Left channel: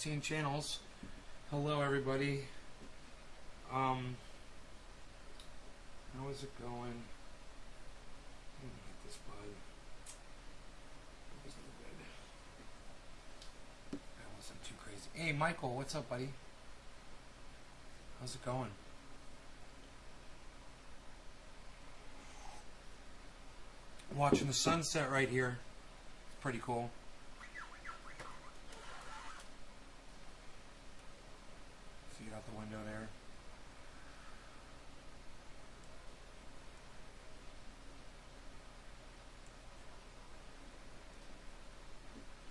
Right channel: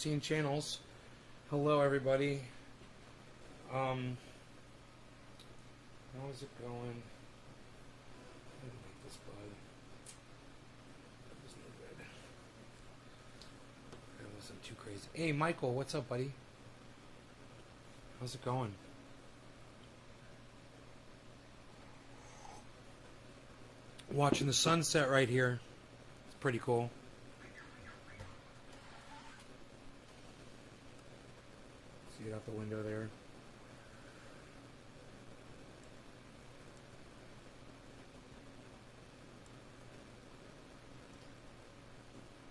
16 channels. Hello, everybody. How is it going? I didn't like this bud. It was no good. That wasn't too crazy. Hey, Michael, what's up, buddy? How's it going? Watching the sunset right here. It's pretty cool. See it out the window there.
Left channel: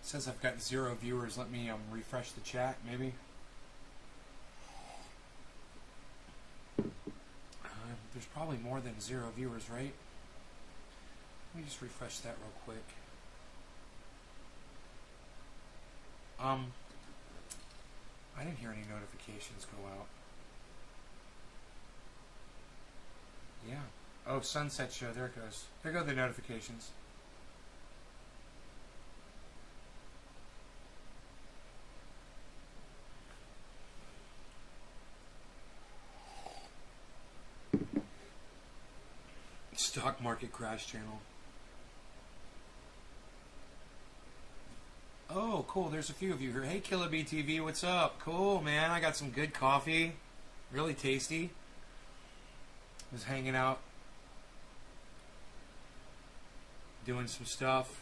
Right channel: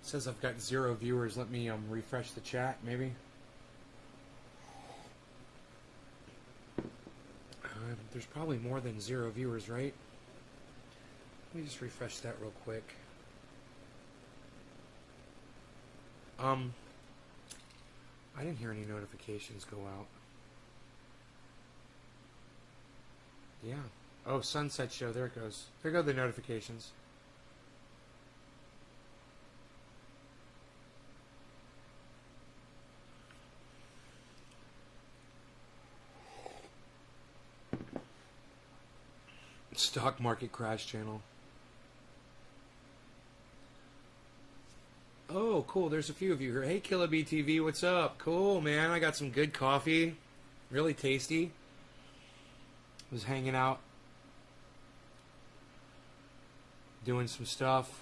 It says I've got 0 viewers. Let me refresh the chat, maybe. There's probably more than 0 viewers, right? Let me just refresh that real quick. I didn't hear any notifications go out. Yeah. Oh, sunset show. There it goes. There go the notifications. Stock market crash channel. Oh, cool. There's a few of you here. Hey, Killer BTV, what's up? Cool, man. I got some good coffee. Really tasty. Was hanging out. Doing some stuff.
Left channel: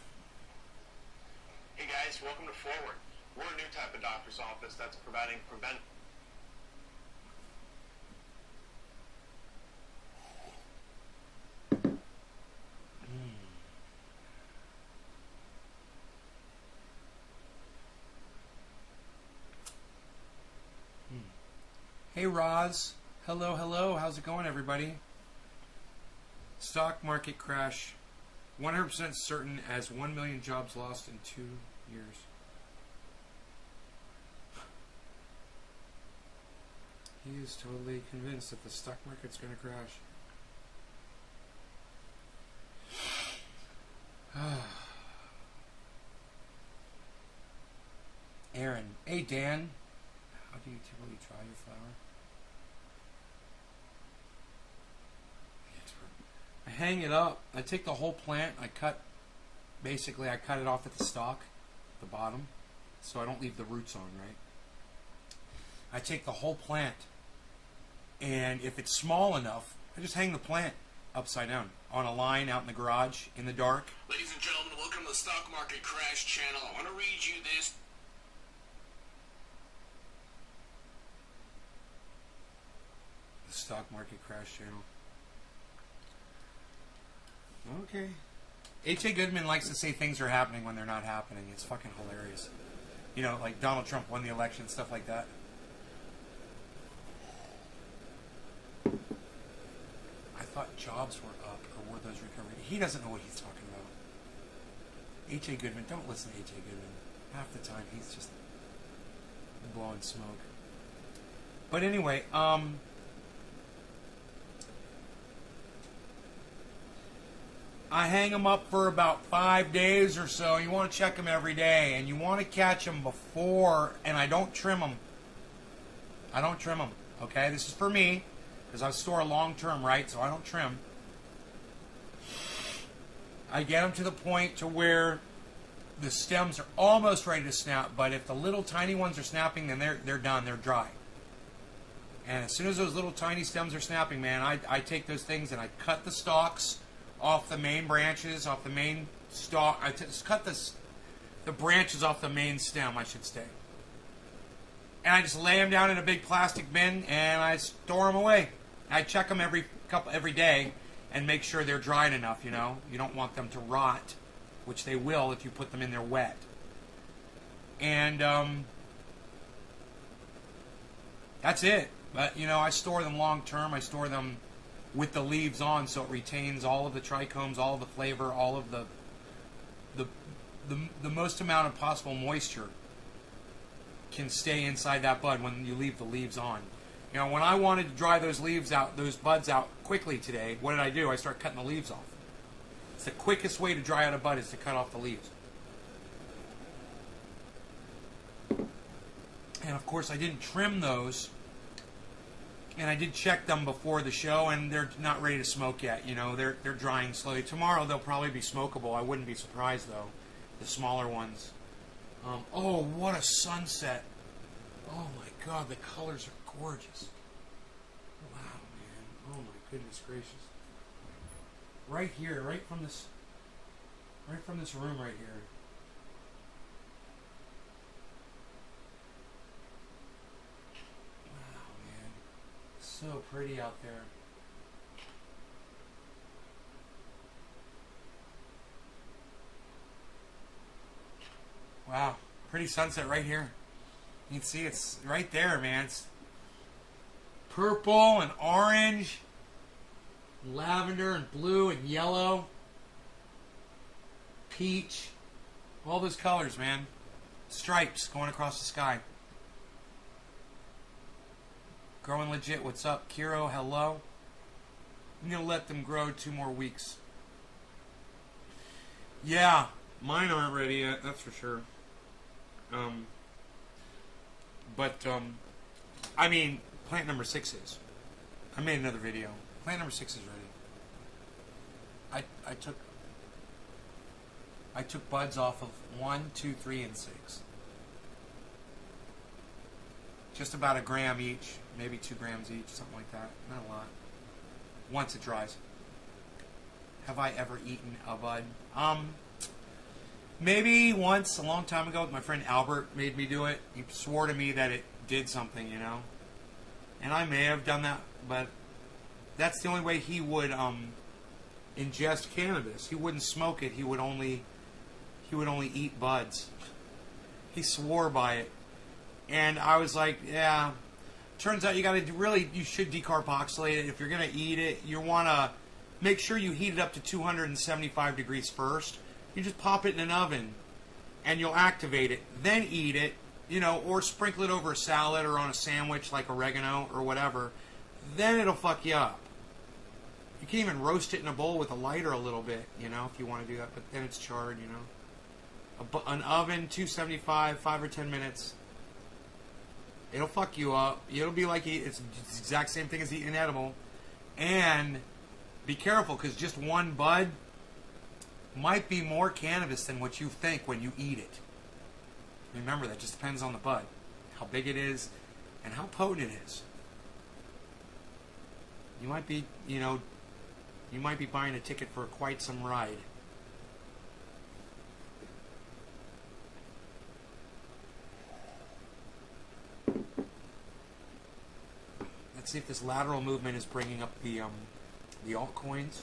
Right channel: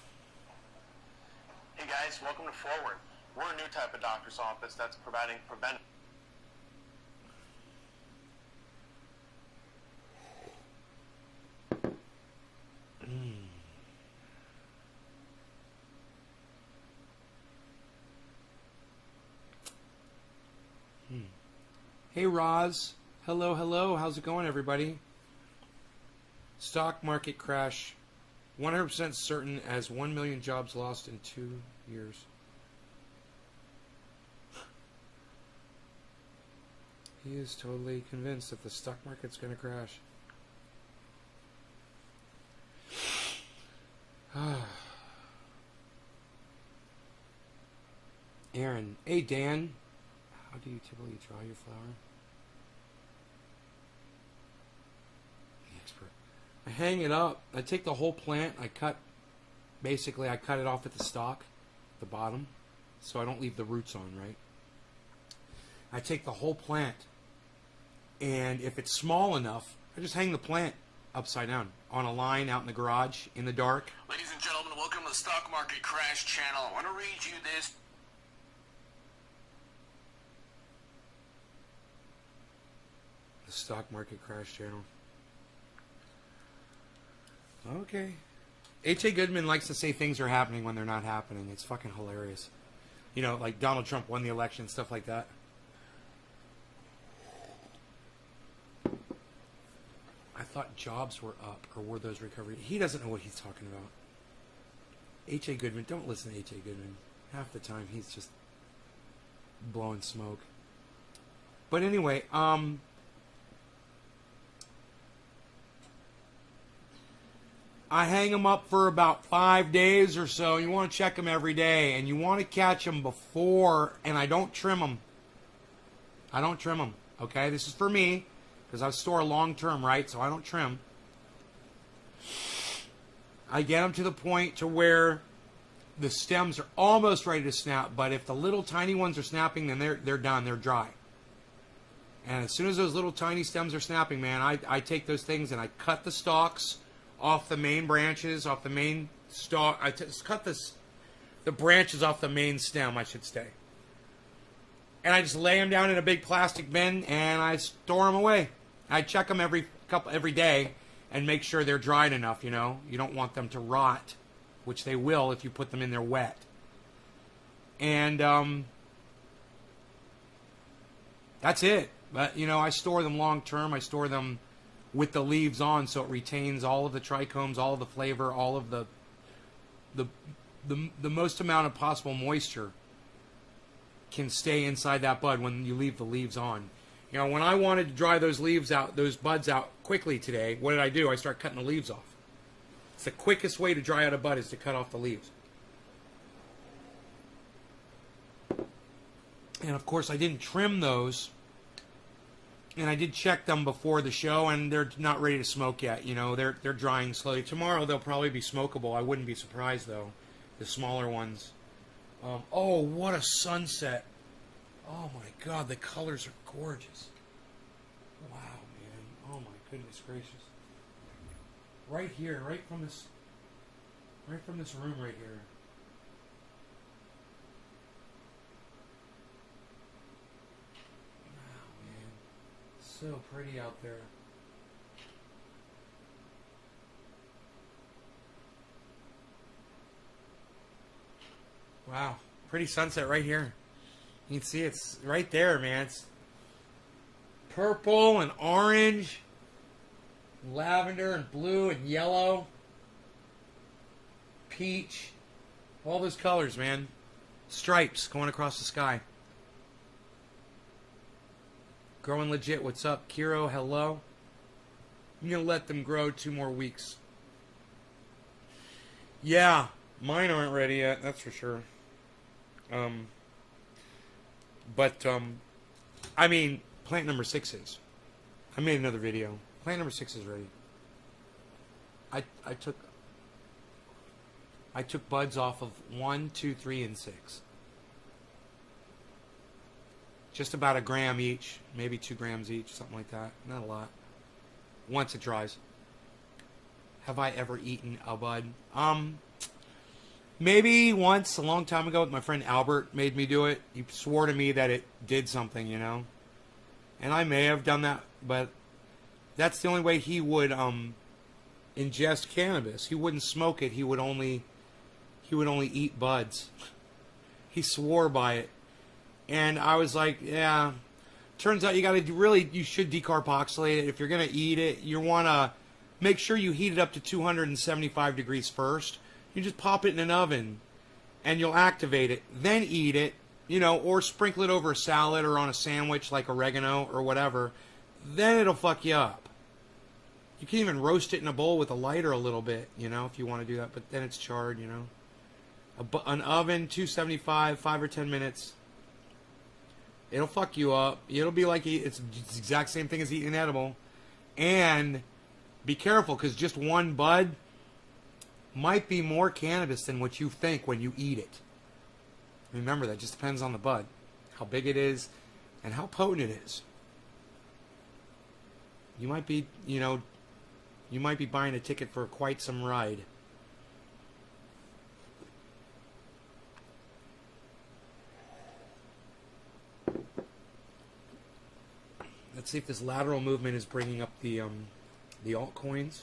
Hey, guys. Welcome to Forward. We're a new type of doctor's office that's providing preventive. Hey, Roz. Hello, hello. How's it going, everybody? Stock market crash. 100% certain as 1 million jobs lost in 2 years. He is totally convinced that the stock market's going to crash. Aaron. Hey, Dan. How do you typically dry your flower? I hang it up. I take the whole plant. I cut it off at the stalk, the bottom, so I don't leave the roots on, right? I take the whole plant, and if it's small enough, I just hang the plant upside down on a line out in the garage in the dark. Ladies and gentlemen, welcome to the Stock Market Crash Channel. I want to read you this. The stock market crash channel. Okay. H.A. Goodman likes to say things are happening when they're not happening. It's fucking hilarious. You know, like Donald Trump won the election, stuff like that. I thought jobs were up, or were those recovery? He doesn't know what he's talking about. H.A. Goodman, don't listen to H.A. Goodman. Half the time he's just blowing smoke. But anyway, I hang them up for about 5 days or so. You want to check them every day, and you want to catch them before, and I don't trim them. I don't trim them, okay? This is for me, because I store long term, right? So I don't trim. I get them to the point to where the stems are almost ready to snap, but if the little tiny ones are snapping, then they're done. They're dry. And as soon as those little tiny stems are snapping, man, I take those things and I cut the stalks off the main branches, off the main stalk. I cut the branches off the main stem, I should say. And I just lay them down in a big plastic bin and I store them away. I check them every day and make sure they're dried enough, you know. You don't want them to rot, which they will if you put them in there wet. And that's it. But, you know, I store them long term. I store them with the leaves on, so it retains all of the trichomes, all of the flavor, all of the most amount of possible moisture can stay inside that bud when you leave the leaves on. You know, when I wanted to dry those leaves out, those buds out quickly today, what did I do? I started cutting the leaves off. It's the quickest way to dry out a bud is to cut off the leaves. And of course, I didn't trim those. And I did check them before the show, and they're not ready to smoke yet. You know, they're drying slowly. Tomorrow they'll probably be smokable. I wouldn't be surprised though. The smaller ones. Oh, what a sunset! Oh my God, the colors are gorgeous. Wow, man. Oh my goodness gracious. Right here, right from this room right here. Wow, man. So pretty out there. Wow, pretty sunset right here. You can see it's right there, man. It's purple and orange, and lavender and blue and yellow, peach, all those colors, man. Stripes going across the sky. Growing legit. What's up, Kiro? Hello. I'm gonna let them grow 2 more weeks. Yeah, mine aren't ready yet. That's for sure. I mean, plant number 6 is. I made another video. Plant number 6 is ready. I took buds off of 1, 2, 3, and 6. Just about a gram each, maybe 2 grams each, something like that. Not a lot. Once it dries. Have I ever eaten a bud? Maybe once, a long time ago, my friend Albert made me do it. He swore to me that it did something, you know. And I may have done that, but that's the only way he would ingest cannabis. He wouldn't smoke it. He would only eat buds. He swore by it. And I was like, yeah. Turns out you should decarboxylate it. If you're going to eat it, you want to make sure you heat it up to 275 degrees first. You just pop it in an oven and you'll activate it. Then eat it, you know, or sprinkle it over a salad or on a sandwich like oregano or whatever. Then it'll fuck you up. You can even roast it in a bowl with a lighter a little bit, you know, if you want to do that. But then it's charred, you know. An oven, 275, 5 or 10 minutes. It'll fuck you up. It'll be like it's the exact same thing as eating an edible. And be careful, because just one bud might be more cannabis than what you think when you eat it. Remember, that just depends on the bud. How big it is and how potent it is. You might be, buying a ticket for quite some ride. Let's see if this lateral movement is bringing up the altcoins.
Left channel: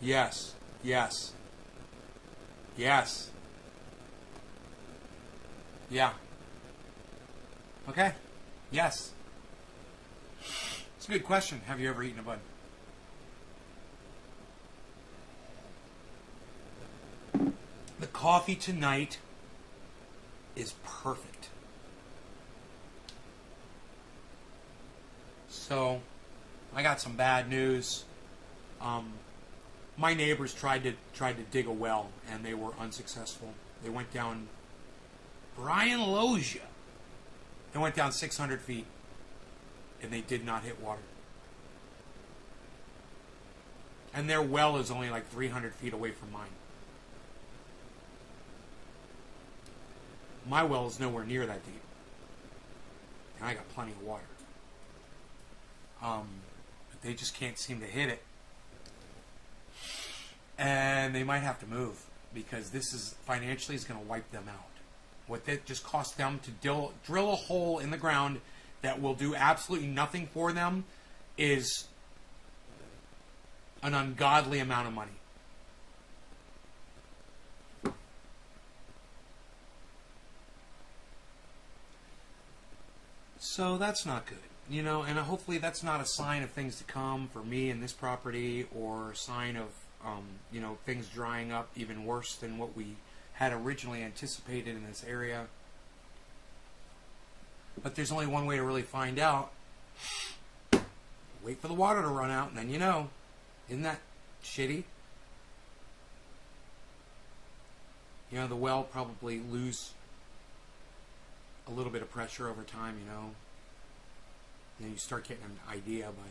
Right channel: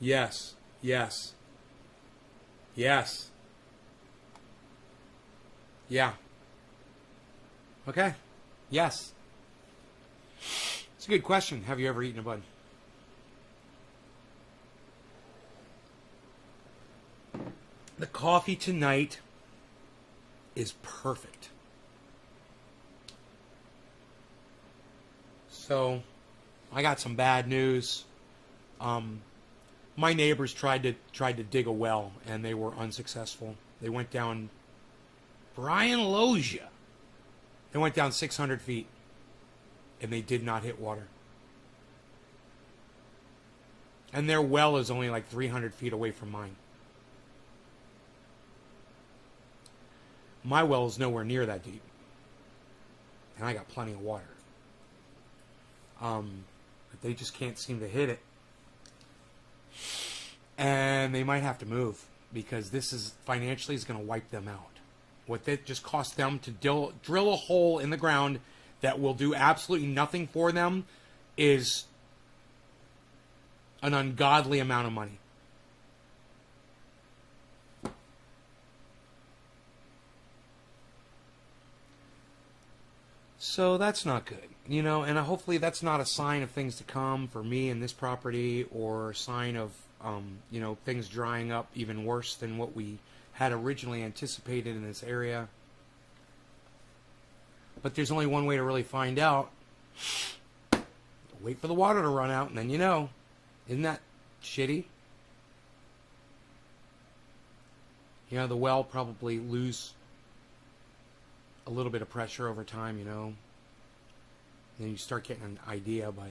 Yes. Yes. Yes. Yeah. Okay. Yes. It's a good question. Have you ever eaten a bud? The coffee tonight is perfect. So, I got some bad news. My neighbors tried to dig a well, and they were unsuccessful. They went down Brian Logia. They went down 600 feet, and they did not hit water. And their well is only like 300 feet away from mine. My well is nowhere near that deep. And I got plenty of water. But they just can't seem to hit it. And they might have to move, because this is financially is going to wipe them out. What it just cost them to drill a hole in the ground that will do absolutely nothing for them is an ungodly amount of money. So that's not good, you know, and hopefully that's not a sign of things to come for me and this property, or a sign of, things drying up even worse than what we had originally anticipated in this area. But there's only one way to really find out. Wait for the water to run out, and then you know. Isn't that shitty? Yeah, the well probably lose a little bit of pressure over time, you know. Then you start getting an idea, but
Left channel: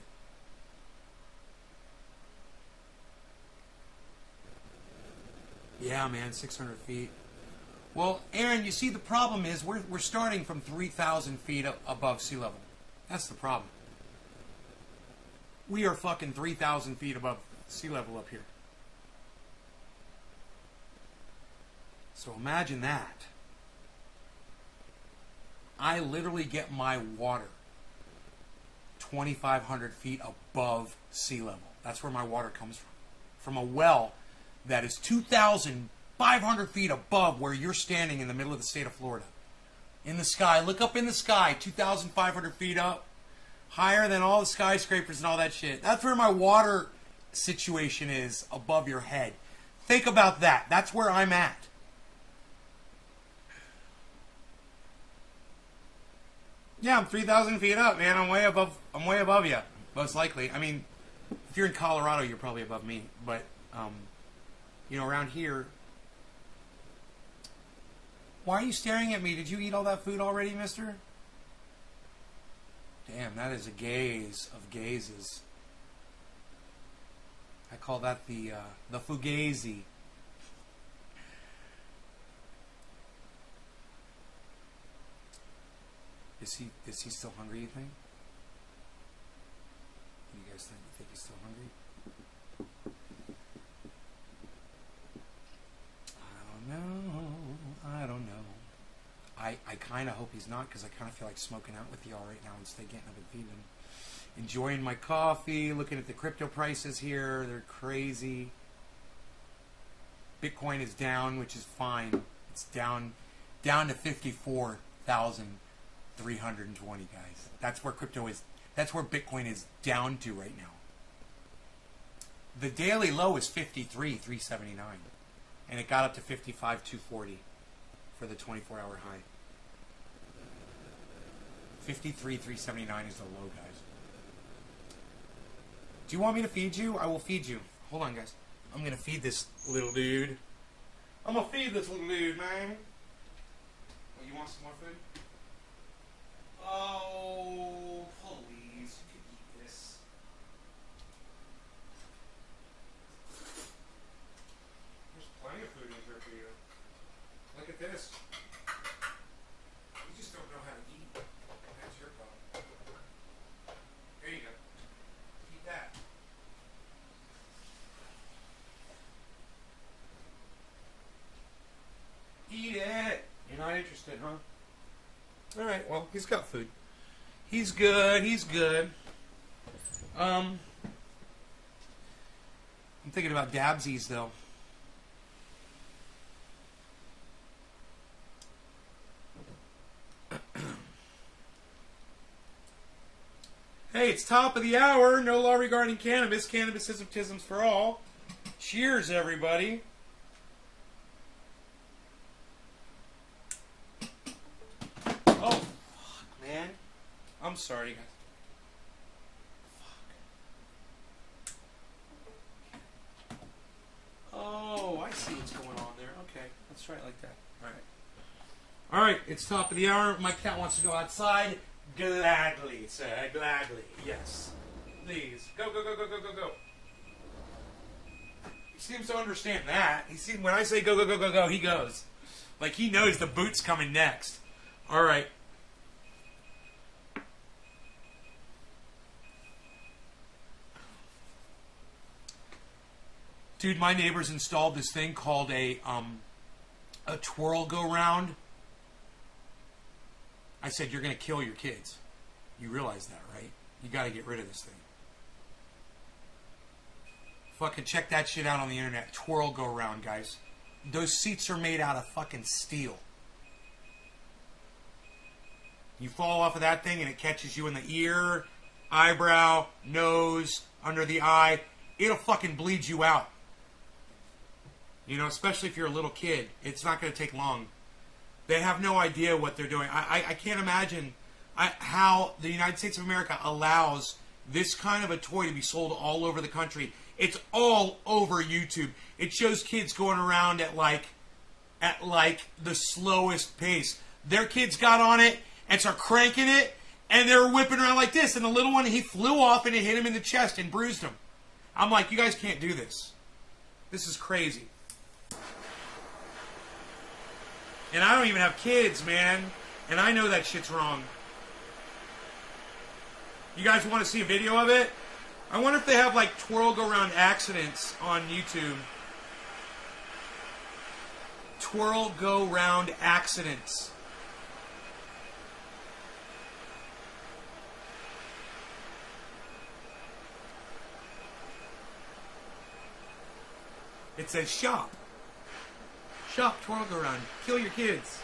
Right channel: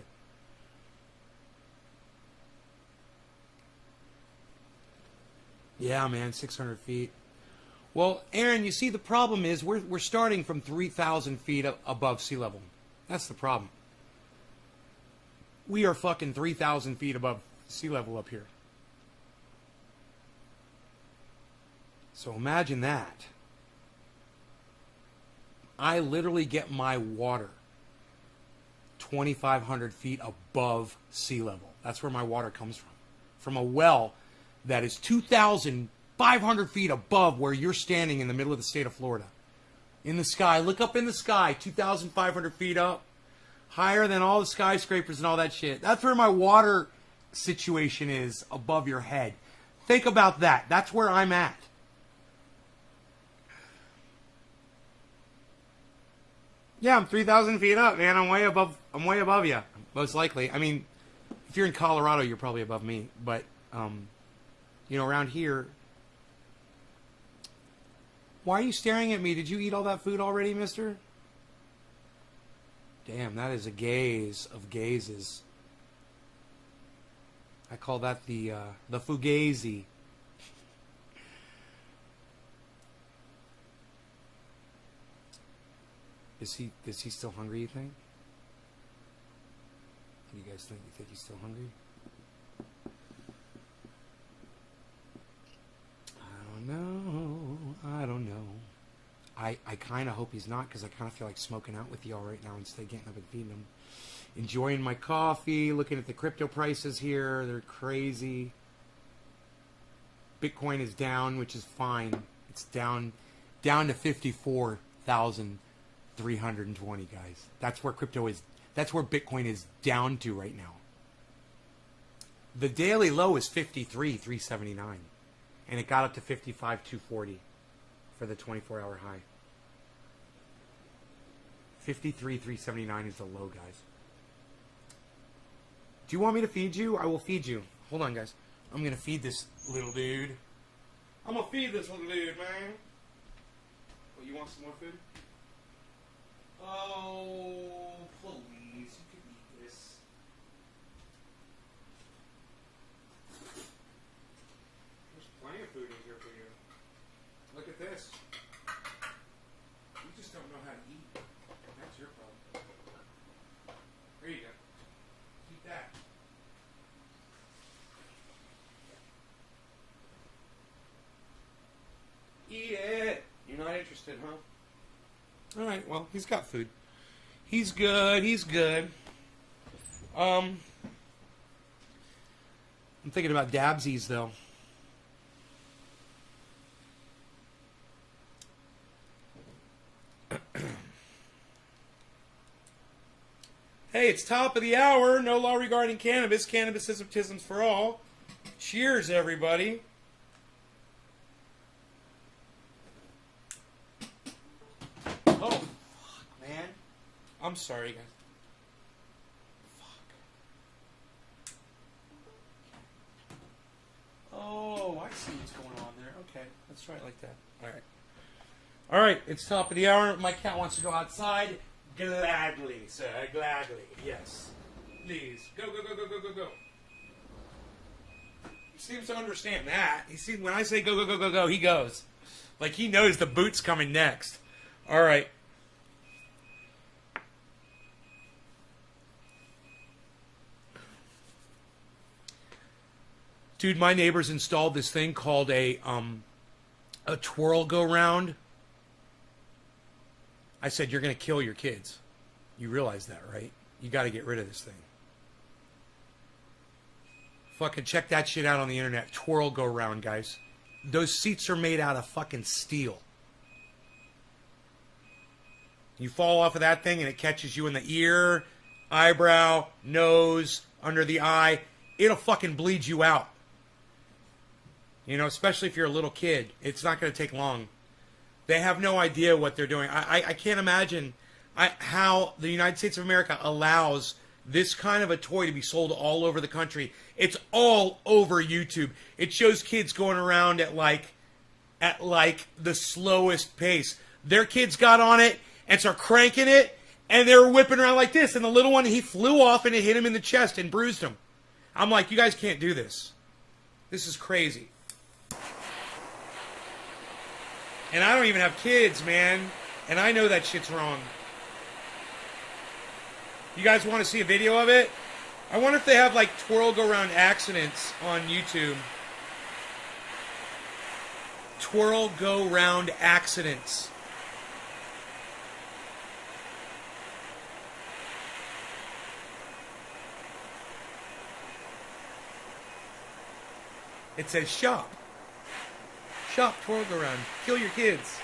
yeah, man, 600 feet. Well, Aaron, you see, the problem is we're starting from 3,000 feet above sea level. That's the problem. We are fucking 3,000 feet above sea level up here. So imagine that. I literally get my water 2,500 feet above sea level. That's where my water comes from. From a well that is 2,500 feet above where you're standing in the middle of the state of Florida. In the sky. Look up in the sky. 2,500 feet up. Higher than all the skyscrapers and all that shit. That's where my water situation is, above your head. Think about that. That's where I'm at. Yeah, I'm 3,000 feet up, man. I'm way above you, most likely. I mean, if you're in Colorado, you're probably above me. But, you know, around here... Why are you staring at me? Did you eat all that food already, mister? Damn, that is a gaze of gazes. I call that the fugazi. Is he still hungry, you think? Do you guys think he's still hungry? I don't know. I kind of hope he's not, because I kind of feel like smoking out with y'all right now instead of getting up and feeding him. Enjoying my coffee, looking at the crypto prices here. They're crazy. Bitcoin is down, which is fine. It's down to 54,320, guys. That's where crypto is. That's where Bitcoin is down to right now. The daily low is 53,379. And it got up to 55,240 for the 24-hour high. 53,379 is the low, guys. Do you want me to feed you? I will feed you. Hold on, guys. I'm going to feed this little dude. I'm going to feed this little dude, man. Oh, you want some more food? Oh, please. You can eat this. There's plenty of food in here for you. Look at this. You just don't know how to eat. That's your problem. Here you go. Eat that. Eat it. You're not interested, huh? Alright, well, he's got food. He's good. He's good. I'm thinking about dabsies, though. Hey, it's top of the hour. No law regarding cannabis. Cannabis ism for all. Cheers, everybody. Oh, fuck, man. I'm sorry, guys. Fuck. Oh, I see what's going on there. Okay, let's try it like that. All right. All right, it's top of the hour. My cat wants to go outside. Gladly, sir. Gladly. Yes. Please. Go, go, go, go, go, go, go. He seems to understand that. He seems, when I say go, go, go, go, go, he goes. Like he knows the boot's coming next. All right. Dude, my neighbors installed this thing called a twirl go round. I said, you're going to kill your kids. You realize that, right? You got to get rid of this thing. Fucking check that shit out on the internet. Twirl go round, guys. Those seats are made out of fucking steel. You fall off of that thing and it catches you in the ear, eyebrow, nose, under the eye. It'll fucking bleed you out. You know, especially if you're a little kid. It's not going to take long. They have no idea what they're doing. I can't imagine how the United States of America allows this kind of a toy to be sold all over the country. It's all over YouTube. It shows kids going around at at like the slowest pace. Their kids got on it and started cranking it, and they were whipping around like this. And the little one, he flew off and it hit him in the chest and bruised him. I'm like, you guys can't do this. This is crazy. And I don't even have kids, man. And I know that shit's wrong. You guys want to see a video of it? I wonder if they have like twirl go round accidents on YouTube. Twirl go round accidents. It says shop. Shop twirl go round. Kill your kids.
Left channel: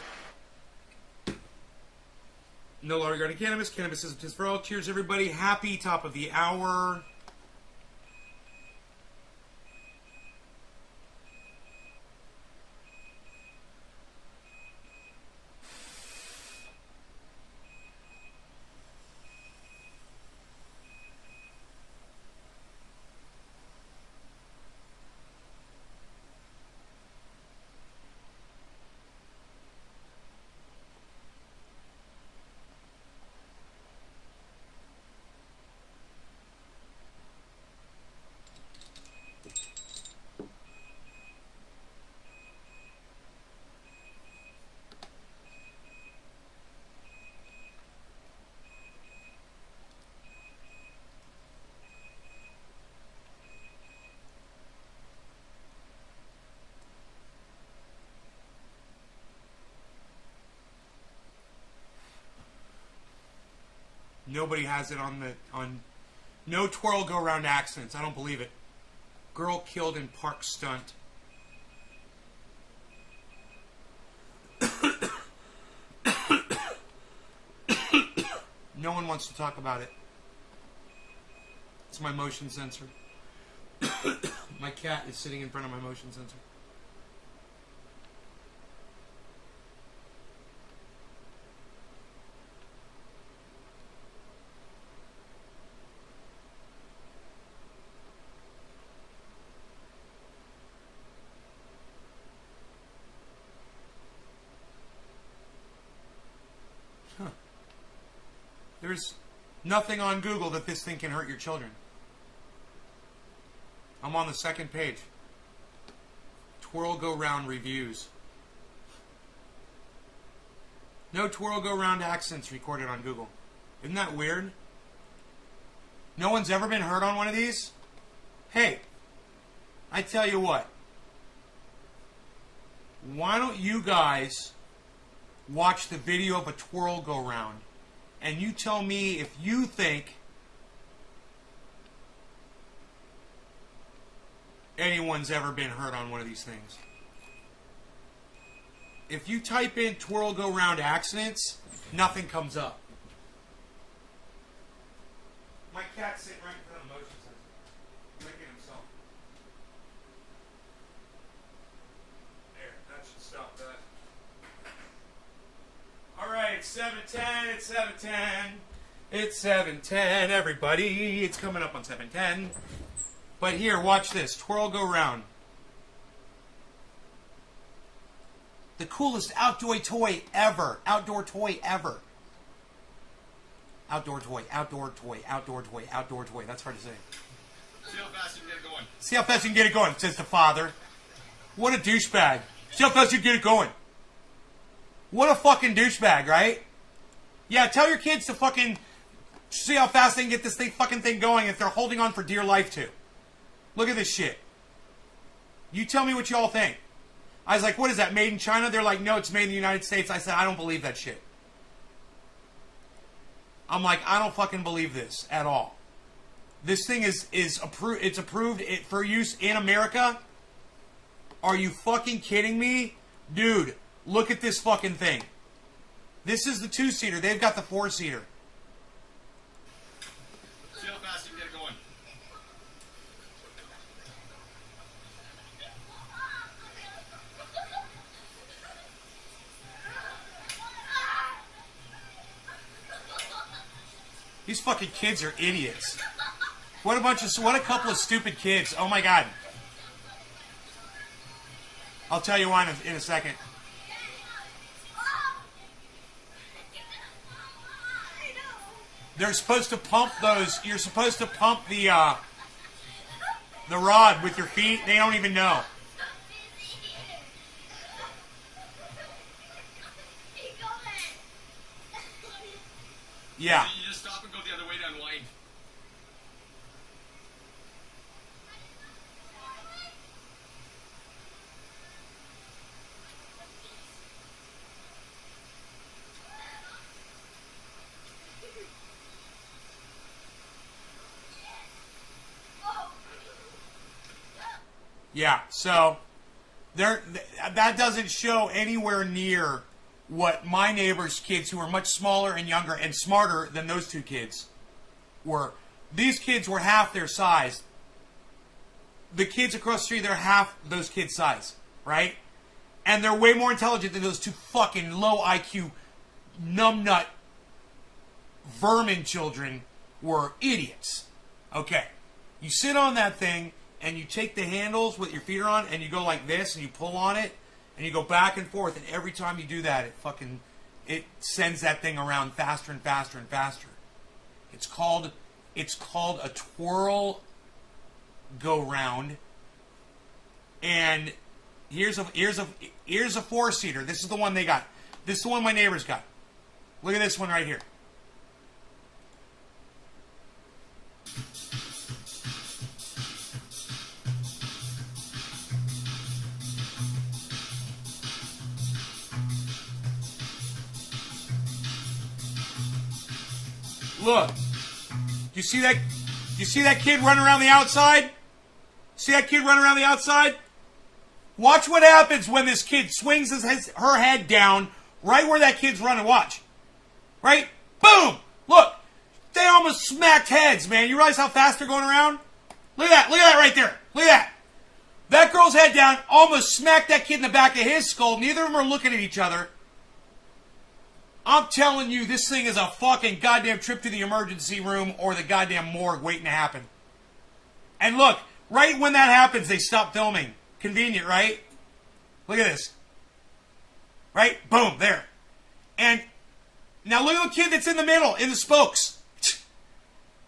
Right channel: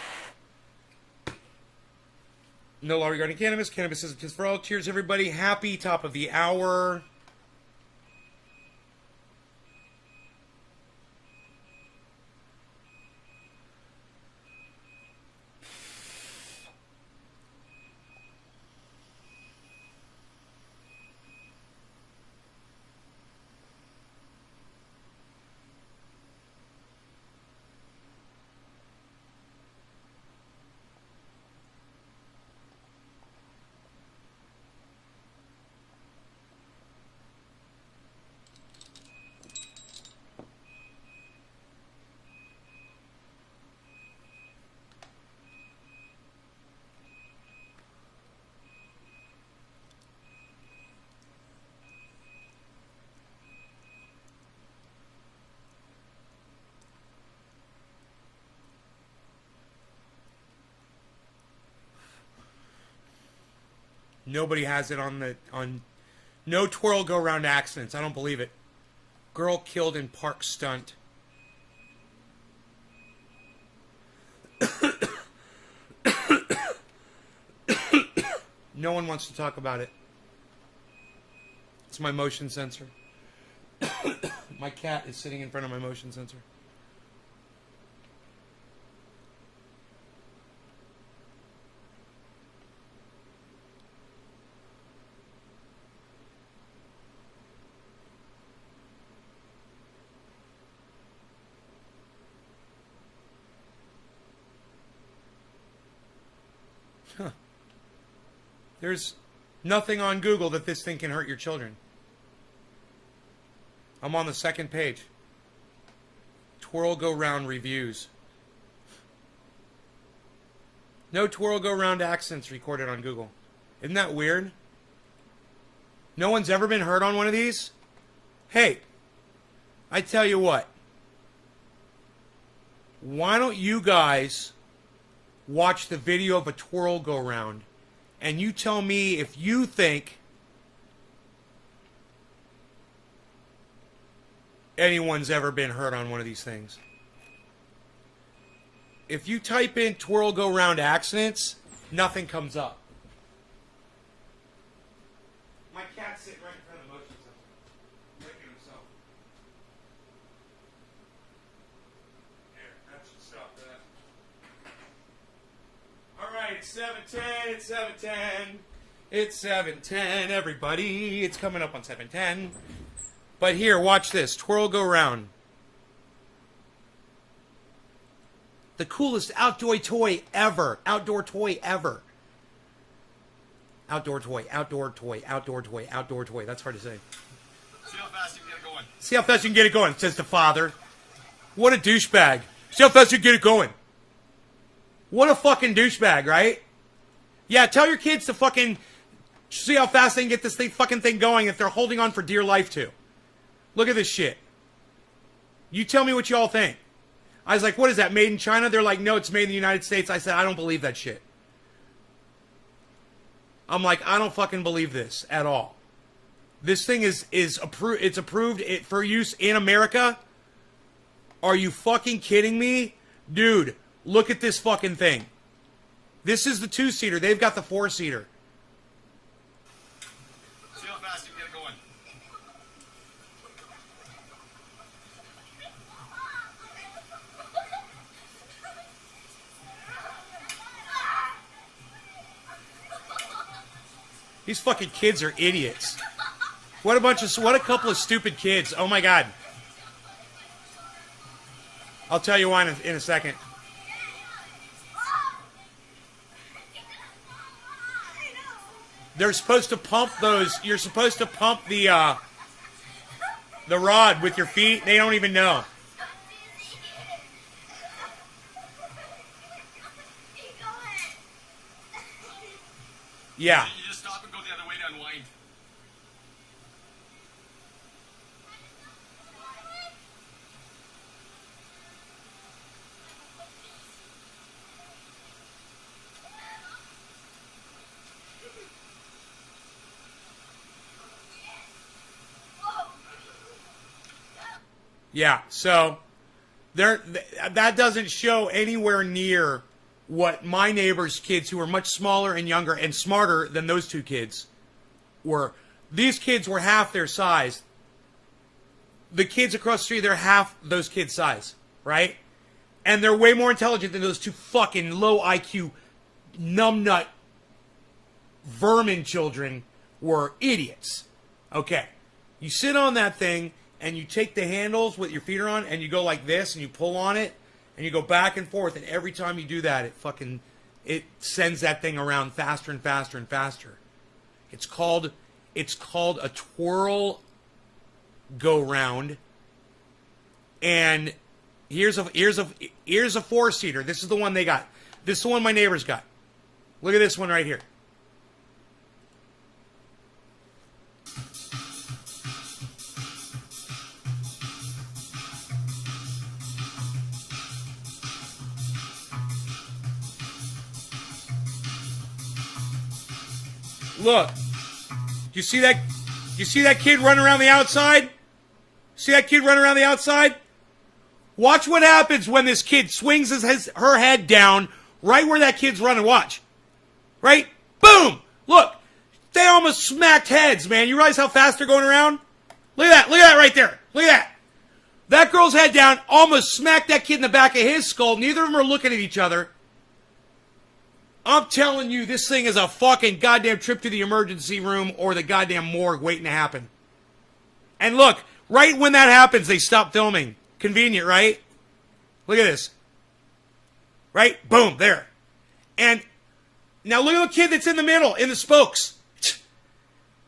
No law regarding cannabis. Cannabis is a piss for all. Cheers, everybody. Happy top of the hour. Nobody has it on no twirl go round accidents. I don't believe it. Girl killed in park stunt. No one wants to talk about it. It's my motion sensor. My cat is sitting in front of my motion sensor. There's nothing on Google that this thing can hurt your children. I'm on the second page. Twirl go round reviews. No twirl go round accidents recorded on Google. Isn't that weird? No one's ever been hurt on one of these? Hey, I tell you what. Why don't you guys watch the video of a twirl go round? And you tell me if you think anyone's ever been hurt on one of these things. If you type in twirl go round accidents, nothing comes up. My cat's sitting right in front of the motion sensor, licking himself. There, that should stop that. Alright, it's 7:10, it's 7:10. It's 7:10, everybody. It's coming up on 7:10. But here, watch this. Twirl go round. The coolest outdoor toy ever. Outdoor toy ever. Outdoor toy, outdoor toy, outdoor toy, outdoor toy. That's hard to say. See how fast you can get it going. See how fast you can get it going, says the father. What a douchebag. See how fast you can get it going. What a fucking douchebag, right? Yeah, tell your kids to fucking see how fast they can get this fucking thing going if they're holding on for dear life to. Look at this shit. You tell me what y'all think. I was like, what is that, made in China? They're like, no, it's made in the United States. I said, I don't believe that shit. I'm like, I don't fucking believe this at all. This thing is approved. It's approved for use in America. Are you fucking kidding me? Dude, look at this fucking thing. This is the 2-seater. They've got the 4-seater. See how fast you can get it going. These fucking kids are idiots. What a couple of stupid kids. Oh my god. I'll tell you why in a second. They're supposed to pump those. You're supposed to pump the rod with your feet. They don't even know. Yeah. You just stop and go the other way to unwind. Yeah, so there that doesn't show anywhere near what my neighbor's kids, who were much smaller and younger and smarter than those two kids, were. These kids were half their size. The kids across the street, they're half those kids' size, right? And they're way more intelligent than those two fucking low IQ, numbnut, vermin children were idiots. Okay, you sit on that thing and you take the handles with your feet are on and you go like this and you pull on it and you go back and forth, and every time you do that, it sends that thing around faster and faster and faster. It's called a twirl go round. And here's a 4-seater. This is the one they got. This is the one my neighbors got. Look at this one right here. Look. You see that? You see that kid running around the outside? See that kid running around the outside? Watch what happens when this kid swings her head down right where that kid's running. Watch. Right? Boom! Look. They almost smacked heads, man. You realize how fast they're going around? Look at that. Look at that right there. Look at that. That girl's head down almost smacked that kid in the back of his skull. Neither of them are looking at each other. I'm telling you, this thing is a fucking goddamn trip to the emergency room or the goddamn morgue waiting to happen. And look, right when that happens, they stop filming. Convenient, right? Look at this. Right? Boom, there. And now look at the kid that's in the middle, in the spokes.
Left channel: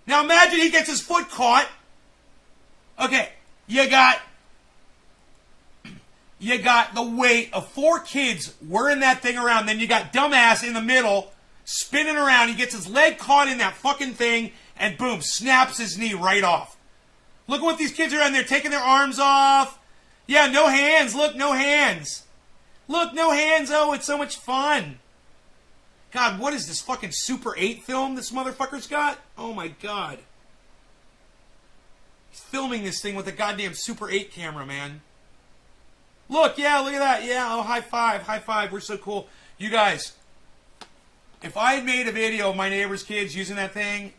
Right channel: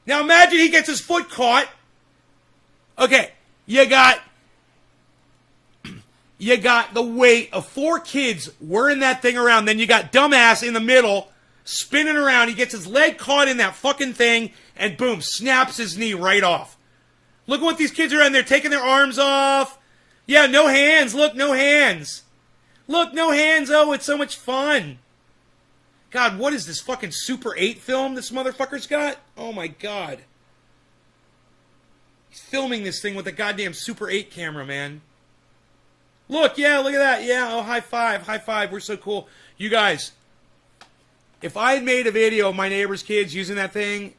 Now imagine he gets his foot caught. Okay, you got the weight of 4 kids whirring that thing around. Then you got dumbass in the middle, spinning around. He gets his leg caught in that fucking thing, and boom, snaps his knee right off. Look at what these kids are in there, taking their arms off. Yeah, no hands. Look, no hands. Look, no hands. Oh, it's so much fun. God, what is this fucking Super 8 film this motherfucker's got? Oh my God. He's filming this thing with a goddamn Super 8 camera, man. Look, yeah, look at that. Yeah, oh, high five, high five. We're so cool. You guys, if I had made a video of my neighbor's kids using that thing,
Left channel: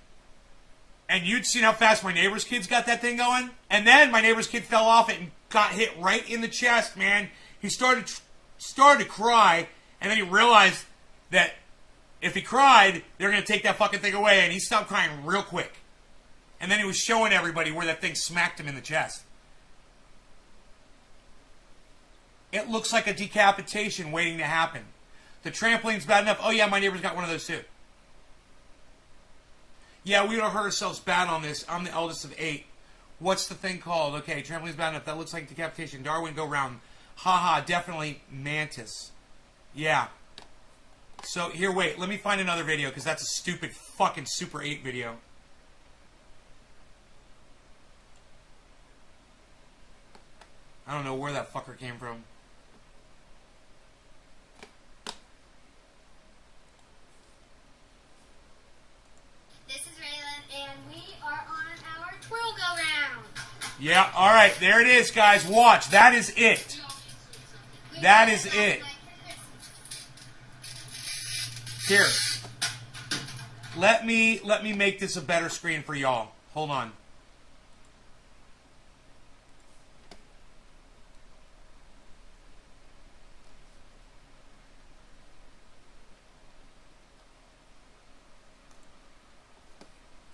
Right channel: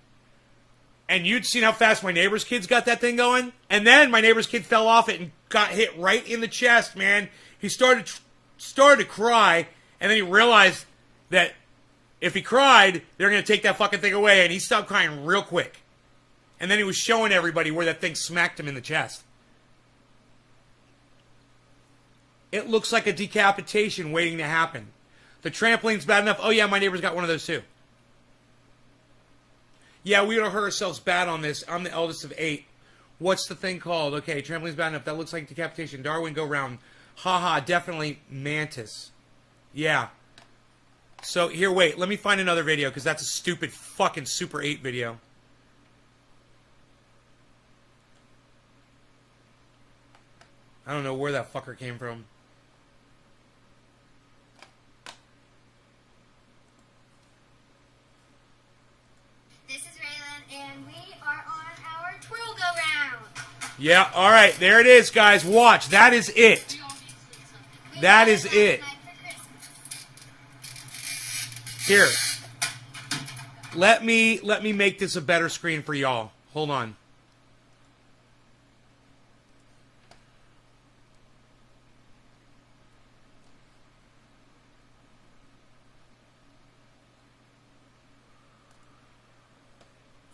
and you'd seen how fast my neighbor's kids got that thing going, and then my neighbor's kid fell off it and got hit right in the chest, man. He started to cry, and then he realized that if he cried, they're going to take that fucking thing away, and he stopped crying real quick. And then he was showing everybody where that thing smacked him in the chest. It looks like a decapitation waiting to happen. The trampoline's bad enough. Oh, yeah, my neighbor's got one of those, too. Yeah, we would have hurt ourselves bad on this. I'm the eldest of 8. What's the thing called? Okay, trampoline's bad enough. That looks like decapitation. Darwin, go round. Haha, definitely Mantis. Yeah. So, here, wait. Let me find another video, because that's a stupid fucking Super 8 video. I don't know where that fucker came from. This is Raylan, and we are on our twirl go round. Yeah, alright, there it is, guys. Watch, that is it. That is it. Here. Let me make this a better screen for y'all. Hold on.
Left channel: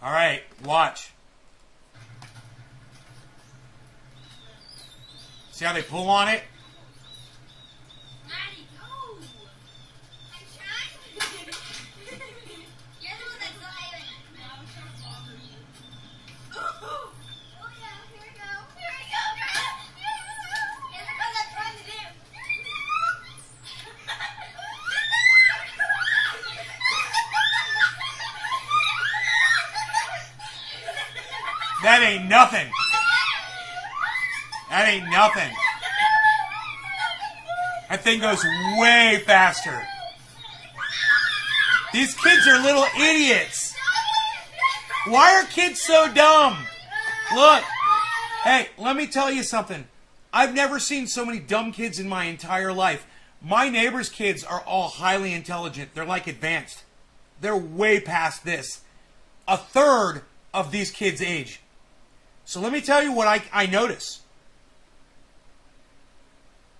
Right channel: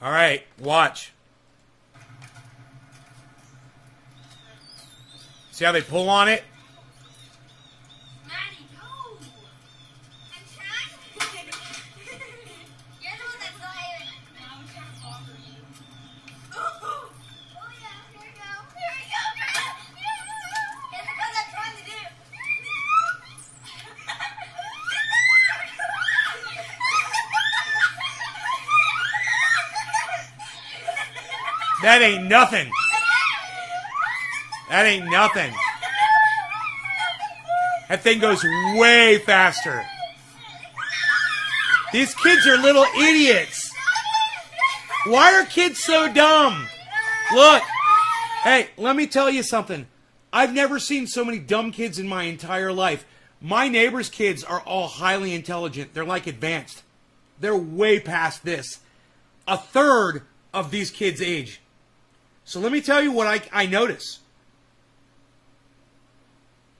All right, watch. See how they pull on it? Maddie, go! I'm trying. You're the one that's lying. That ain't nothing. That ain't nothing. That thing goes way faster. These kids are little idiots. Why are kids so dumb? Look. Hey, let me tell you something. I've never seen so many dumb kids in my entire life. My neighbor's kids are all highly intelligent. They're like advanced. They're way past this. A third of these kids' age. So let me tell you what I notice.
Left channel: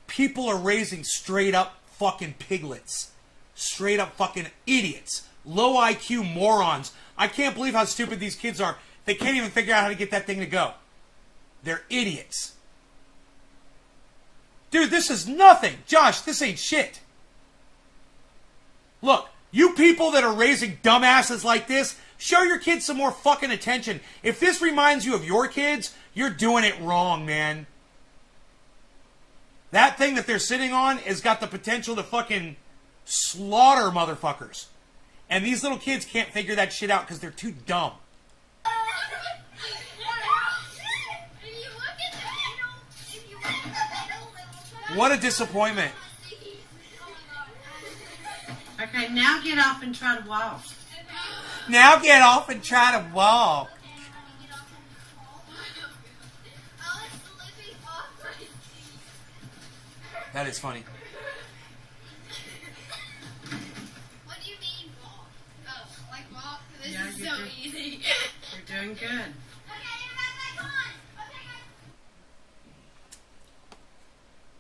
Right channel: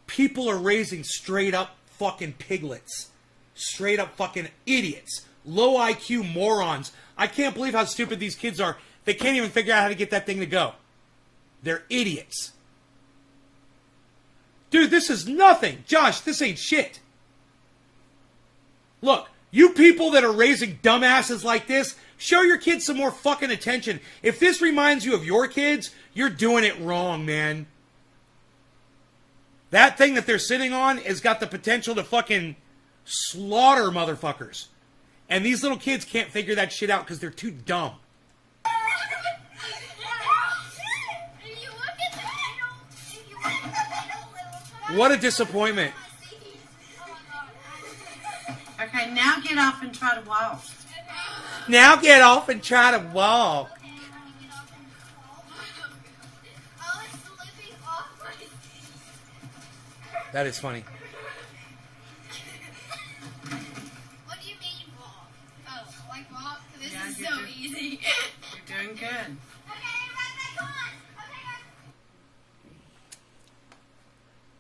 People are raising straight up fucking piglets. Straight up fucking idiots. Low IQ morons. I can't believe how stupid these kids are. They can't even figure out how to get that thing to go. They're idiots. Dude, this is nothing. Josh, this ain't shit. Look, you people that are raising dumbasses like this, show your kids some more fucking attention. If this reminds you of your kids, you're doing it wrong, man. That thing that they're sitting on has got the potential to fucking slaughter motherfuckers. And these little kids can't figure that shit out because they're too dumb. What a disappointment. Okay, now get off and try to walk. Now get off and try to walk. That is funny. What do you mean walk? Oh, like walk? This Yeah, is you're so doing- easy. You're doing good. Okay, everybody back on. Okay.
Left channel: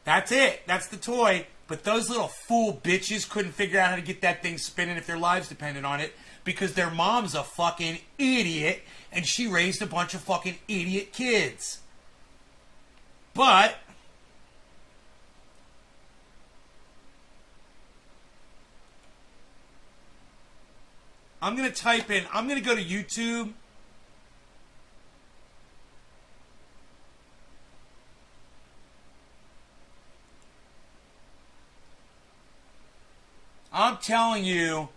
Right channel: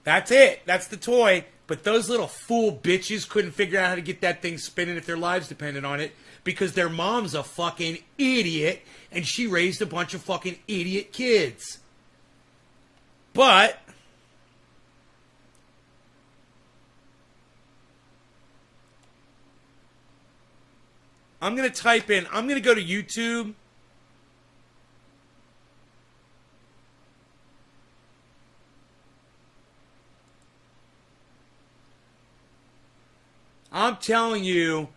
That's it. That's the toy. But those little fool bitches couldn't figure out how to get that thing spinning if their lives depended on it because their mom's a fucking idiot and she raised a bunch of fucking idiot kids. But I'm going to type in, I'm going to go to YouTube. I'm telling you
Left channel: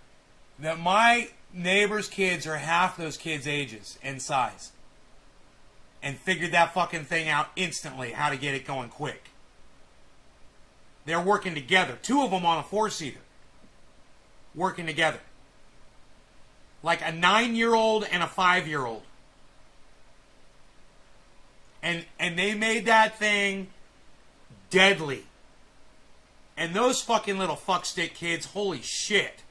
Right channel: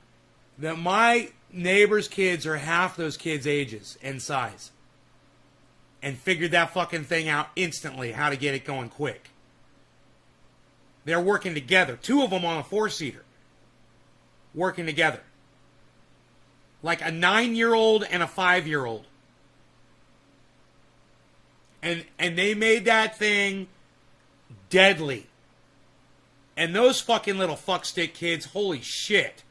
that my neighbor's kids are half those kids' ages and size. And figured that fucking thing out instantly, how to get it going quick. They're working together. 2 of them on a 4-seater. Working together. Like a 9-year-old and a 5-year-old. And they made that thing deadly. And those fucking little fuckstick kids, holy shit.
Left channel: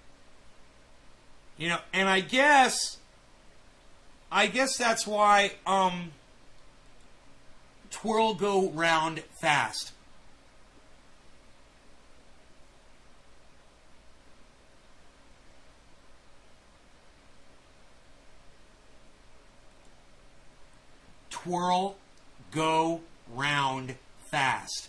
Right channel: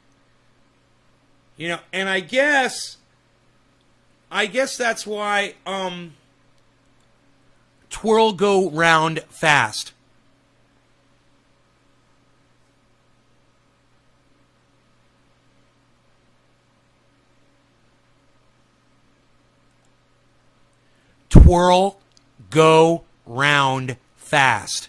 You know, and I guess that's why, twirl go round fast. Twirl go round fast.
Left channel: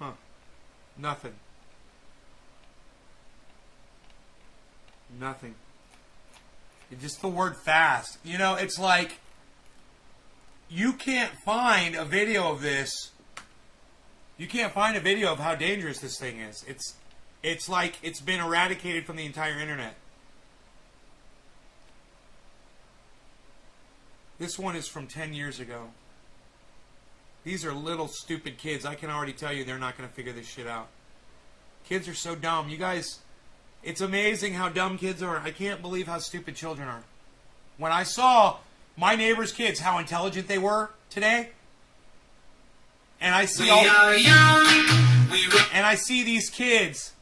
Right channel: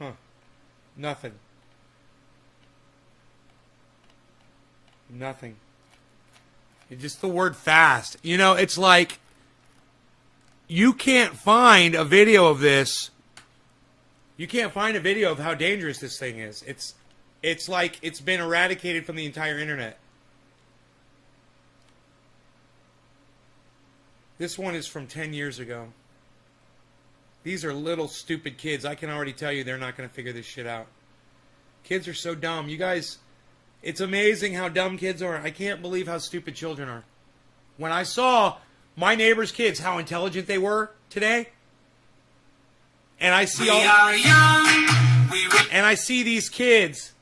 Huh. Nothing. Nothing. Just the word fast. You know, it's like you can't find a video of this. You can't find a video of how dangerous this thing is. It's like it's been eradicated from the entire internet. This one is from 10 years ago. These are little stupid kids. I can already tell you they're not going to figure this shit out. Kids are so dumb. You guys, it's amazing how dumb kids are. I can't believe how stupid children are. When I saw my neighbor's kids, how intelligent they were today, and I see and I see these kids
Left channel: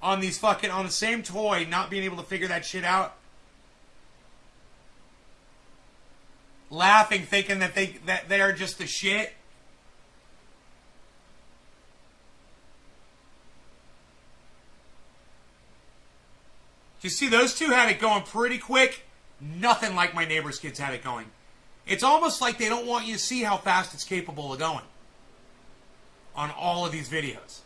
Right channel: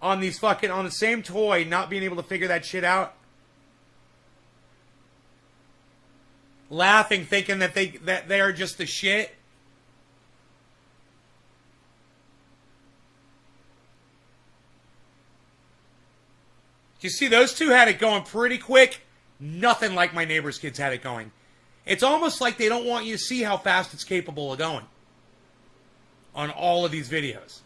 on these fucking, on the same toy, not being able to figure that shit out, laughing, thinking that they are just the shit. You see, those two had it going pretty quick. Nothing like my neighbor's kids had it going. It's almost like they don't want you to see how fast it's capable of going. on all of these videos.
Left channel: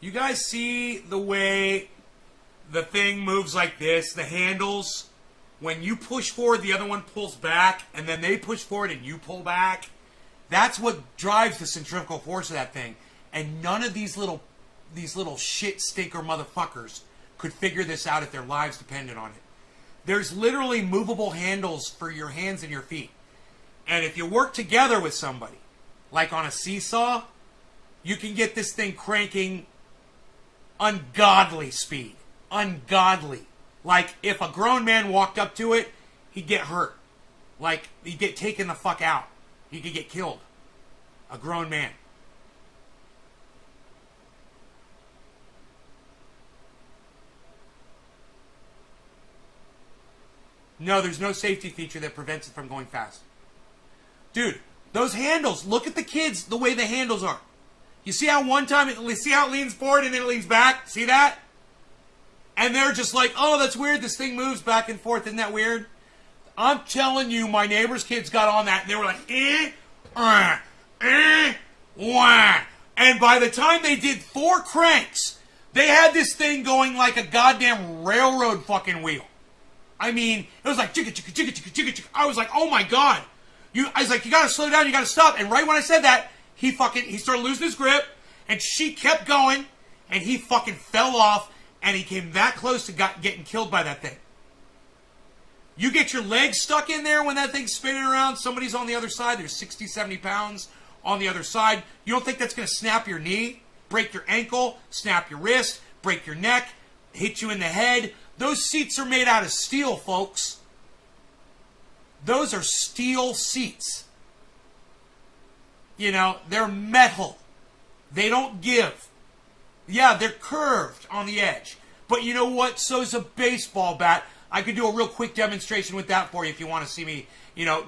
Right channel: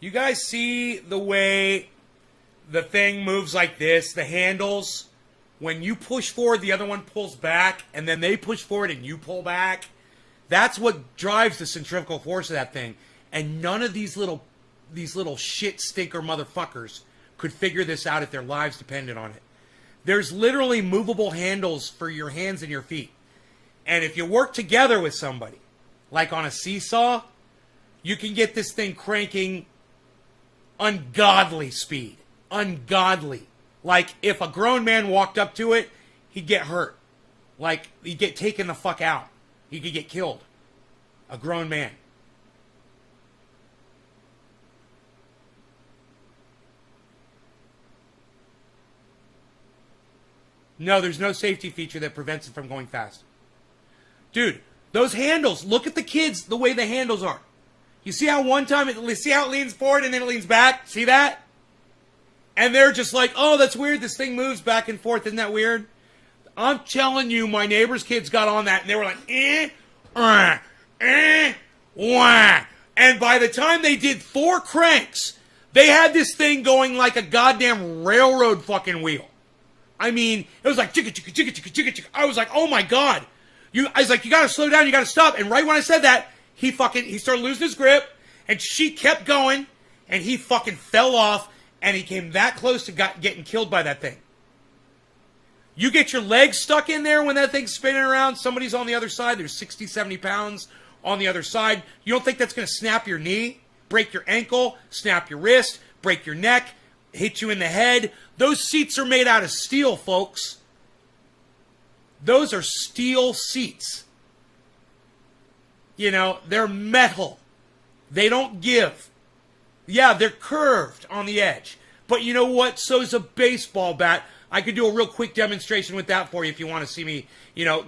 You guys see the way the thing moves like this? The handles, when you push forward, the other one pulls back, and then they push forward and you pull back. That's what drives the centrifugal force of that thing. And none of these little shit stinker motherfuckers could figure this out if their lives depended on it. There's literally movable handles for your hands and your feet. And if you work together with somebody, like on a seesaw, you can get this thing cranking ungodly speed. Ungodly. Like, if a grown man walked up to it, he'd get hurt. Like, he'd get taken the fuck out. He could get killed. A grown man. No, there's no safety feature that prevents it from going fast. Dude, those handles, look at the kids, the way the handles are. You see how one time, see how it leans forward and then it leans back? See that? And they're just like, oh, that's weird. This thing moves back and forth. Isn't that weird? I'm telling you, my neighbor's kids got on that and they were like, wah. And by the time they did 4 cranks, they had this thing going like a goddamn railroad fucking wheel. I mean, it was like, chicka, chicka, chicka, chicka, chicka, chicka. I was like, oh my God. I was like, you gotta slow down, you gotta stop. And right when I said that, he started losing his grip, and she kept going, and he fucking fell off, and he came that close to getting killed by that thing. You get your legs stuck in there when that thing's spinning around, somebody's on the other side, there's 60, 70 pounds on the other side. You don't think that's going to snap your knee, break your ankle, snap your wrist, break your neck, hit you in the head? Those seats are made out of steel, folks. Those are steel seats. You know, they're metal. They don't give. Yeah, they're curved on the edge. But you know what? So is a baseball bat. I could do a real quick demonstration with that for you if you want to see me,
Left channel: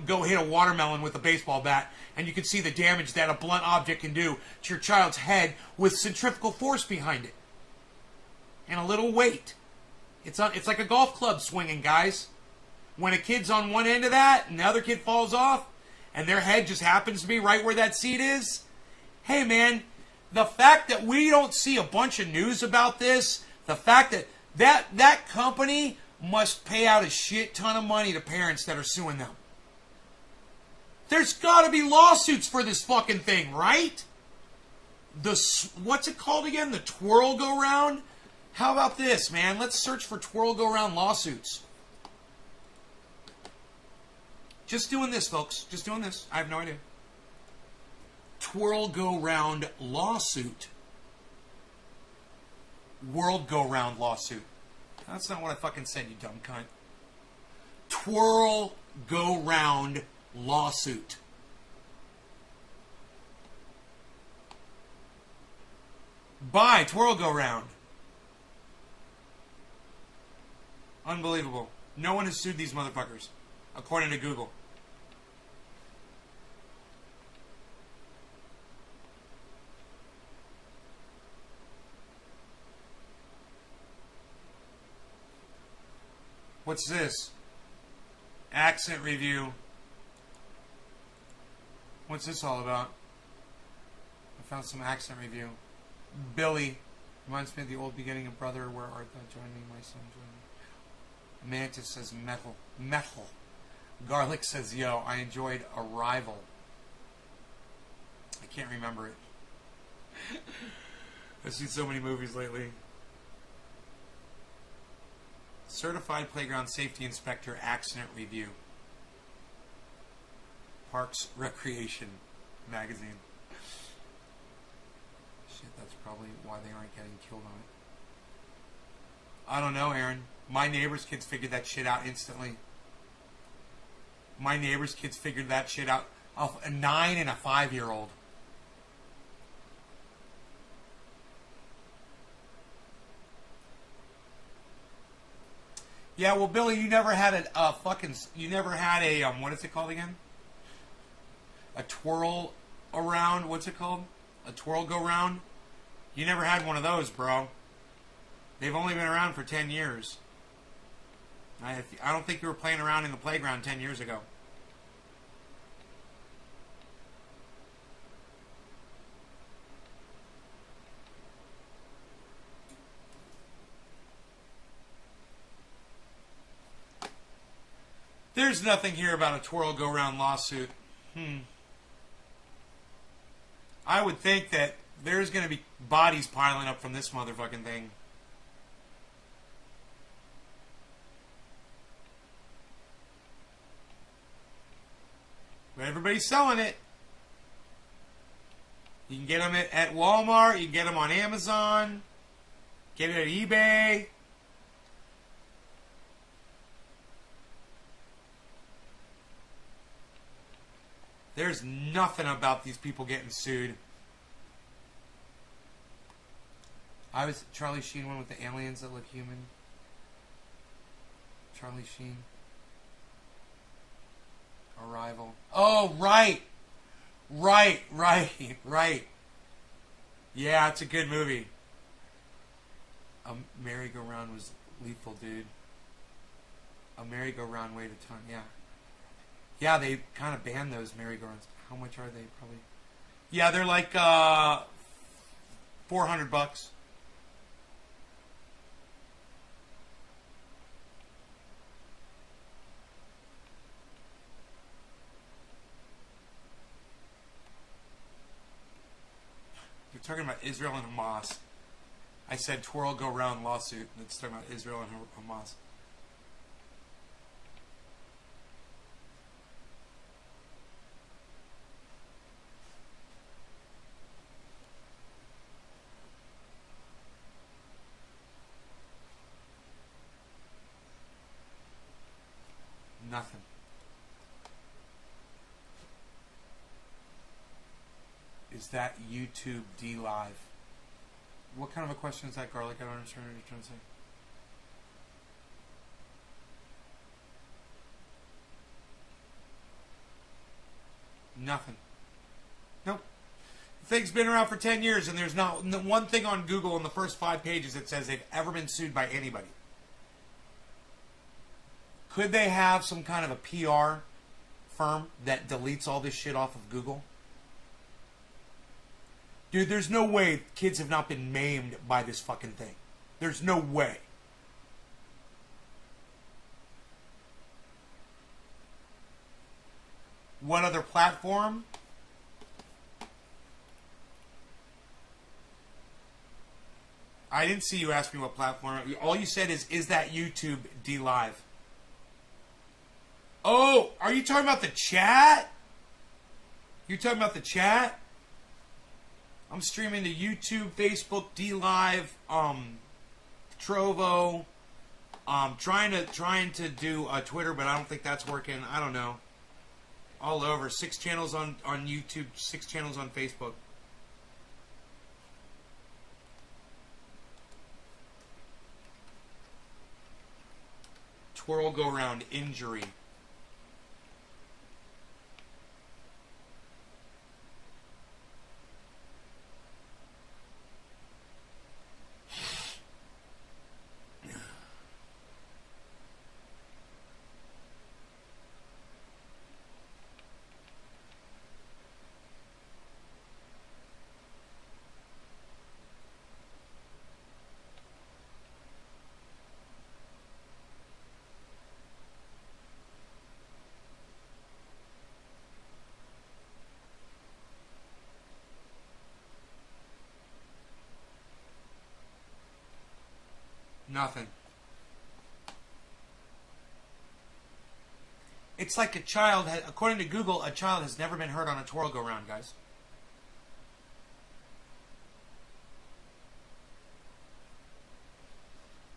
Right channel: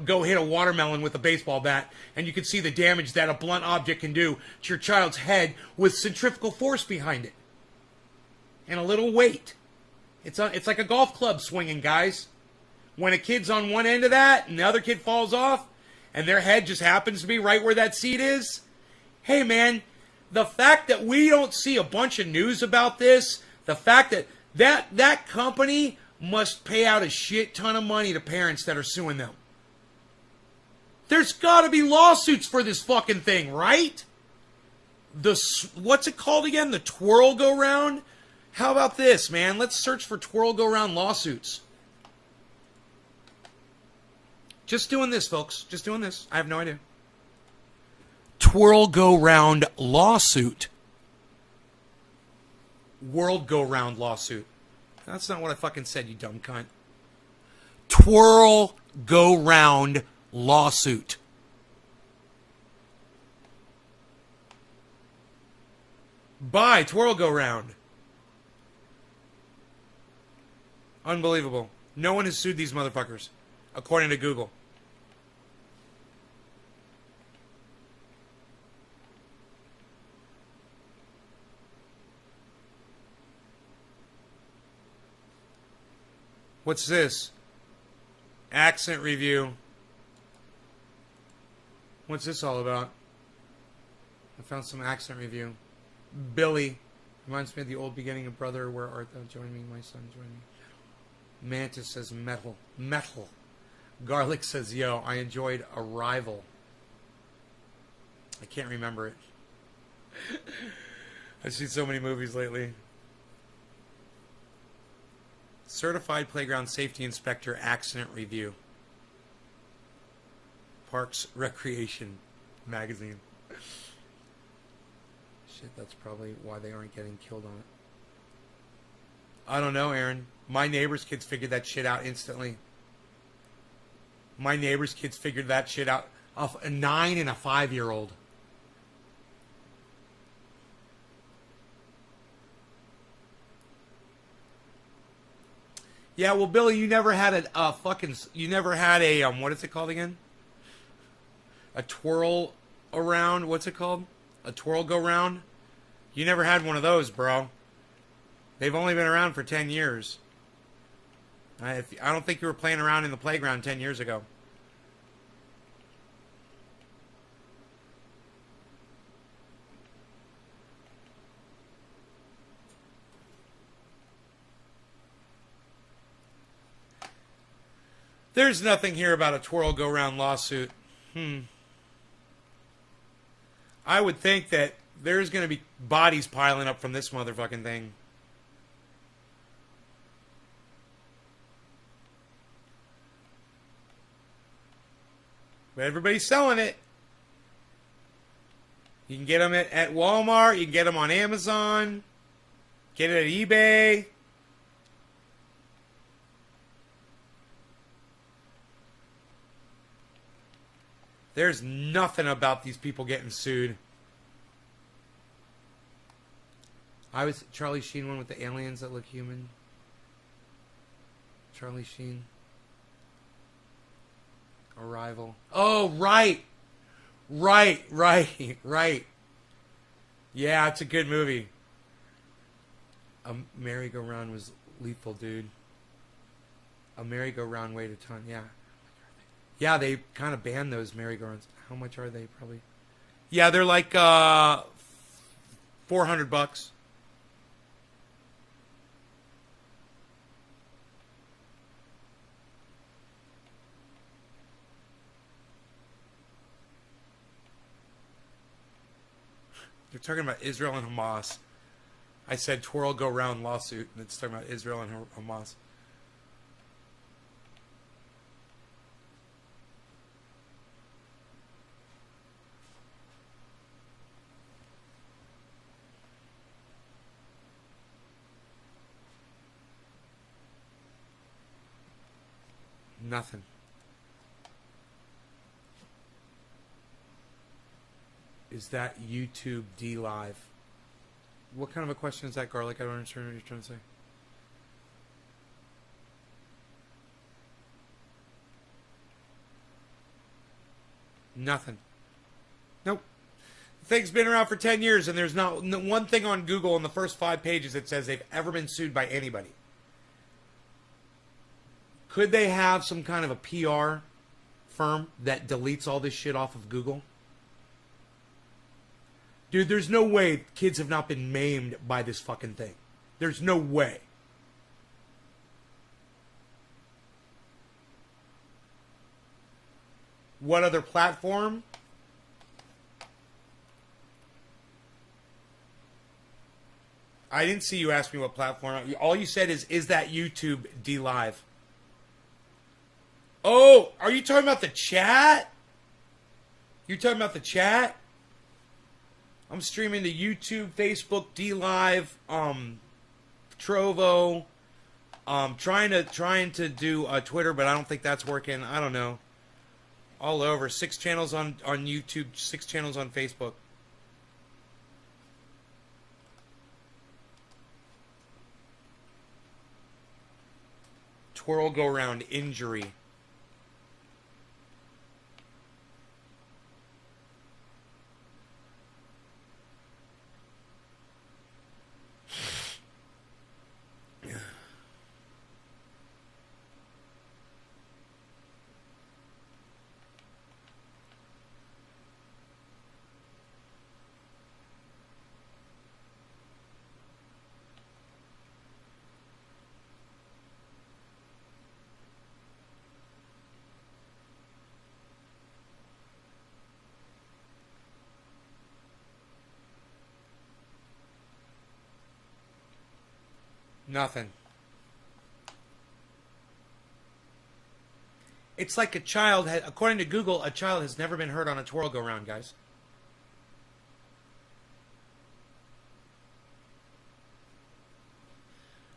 go hit a watermelon with a baseball bat. And you can see the damage that a blunt object can do to your child's head with centrifugal force behind it. And a little weight. It's like a golf club swinging, guys. When a kid's on one end of that and the other kid falls off, and their head just happens to be right where that seat is. Hey, man, the fact that we don't see a bunch of news about this, the fact that company must pay out a shit ton of money to parents that are suing them. There's got to be lawsuits for this fucking thing, right? What's it called again? The twirl go round? How about this, man? Let's search for twirl go round lawsuits. Just doing this, folks. Just doing this. I have no idea. Twirl go round lawsuit. World go round lawsuit. That's not what I fucking said, you dumb cunt. Twirl go round lawsuit. Buy twirl go round. Unbelievable. No one has sued these motherfuckers, according to Google. What's this? Accent review. What's this all about? I found some accent review. Billy. Reminds me of the old beginning of Brother, where art thou? Join me, my son, join me. Mantis says metal. Metal. Garlic says, yo, I enjoyed Arrival. I can't remember it. I've seen so many movies lately. Certified Playground Safety Inspector Accident Review. Parks Recreation Magazine. Shit, that's probably why they aren't getting killed on it. I don't know, Aaron. My neighbor's kids figured that shit out instantly. My neighbor's kids figured that shit out. A 9 and a 5-year-old. Yeah, well, Billy, you never had you never had a, what is it called again? A twirl around, what's it called? A twirl go round? You never had one of those, bro. They've only been around for 10 years. I don't think you were playing around in the playground 10 years ago. There's nothing here about a twirl go round lawsuit. I would think that there's going to be bodies piling up from this motherfucking thing. But everybody's selling it. You can get them at Walmart. You can get them on Amazon. Get it at eBay. There's nothing about these people getting sued. I was Charlie Sheen one with the aliens that look human. Charlie Sheen. Arrival. Oh, right. Right. Yeah, it's a good movie. A merry-go-round was lethal, dude. A merry-go-round weighed a ton, yeah. Yeah, they kind of banned those merry-go-rounds. How much are they, probably? Yeah, they're like $400. They're talking about Israel and Hamas. I said twirl go round lawsuit, and it's talking about Israel and Hamas. Nothing. Is that YouTube D Live? What kind of a question is that, Garlic? I don't understand what you're trying to say. Nothing. Nope. The thing's been around for 10 years, and there's not one thing on Google in the first 5 pages that says they've ever been sued by anybody. Could they have some kind of a PR firm that deletes all this shit off of Google? Dude, there's no way kids have not been maimed by this fucking thing. There's no way. What other platform? I didn't see you ask me what platform. All you said is that YouTube D Live? Oh, are you talking about the chat? You're talking about the chat? I'm streaming to YouTube, Facebook, D Live, Trovo. Trying to do Twitter, but I don't think that's working. I don't know. All over. 6 channels on YouTube, 6 channels on Facebook. Twirl go round injury. Nothing. It's like a child, according to Google, a child has never been hurt on a twirl go round, guys.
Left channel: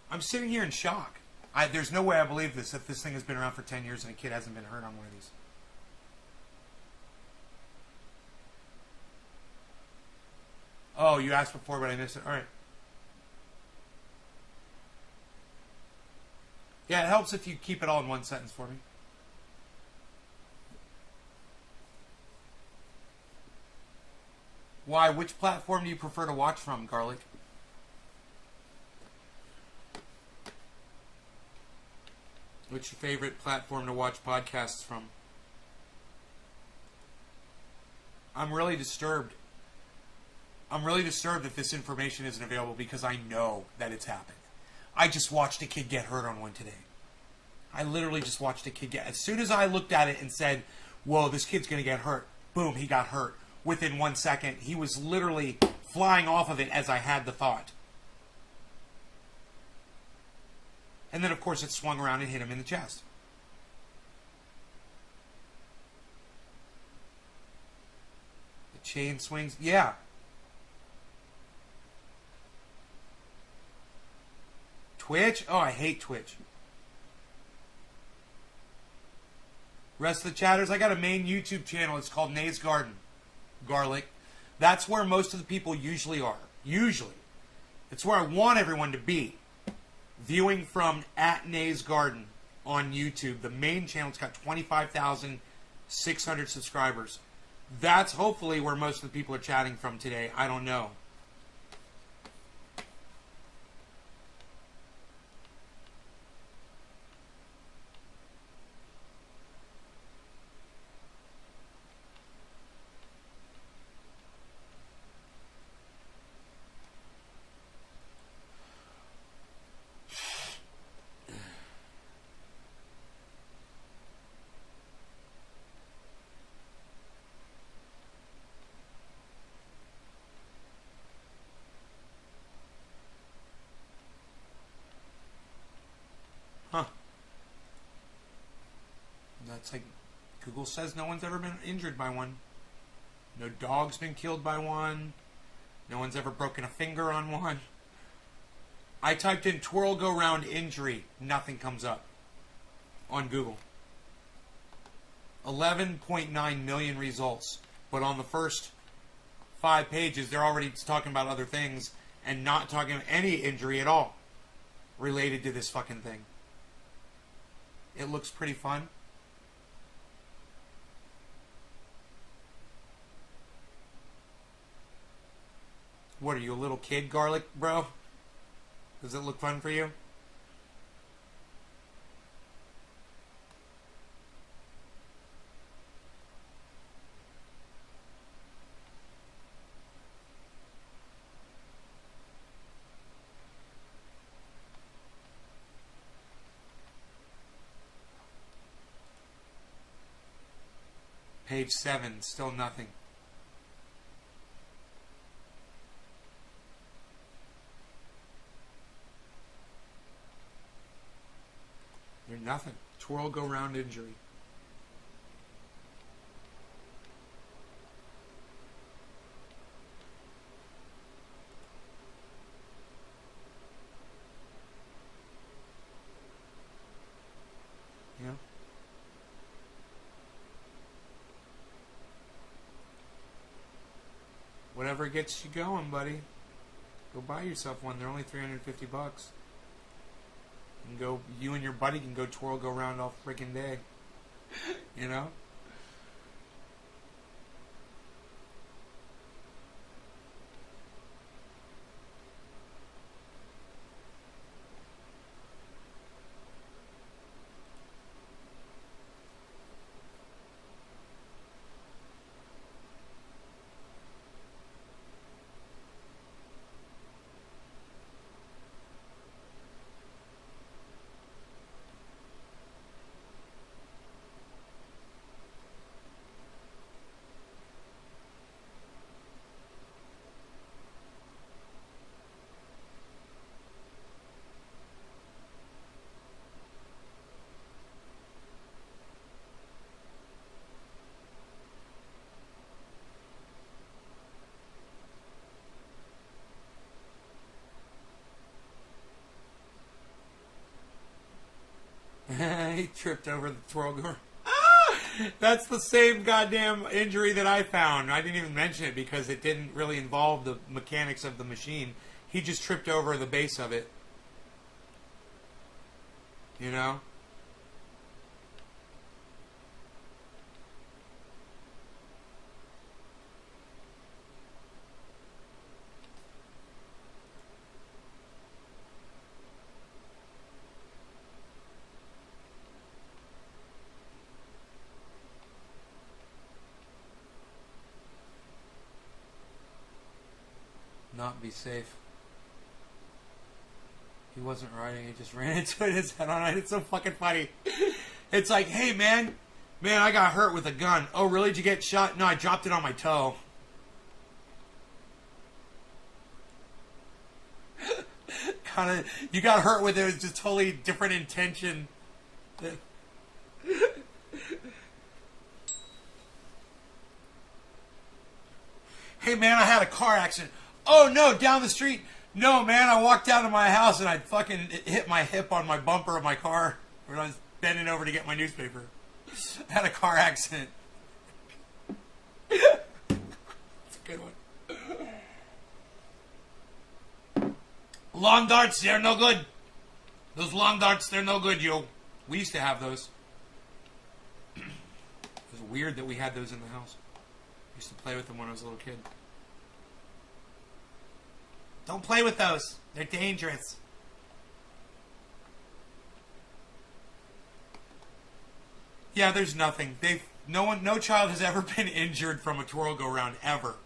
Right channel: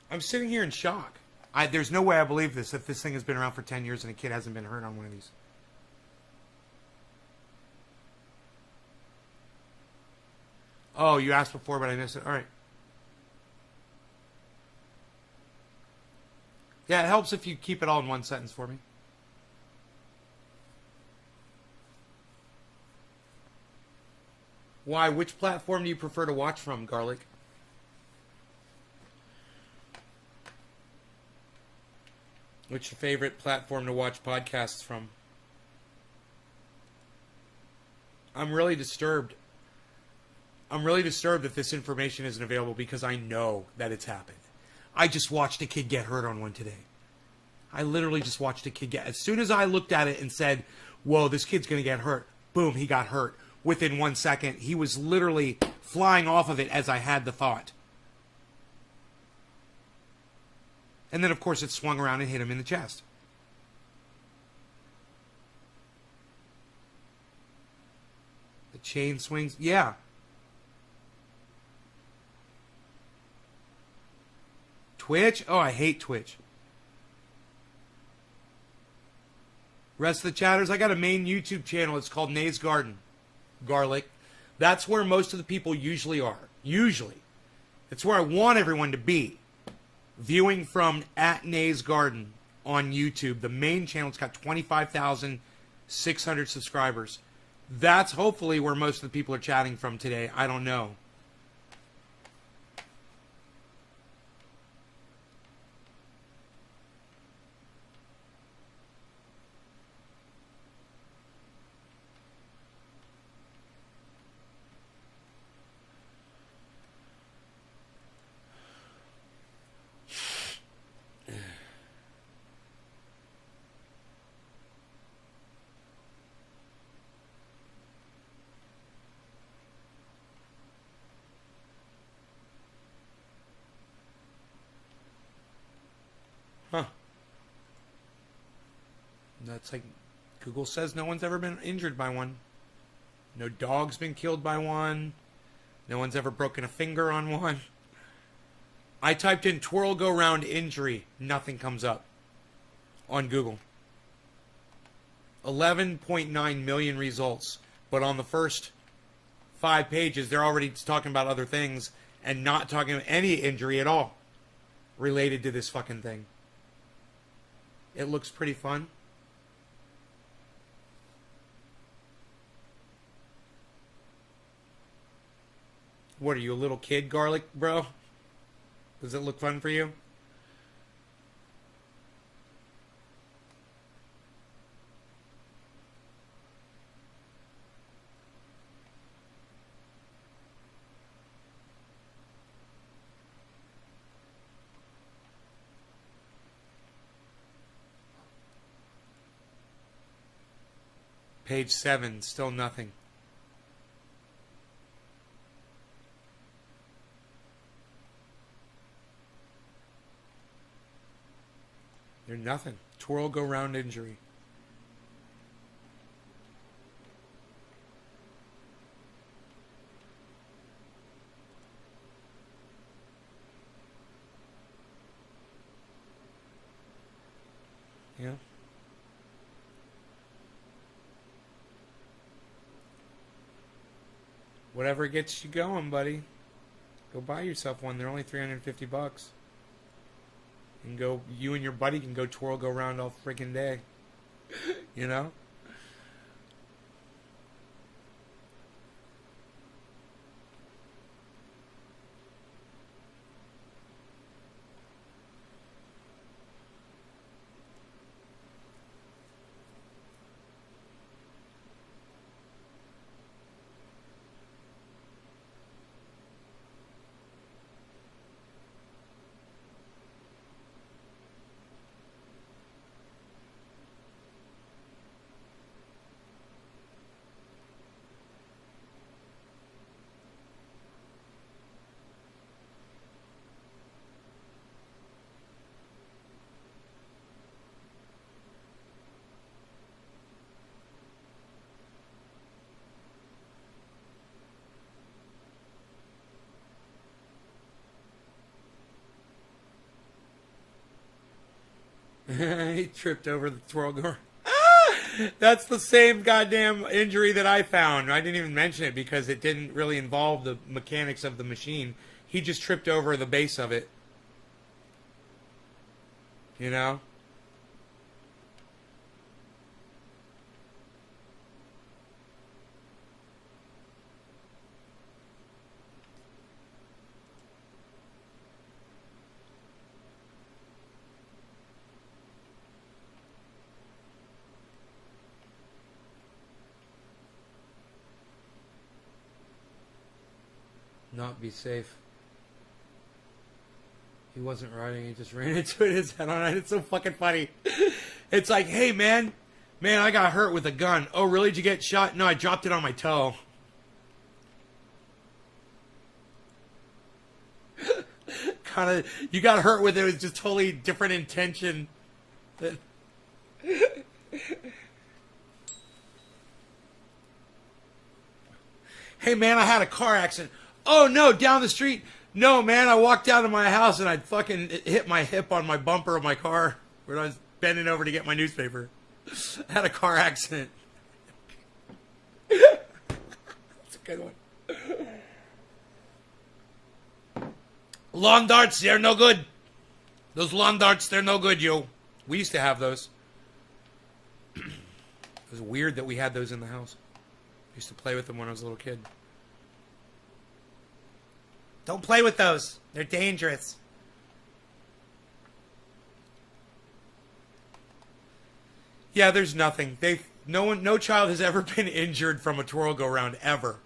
I'm sitting here in shock. There's no way I believe this, that this thing has been around for 10 years and a kid hasn't been hurt on one of these. Oh, you asked before, but I missed it. All right. Yeah, it helps if you keep it all in one sentence for me. Why? Which platform do you prefer to watch from, Garlic? What's your favorite platform to watch podcasts from? I'm really disturbed. I'm really disturbed that this information isn't available because I know that it's happened. I just watched a kid get hurt on one today. I literally just watched a kid get... As soon as I looked at it and said, whoa, this kid's going to get hurt, boom, he got hurt. Within 1 second, he was literally flying off of it as I had the thought. And then, of course, it swung around and hit him in the chest. The chain swings. Yeah. Twitch? Oh, I hate Twitch. Rest of the chatters, I got a main YouTube channel. It's called Nay's Garden. Garlic. That's where most of the people usually are. Usually. It's where I want everyone to be. Viewing from @Nay's Garden on YouTube. The main channel's got 25,600 subscribers. That's hopefully where most of the people are chatting from today. I don't know. Huh. That's like Google says no one's ever been injured by one. No dog's been killed by one. No one's ever broken a finger on one. I typed in twirl go round injury. Nothing comes up on Google. 11.9 million results. But on the first 5 pages, they're already talking about other things and not talking about any injury at all related to this fucking thing. It looks pretty fun. What are you, a little kid, Garlic, bro? Does it look fun for you? Page 7, still nothing. There's nothing. Twirl go round injury. Yeah. Whatever gets you going, buddy. Go buy yourself one. They're only $350. You can go. You and your buddy can go twirl go round all freaking day. You know. He tripped over the twirl go. That's the same goddamn injury that I found. I didn't even mention it because it didn't really involve the mechanics of the machine. He just tripped over the base of it. You know? Not be safe. He wasn't riding, he just ran into it, his head on it. It's so fucking funny. It's like, hey man, I got hurt with a gun. Oh really, did you get shot? No, I dropped it on my toe. Kind of, you got hurt with it, it was just totally different intention. Hey man, I had a car accident. Oh no, down the street. No man, I walked out of my house and I fucking hit my hip on my bumper of my car when I was bending over to get my newspaper. I had a car accident. That's a good one. Lawn darts, they're no good. Those lawn darts, they're no good, yo. We used to have those. It was weird that we had those in the house. I used to play with them when I was a little kid. Don't play with those. They're dangerous. Yeah, there's nothing. No child has ever been injured from a twirl go round ever.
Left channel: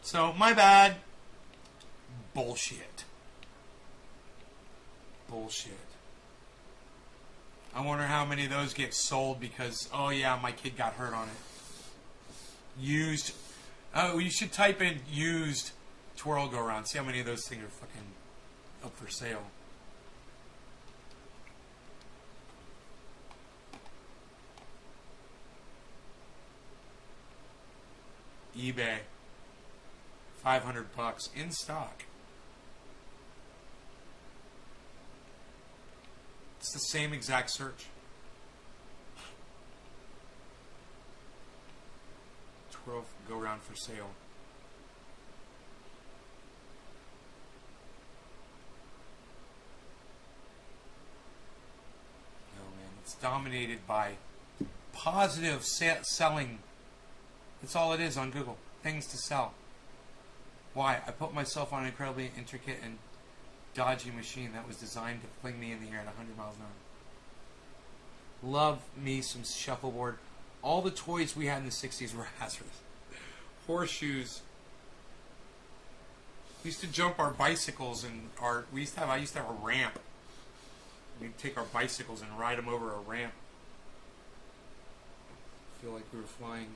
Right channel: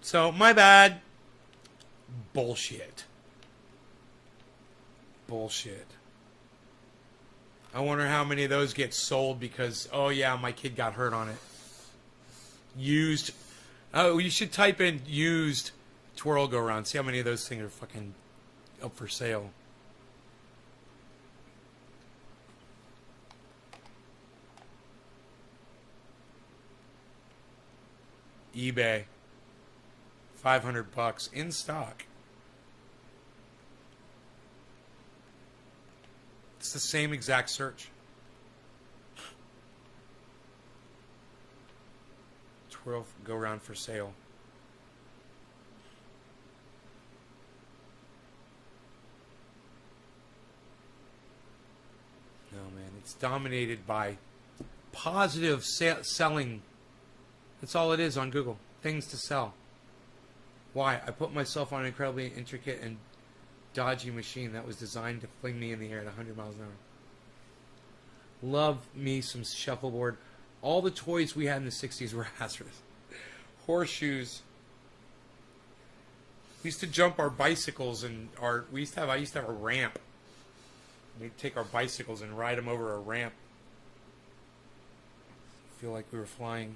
So, my bad. Bullshit. Bullshit. I wonder how many of those get sold because, oh yeah, my kid got hurt on it. Used. Oh, you should type in used twirl go round. See how many of those things are fucking up for sale. eBay. $500 in stock. It's the same exact search. Twirl go round for sale. No man, it's dominated by positive selling. That's all it is on Google. Things to sell. Why? I put myself on an incredibly intricate and dodgy machine that was designed to fling me in the air at 100 miles an hour. Love me some shuffleboard. All the toys we had in the 60s were hazardous. Horseshoes. We used to jump our bicycles and I used to have a ramp. We'd take our bicycles and ride them over a ramp. Feel like we were flying.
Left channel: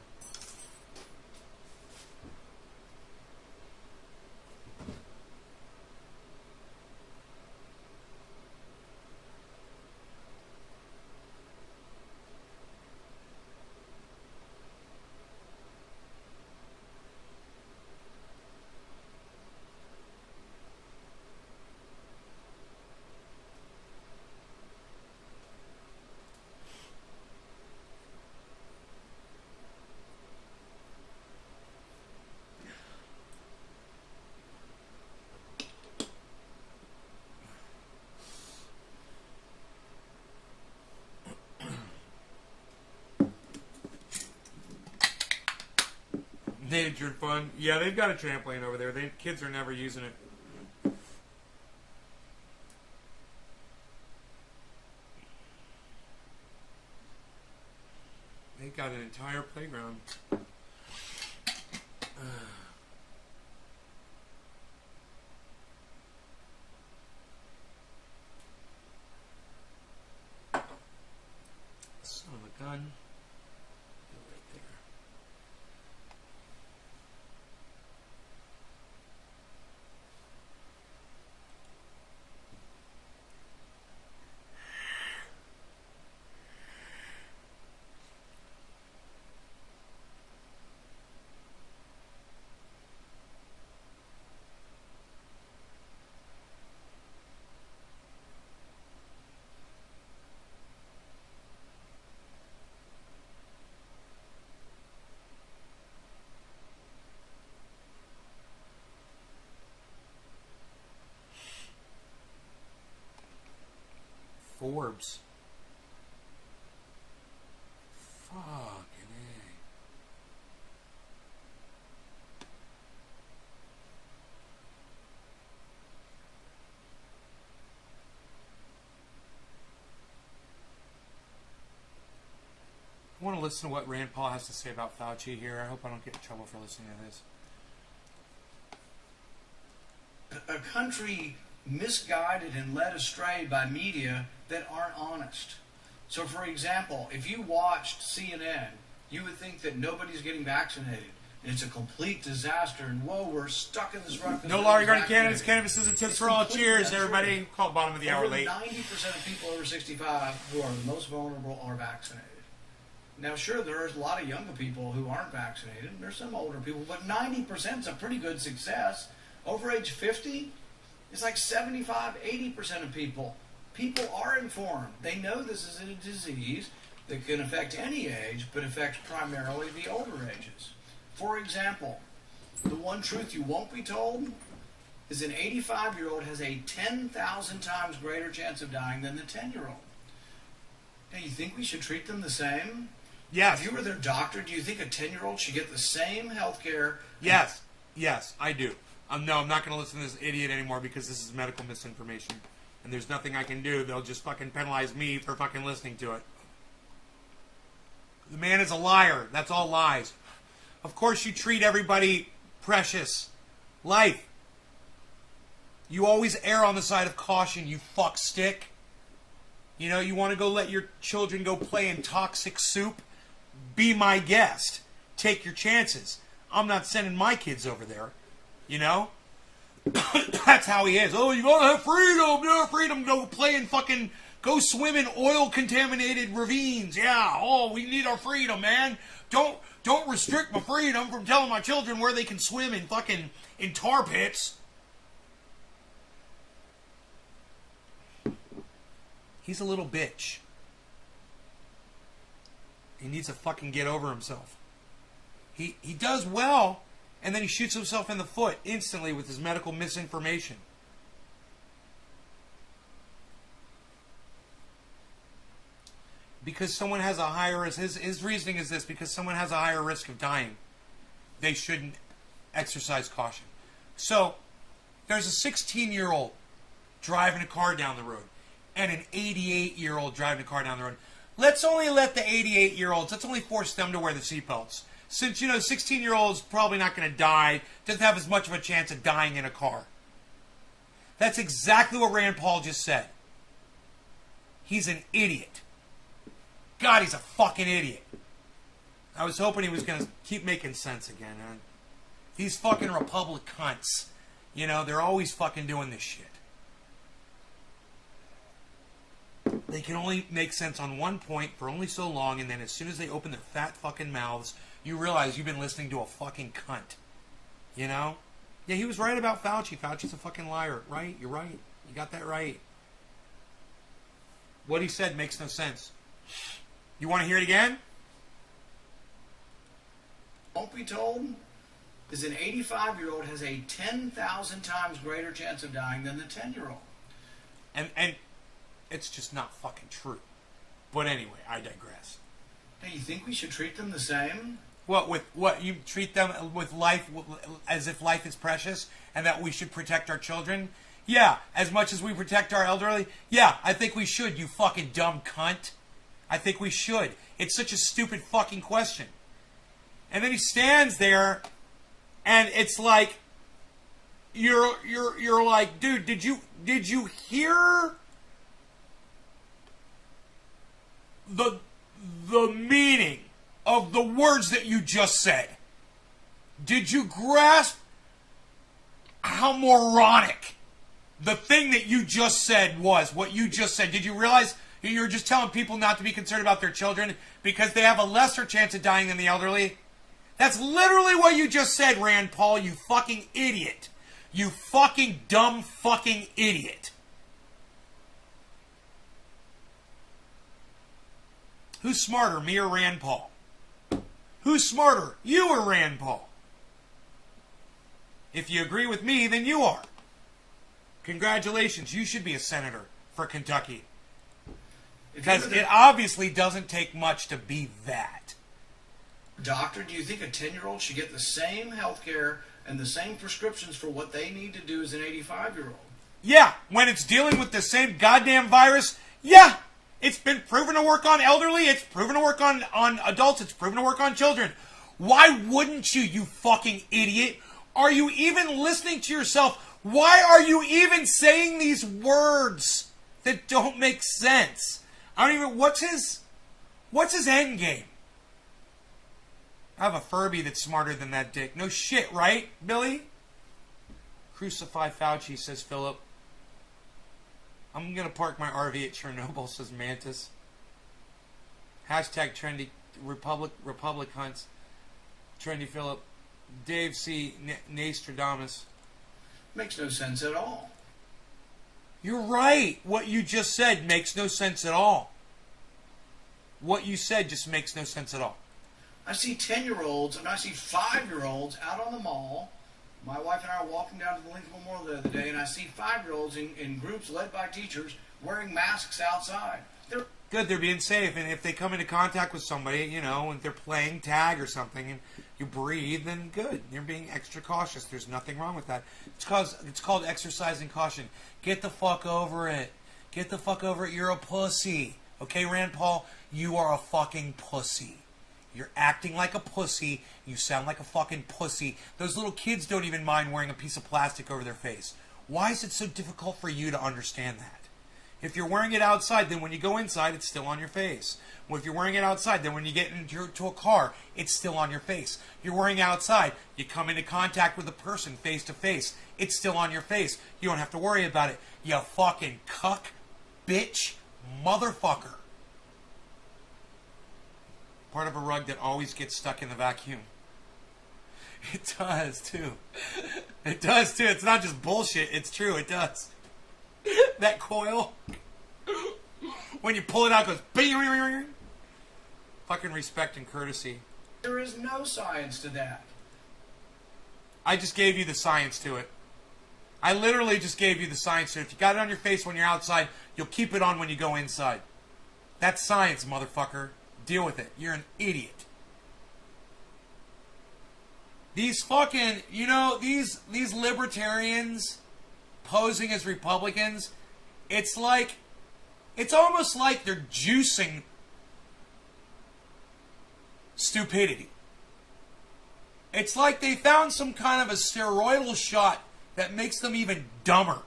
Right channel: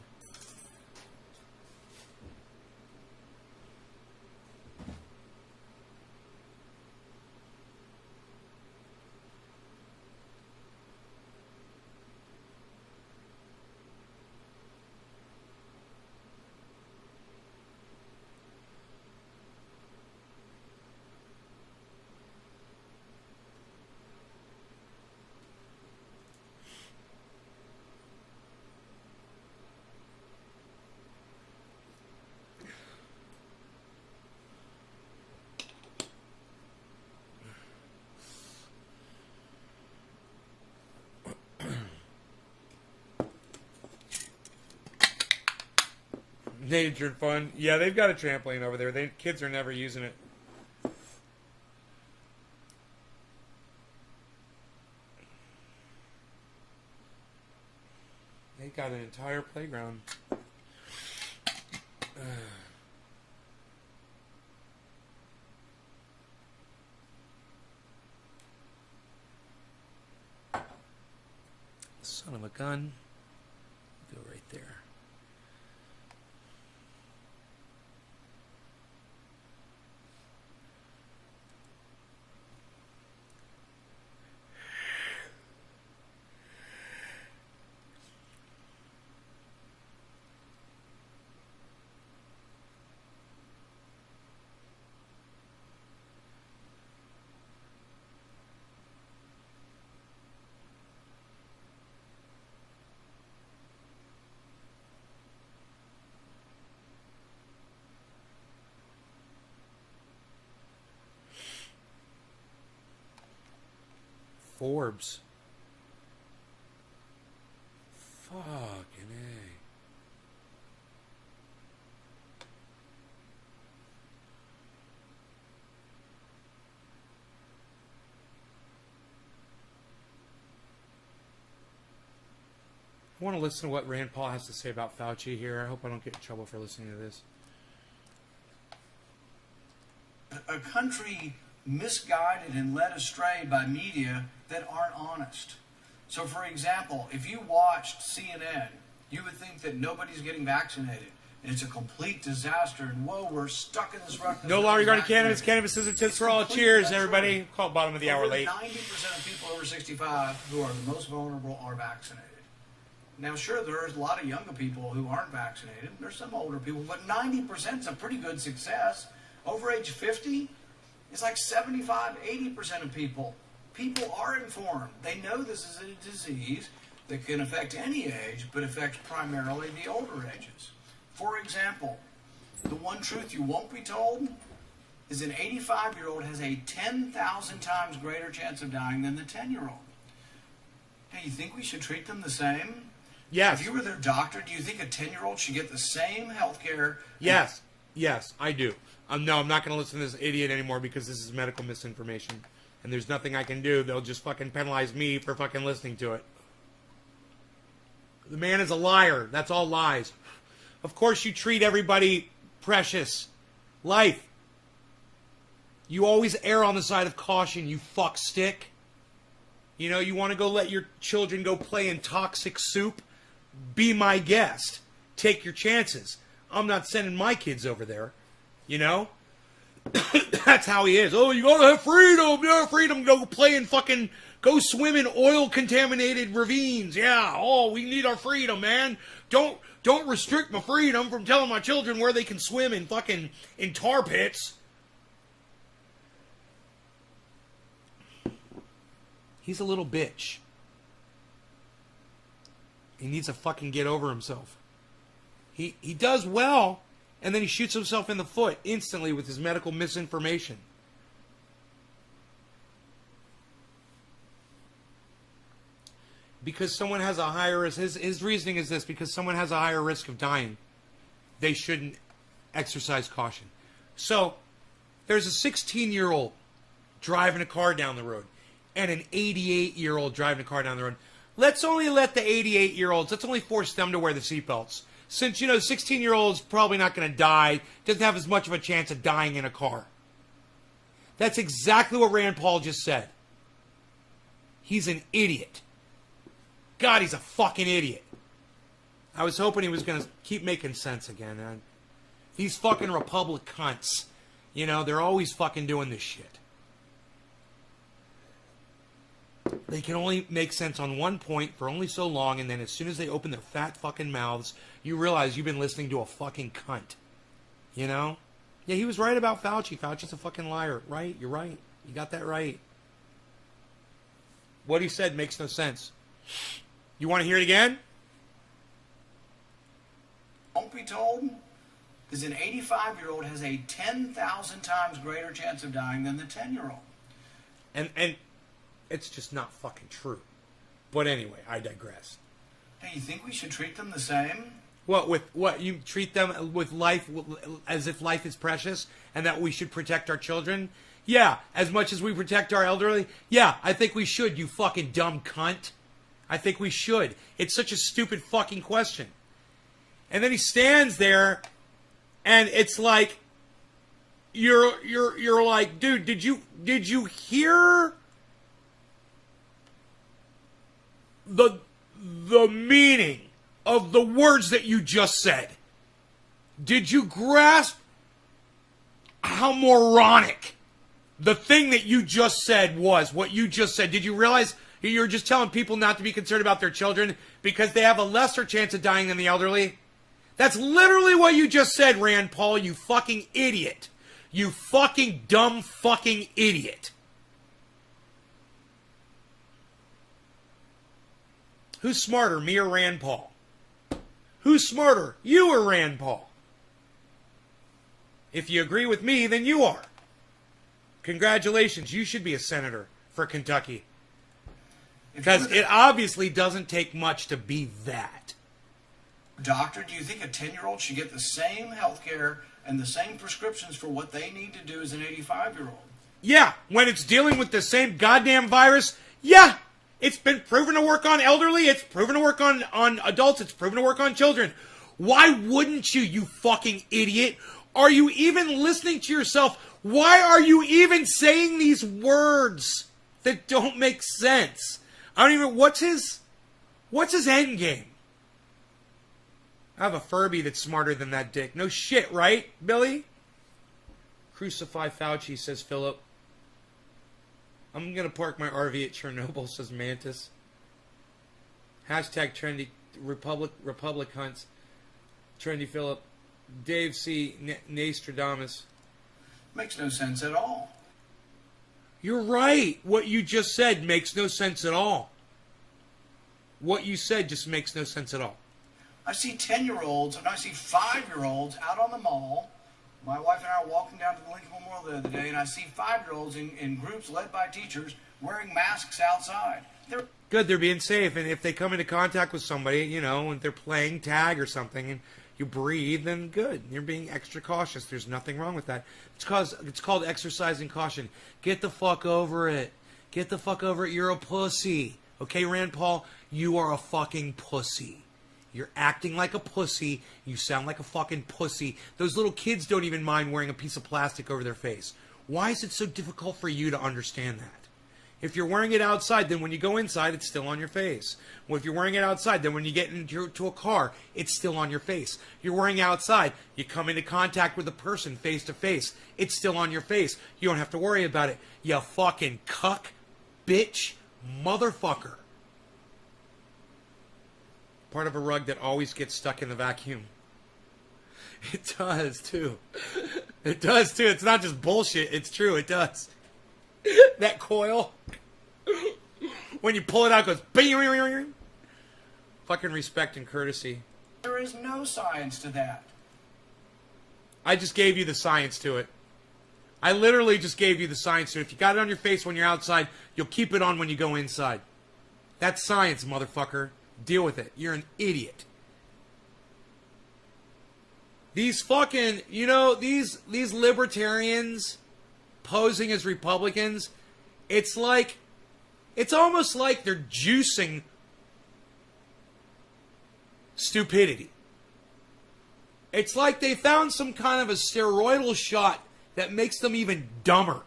Nature fun. Yeah, they've got a trampoline over there. Kids are never using it. They've got an entire playground. Son of a gun. Go right there. orbs. Fucking A. I want to listen to what Rand Paul has to say about Fauci here. I hope I don't get in trouble for listening to this. A country misguided and led astray by media that aren't honest. So, for example, if you watched CNN, you would think that nobody's getting vaccinated. And it's a complete disaster. And whoa, we're stuck in this rut. No law regarding cannabis. Cannabis is a tip for all. Cheers, everybody. Call bottom of the hour Over late. 90% of people over 65 who are the most vulnerable are vaccinated. Now, sure, there's a lot of younger people who aren't vaccinated. There's some older people, but 90% is a pretty good success. Over age 50, it's like 75, 80% of people. People are informed. They know this is a disease that can affect any age, but affects primarily the older ages. For example, the one truth you won't be told is an 85-year-old has a 10,000 times greater chance of dying than the 10-year-old. Now, you think we should treat them the same? Yes. If you were their doctor, do you think a 10-year-old should get the same health care? Yes. Yes, I do. No, I'm not going to listen to this idiot anymore because this is medical misinformation. And there's nothing I can do. They'll just fucking penalize me for fucking listening to it. The man is a liar. That's all lies. Of course you treat everybody precious. Life. You always err on the side of caution, you fuck stick. You know, you want to go let your children go play in toxic soup? Be my guest. Take your chances. I'm not sending my kids over there. You know? That's how he is. Oh, you gotta have freedom. You have freedom to go play in fucking... Go swim in oil-contaminated ravines. Yeah. Oh, we need our freedom, man. Don't restrict my freedom from telling my children where they can swim in fucking... in tar pits. He's a little bitch. He needs to fucking get over himself. He does well, and then he shoots himself in the foot instantly with his medical misinformation. Because someone has a higher risk, his reasoning is this, because someone has a higher risk of dying, they shouldn't exercise caution. So, there's a 16-year-old driving a car down the road, and an 88-year-old driving a car down the road. Let's only let the 88-year-olds, let's only force them to wear the seatbelts. Since, you know, the 16-year-old's probably not going to die, doesn't have as much of a chance of dying in a car. That's exactly what Rand Paul just said. He's an idiot. God, he's a fucking idiot. I was hoping he was going to keep making sense again. These fucking Republic cunts, you know, they're always fucking doing this shit. They can only make sense on one point for only so long, and then as soon as they open their fat fucking mouths, you realize you've been listening to a fucking cunt. You know? Yeah, he was right about Fauci. Fauci's a fucking liar. Right? You're right. You got that right. What he said makes no sense. You want to hear it again? Won't be told is an 85-year-old has a 10,000 times greater chance of dying than the 10-year-old. And it's just not fucking true. But anyway, I digress. Hey, you think we should treat them the same? What, with what? You treat them with life as if life is precious and that we should protect our children? Yeah, as much as we protect our elderly? Yeah, I think we should, you fucking dumb cunt. I think we should. It's such a stupid fucking question. And then he stands there and it's like you're like, dude, did you hear the meaning of the words that you just said? Did you grasp how moronic the thing that you just said was? What you just said. Did you realize you're just telling people not to be concerned about their children because they have a lesser chance of dying than the elderly? That's literally what you just said, Rand Paul, you fucking idiot. You fucking dumb fucking idiot. Who's smarter, me or Rand Paul? Who's smarter, you or Rand Paul? If you agree with me, then you are. Congratulations, you should be a senator for Kentucky. Because it obviously doesn't take much to be that. Doctor, do you think a 10-year-old should get the same health care and the same prescriptions for what they need to do as an 85-year-old? Yeah, when it's dealing with the same goddamn virus, yeah. It's been proven to work on elderly, it's proven to work on adults, it's proven to work on children. Why wouldn't you, you fucking idiot? Are you even listening to yourself? Why are you even saying these words that don't make sense? I don't even, what's his end game? I have a Furby that's smarter than that dick. No shit, right, Billy? Crucify Fauci, says Philip. I'm going to park my RV at Chernobyl, says Mantis. Hashtag trendy Republic hunts. Trendy Philip. Dave C. Nostradamus. Makes no sense at all. You're right. What you just said makes no sense at all. What you said just makes no sense at all. I see 10-year-olds and I see 5-year-olds out on the mall. My wife and I are walking down to the Lincoln Memorial the other day, and I see 5-year-olds in groups led by teachers wearing masks outside. They're Good, they're being safe, and if they come into contact with somebody, you know, and they're playing tag or something, and you breathe, then good. You're being extra cautious. There's nothing wrong with that. It's called exercising caution. Get the fuck over it. Get the fuck over it. You're a pussy. Okay, Rand Paul? You are a fucking pussy. You're acting like a pussy. You sound like a fucking pussy. Those little kids don't even mind wearing a piece of plastic over their face. Why is it so difficult for you to understand that? If you're wearing it outside, then when you go inside, it's still on your face. Well, if you're wearing it outside, then when you get into a car, it's still on your face. You're wearing it outside, you come into contact with a person face to face, it's still on your face. You don't have to worry about it. You fucking cuck, bitch, motherfucker. Part of a rug that always gets stuck in the vacuum. It does, too. It does, too. It's not just bullshit. It's true. It does. That coil. When you pull it out, it goes... Bing. Fucking respect and courtesy. There is no science to that. I just gave you the science to it. I literally just gave you the science to it. If you got it on your face when you're outside, you'll keep it on when you go inside. That's science, motherfucker. Deal with it. You're an idiot. These fucking, you know, these libertarians posing as Republicans, it's almost like they're juicing stupidity. It's like they found some kind of a steroidal shot that makes them even dumber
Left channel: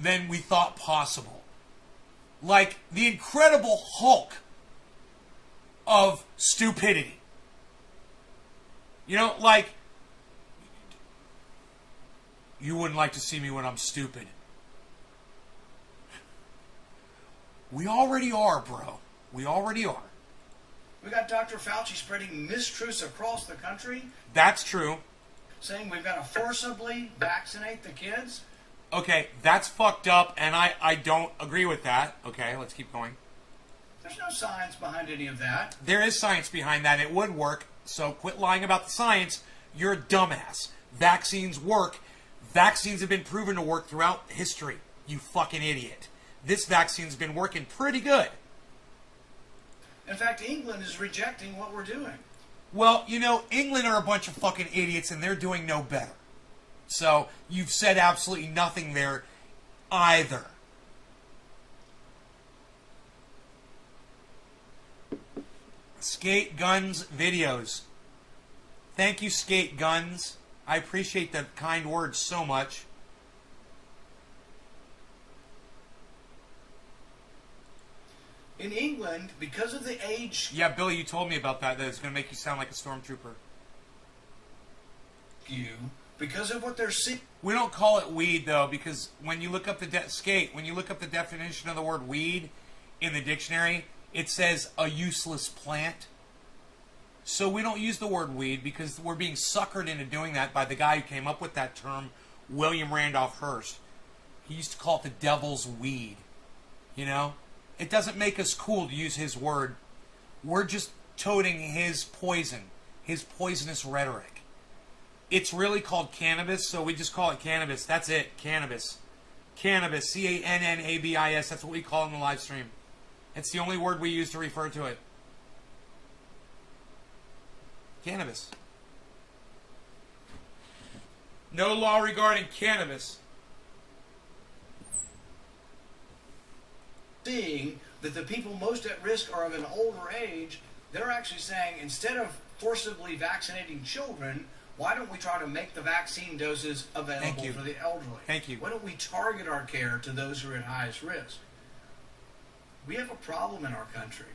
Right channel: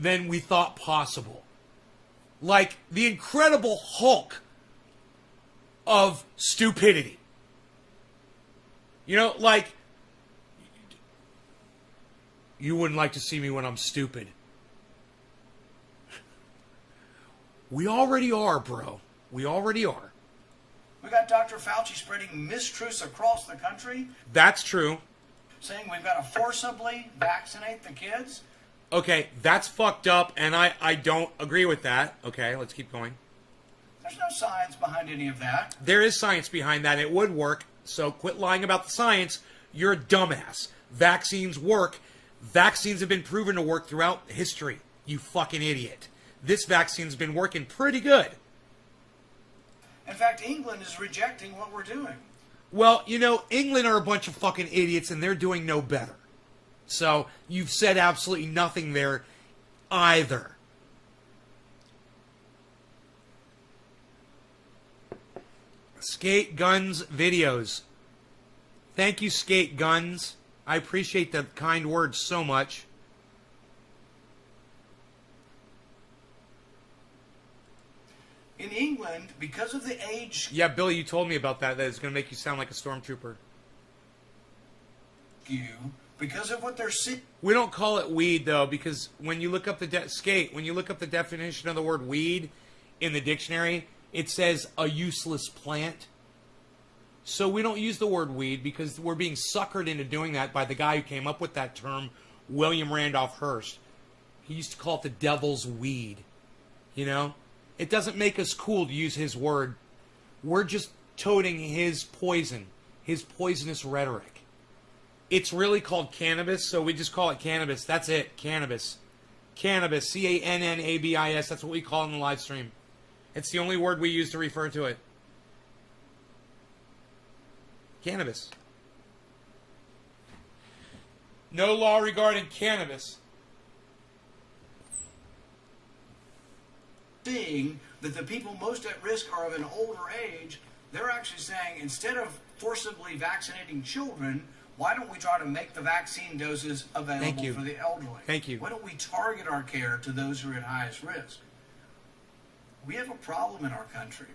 than we thought possible. Like the Incredible Hulk of stupidity. You know, like, you wouldn't like to see me when I'm stupid. We already are, bro. We already are. We got Dr. Fauci spreading mistruths across the country, That's true. saying we've got to forcibly vaccinate the kids. Okay, that's fucked up, and I don't agree with that. Okay, let's keep going. There's no science behind any of that. There is science behind that. It would work. So quit lying about the science. You're a dumbass. Vaccines work. Vaccines have been proven to work throughout history. You fucking idiot. This vaccine's been working pretty good. In fact, England is rejecting what we're doing. Well, you know, England are a bunch of fucking idiots and they're doing no better. So you've said absolutely nothing there either. Skate Guns videos. Thank you, Skate Guns. I appreciate the kind words so much. In England, because of the age Yeah, Billy, you told me about that. That it's going to make you sound like a stormtrooper. skew, because of what they're seeing. We don't call it weed though, because when you look up when you look up the definition of the word weed in the dictionary, it says a useless plant. So we don't use the word weed because we're being suckered into doing that by the guy who came up with that term, William Randolph Hearst. He used to call it the devil's weed. You know? It doesn't make us cool to use his word. We're just toting his poison, his poisonous rhetoric. It's really called cannabis, so we just call it cannabis. That's it, cannabis. Cannabis, C-A-N-N-A-B-I-S, that's what we call it in the live stream. It's the only word we use to refer to it. Cannabis. No law regarding cannabis. Seeing that the people most at risk are of an older age, they're actually saying instead of forcibly vaccinating children, why don't we try to make the vaccine doses available for the elderly? Thank you. Why don't we target our care to those who are at highest risk? We have a problem in our country.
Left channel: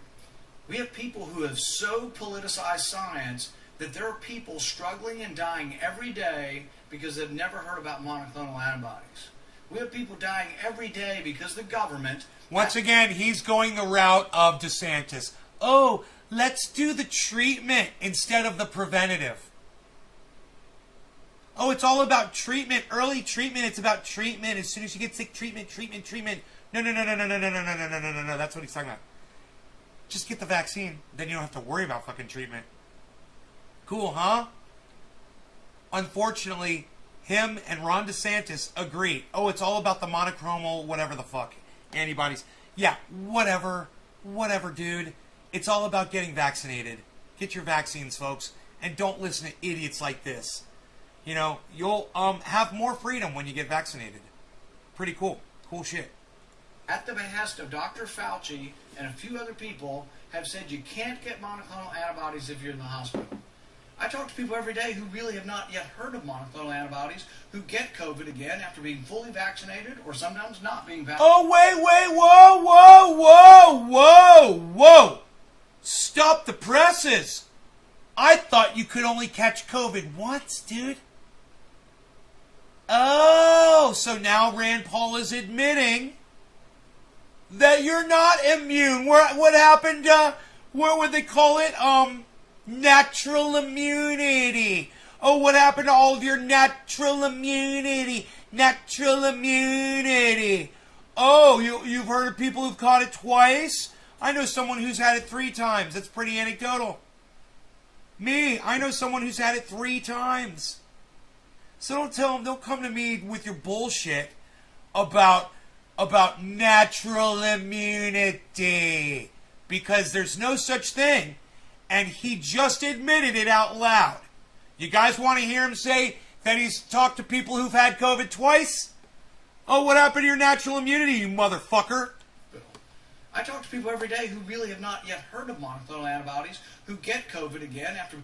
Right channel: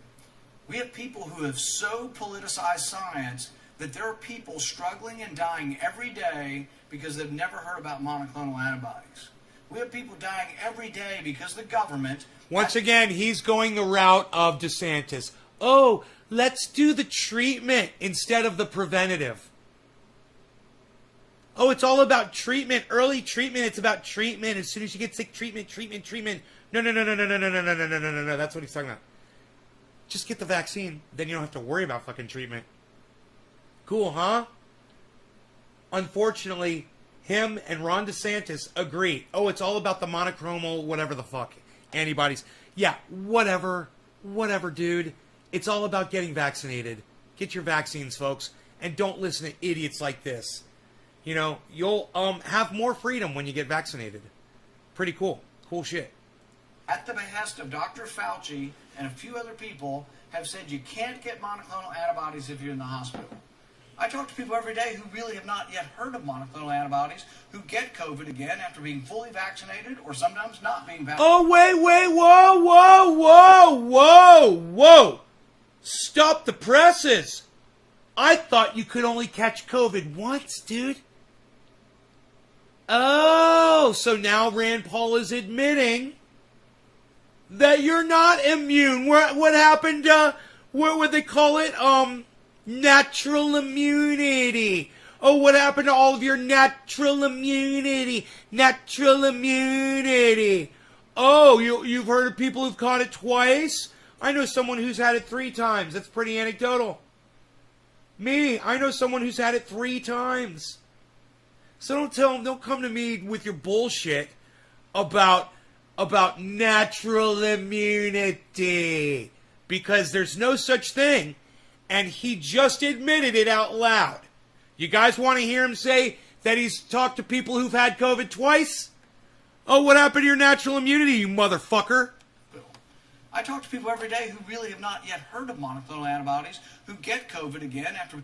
We have people who have so politicized science that there are people struggling and dying every day because they've never heard about monoclonal antibodies. We have people dying every day because the government... Once again, he's going the route of DeSantis. Oh, let's do the treatment instead of the preventative. Oh, it's all about treatment, early treatment. It's about treatment. As soon as you get sick, treatment. No. That's what he's talking about. Just get the vaccine. Then you don't have to worry about fucking treatment. Cool, huh? Unfortunately, him and Ron DeSantis agree. Oh, it's all about the monoclonal, whatever the fuck, antibodies. Yeah, whatever, dude. It's all about getting vaccinated. Get your vaccines, folks, and don't listen to idiots like this. You know, you'll have more freedom when you get vaccinated. Pretty cool. Cool shit. At the behest of Dr. Fauci and a few other people, have said you can't get monoclonal antibodies if you're in the hospital. I talk to people every day who really have not yet heard of monoclonal antibodies, who get COVID again after being fully vaccinated or sometimes not being vaccinated. Oh, whoa. Stop the presses. I thought you could only catch COVID once, dude. Oh, so now Rand Paul is admitting that you're not immune. What happened to, what would they call it? Natural immunity. Oh, what happened to all of your natural immunity? Oh, you've heard of people who've caught it twice? I know someone who's had it 3 times. That's pretty anecdotal. Me, I know someone who's had it 3 times. So don't come to me with your bullshit about natural immunity. Because there's no such thing. And he just admitted it out loud. You guys want to hear him say that he's talked to people who've had COVID twice? Oh, what happened to your natural immunity, you motherfucker? I talk to people every day who really have not yet heard of monoclonal antibodies, who get COVID again after,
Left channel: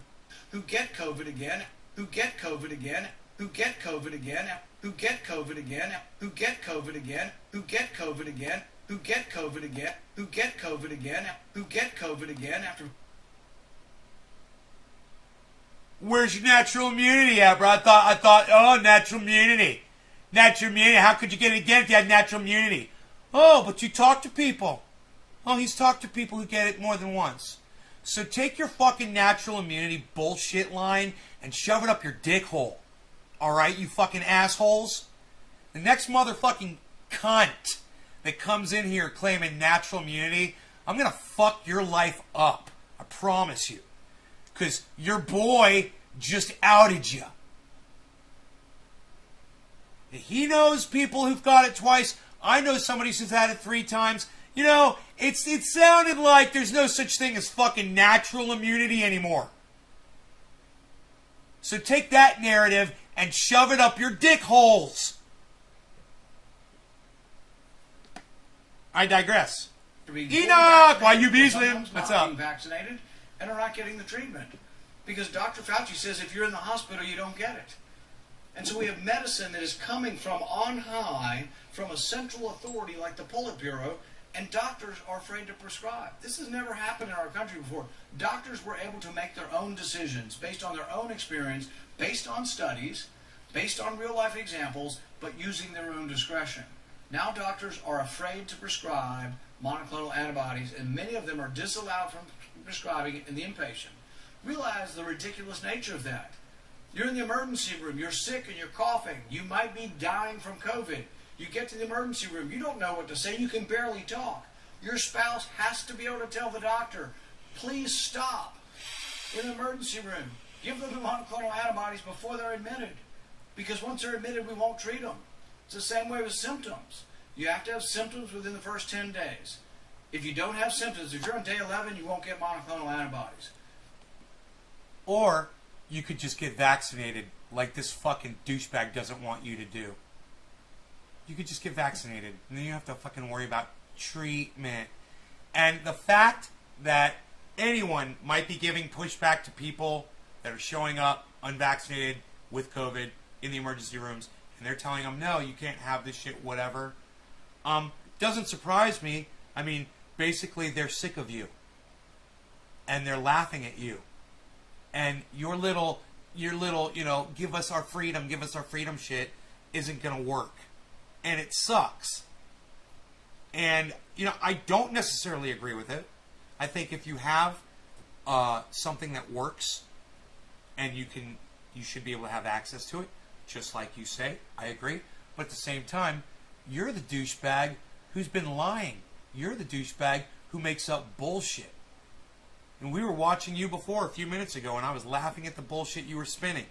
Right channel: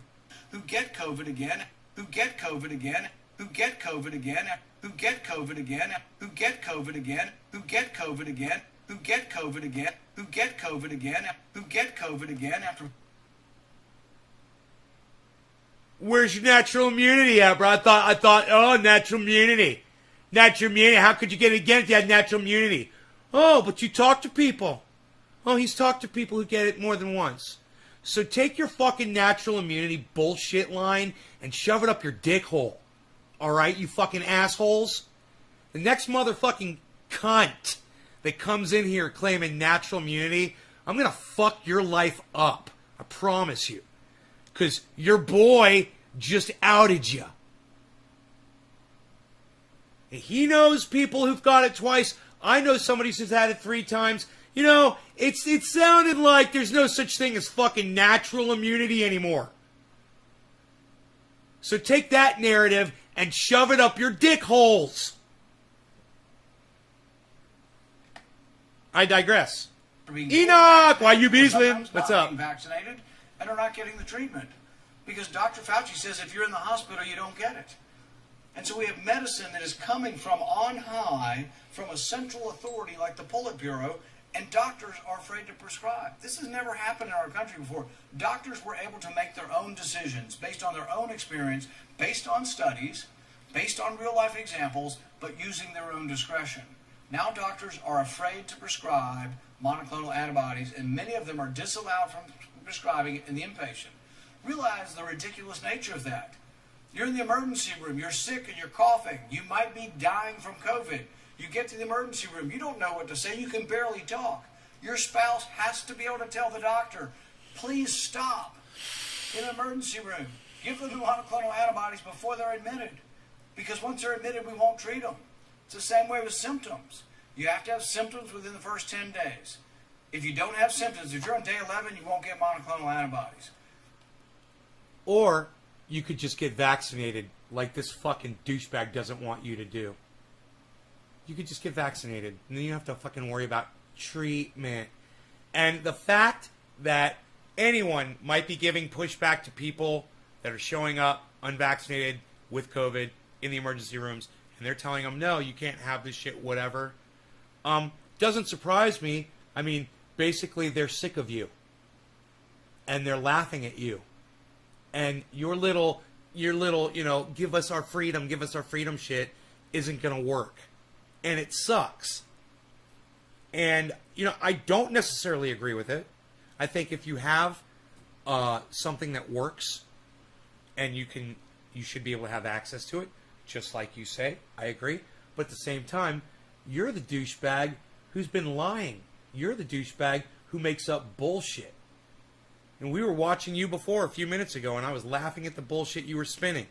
who get COVID again, who get COVID again, who get COVID again, who get COVID again, who get COVID again, who get COVID again, who get COVID again, who get COVID again, who get COVID again after. Where's your natural immunity at, bro? I thought, oh, natural immunity. Natural immunity, how could you get it again if you had natural immunity? Oh, but you talk to people. Oh, he's talked to people who get it more than once. So take your fucking natural immunity bullshit line and shove it up your dick hole. Alright, you fucking assholes? The next motherfucking cunt that comes in here claiming natural immunity, I'm gonna fuck your life up. I promise you. Because your boy just outed you. And he knows people who've got it twice. I know somebody who's had it 3 times. You know, it sounded like there's no such thing as fucking natural immunity anymore. So take that narrative and shove it up your dick holes. I digress. Enoch, why you beasling? What's up? Being vaccinated and are not getting the treatment. Because Dr. Fauci says if you're in the hospital, you don't get it. And so we have medicine that is coming from on high, from a central authority like the Politburo, and doctors are afraid to prescribe. This has never happened in our country before. Doctors were able to make their own decisions based on their own experience, based on studies, based on real-life examples, but using their own discretion. Now doctors are afraid to prescribe monoclonal antibodies, and many of them are disallowed from prescribing it in the inpatient. Realize the ridiculous nature of that. You're in the emergency room, you're sick and you're coughing, you might be dying from COVID. You get to the emergency room, you don't know what to say, you can barely talk. Your spouse has to be able to tell the doctor, please stop. In the emergency room, give them the monoclonal antibodies before they're admitted. Because once they're admitted, we won't treat them. It's the same way with symptoms. You have to have symptoms within the first 10 days. If you don't have symptoms, if you're on day 11, you won't get monoclonal antibodies. Or you could just get vaccinated like this fucking douchebag doesn't want you to do. You could just get vaccinated, and then you have to fucking worry about treatment. And the fact that anyone might be giving pushback to people that are showing up unvaccinated with COVID in the emergency rooms, and they're telling them, no, you can't have this shit, whatever, doesn't surprise me. I mean, basically, they're sick of you. And they're laughing at you. And your little, give us our freedom shit isn't going to work. And it sucks. And, I don't necessarily agree with it. I think if you have something that works and you should be able to have access to it, just like you say, I agree. But at the same time, you're the douchebag who's been lying. You're the douchebag who makes up bullshit. And we were watching you before a few minutes ago, and I was laughing at the bullshit you were spinning.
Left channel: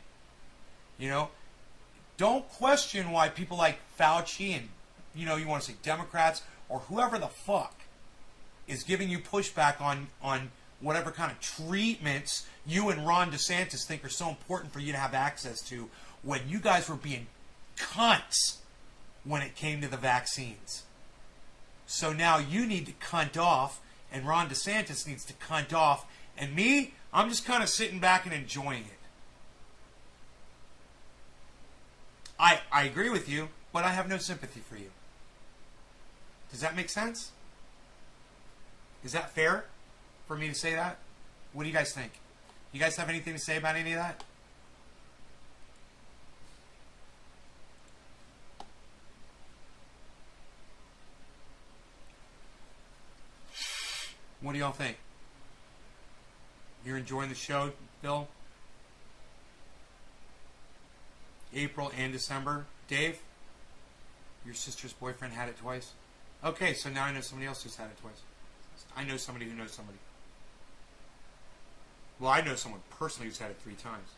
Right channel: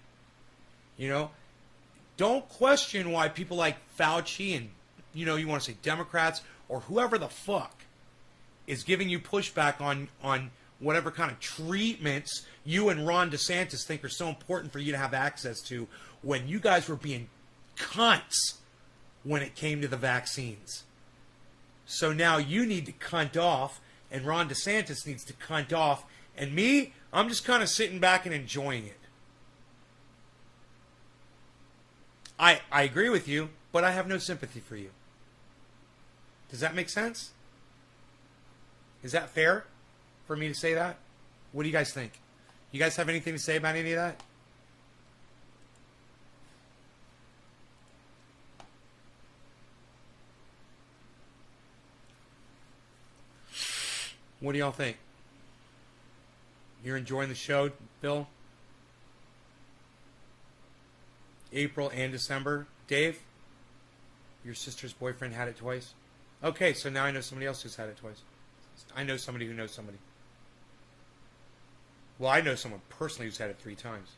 Don't question why people like Fauci and, you want to say Democrats or whoever the fuck is giving you pushback on whatever kind of treatments you and Ron DeSantis think are so important for you to have access to, when you guys were being cunts when it came to the vaccines. So now you need to cunt off, and Ron DeSantis needs to cunt off, and me, I'm just kind of sitting back and enjoying it. I agree with you, but I have no sympathy for you. Does that make sense? Is that fair for me to say that? What do you guys think? You guys have anything to say about any of that? What do y'all think? You're enjoying the show, Bill? April and December. Dave? Your sister's boyfriend had it twice? Okay, so now I know somebody else who's had it twice. I know somebody who knows somebody. Well, I know someone personally who's had it 3 times.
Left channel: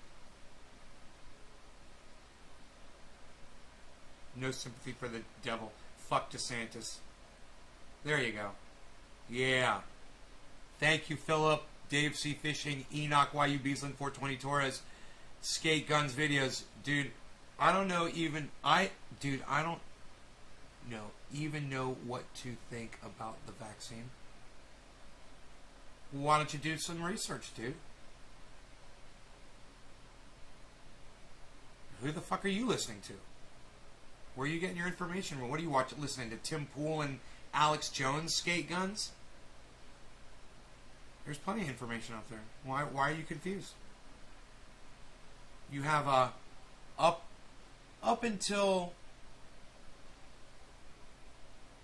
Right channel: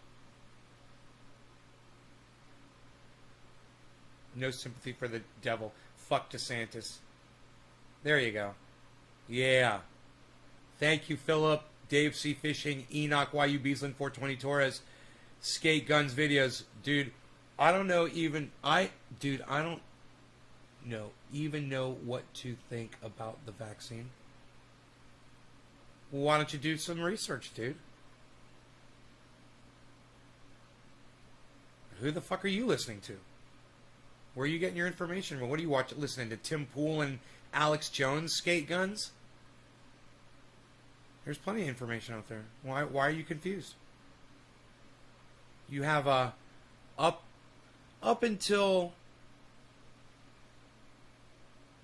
No sympathy for the devil. Fuck DeSantis. There you go. Yeah. Thank you, Philip. Dave C. Fishing. Enoch YU Beaslin 420 Torres. Skate Guns Videos. Dude, I don't know even... I don't know what to think about the vaccine. Well, why don't you do some research, dude? Who the fuck are you listening to? Where are you getting your information? Well, what are you watching? Listening to Tim Pool and Alex Jones Skate Guns? There's plenty of information out there. Why are you confused? You have up until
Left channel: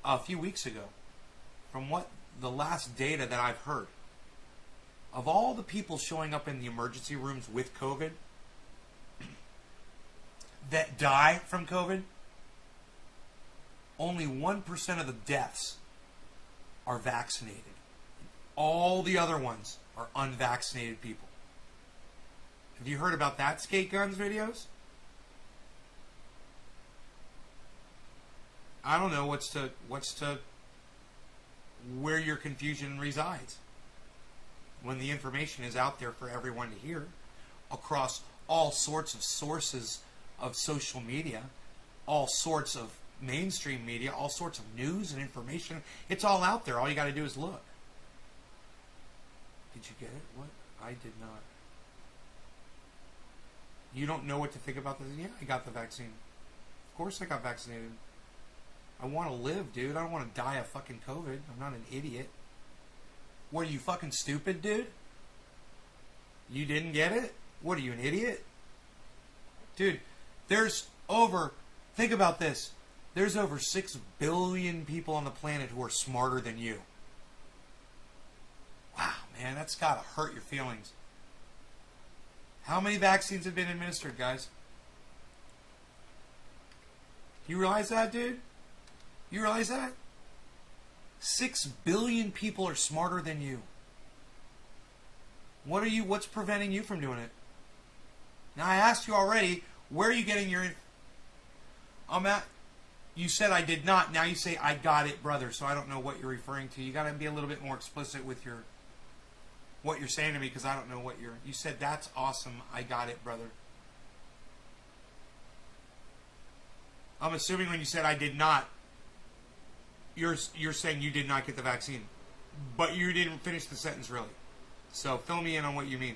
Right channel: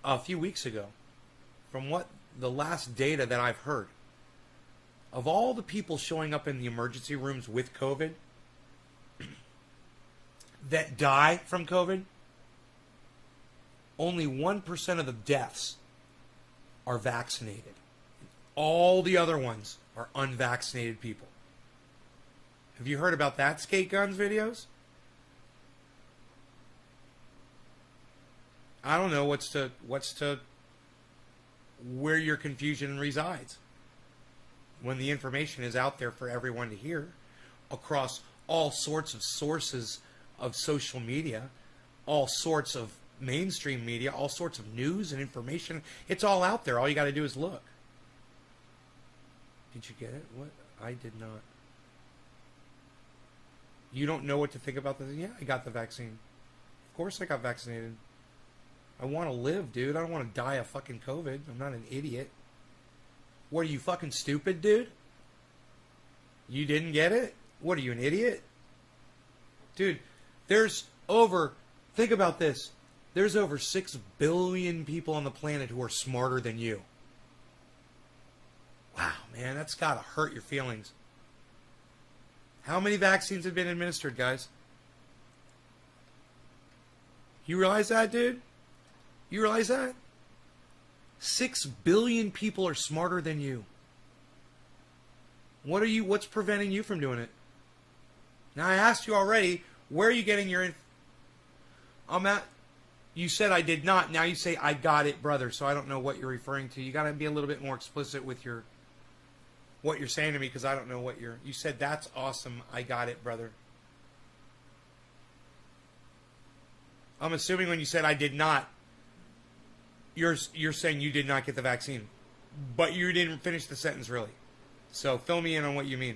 a few weeks ago, from what the last data that I've heard, of all the people showing up in the emergency rooms with COVID that die from COVID, only 1% of the deaths are vaccinated. All the other ones are unvaccinated people. Have you heard about that, Skate Guns Videos? I don't know where your confusion resides when the information is out there for everyone to hear across all sorts of sources of social media, all sorts of mainstream media, all sorts of news and information. It's all out there. All you got to do is look. Did you get it? What? I did not. You don't know what to think about this? Yeah, I got the vaccine. Of course I got vaccinated. I want to live, dude. I don't want to die of fucking COVID. I'm not an idiot. What, are you fucking stupid, dude? You didn't get it? What, are you an idiot? Dude, think about this. There's over 6 billion people on the planet who are smarter than you. Wow, man, that's got to hurt your feelings. How many vaccines have been administered, guys? You realize that, dude? You realize that? 6 billion people are smarter than you. What's preventing you from doing it? Now, I asked you already, where are you getting your... You said I did not. Now you say I got it, brother. So I don't know what you're referring to. You got to be a little bit more explicit with your what you're saying to me, because I don't know what you're. You said that's awesome. I got it, brother. I'm assuming when you said I did not, you're saying you did not get the vaccine, but you didn't finish the sentence really. So fill me in on what you mean.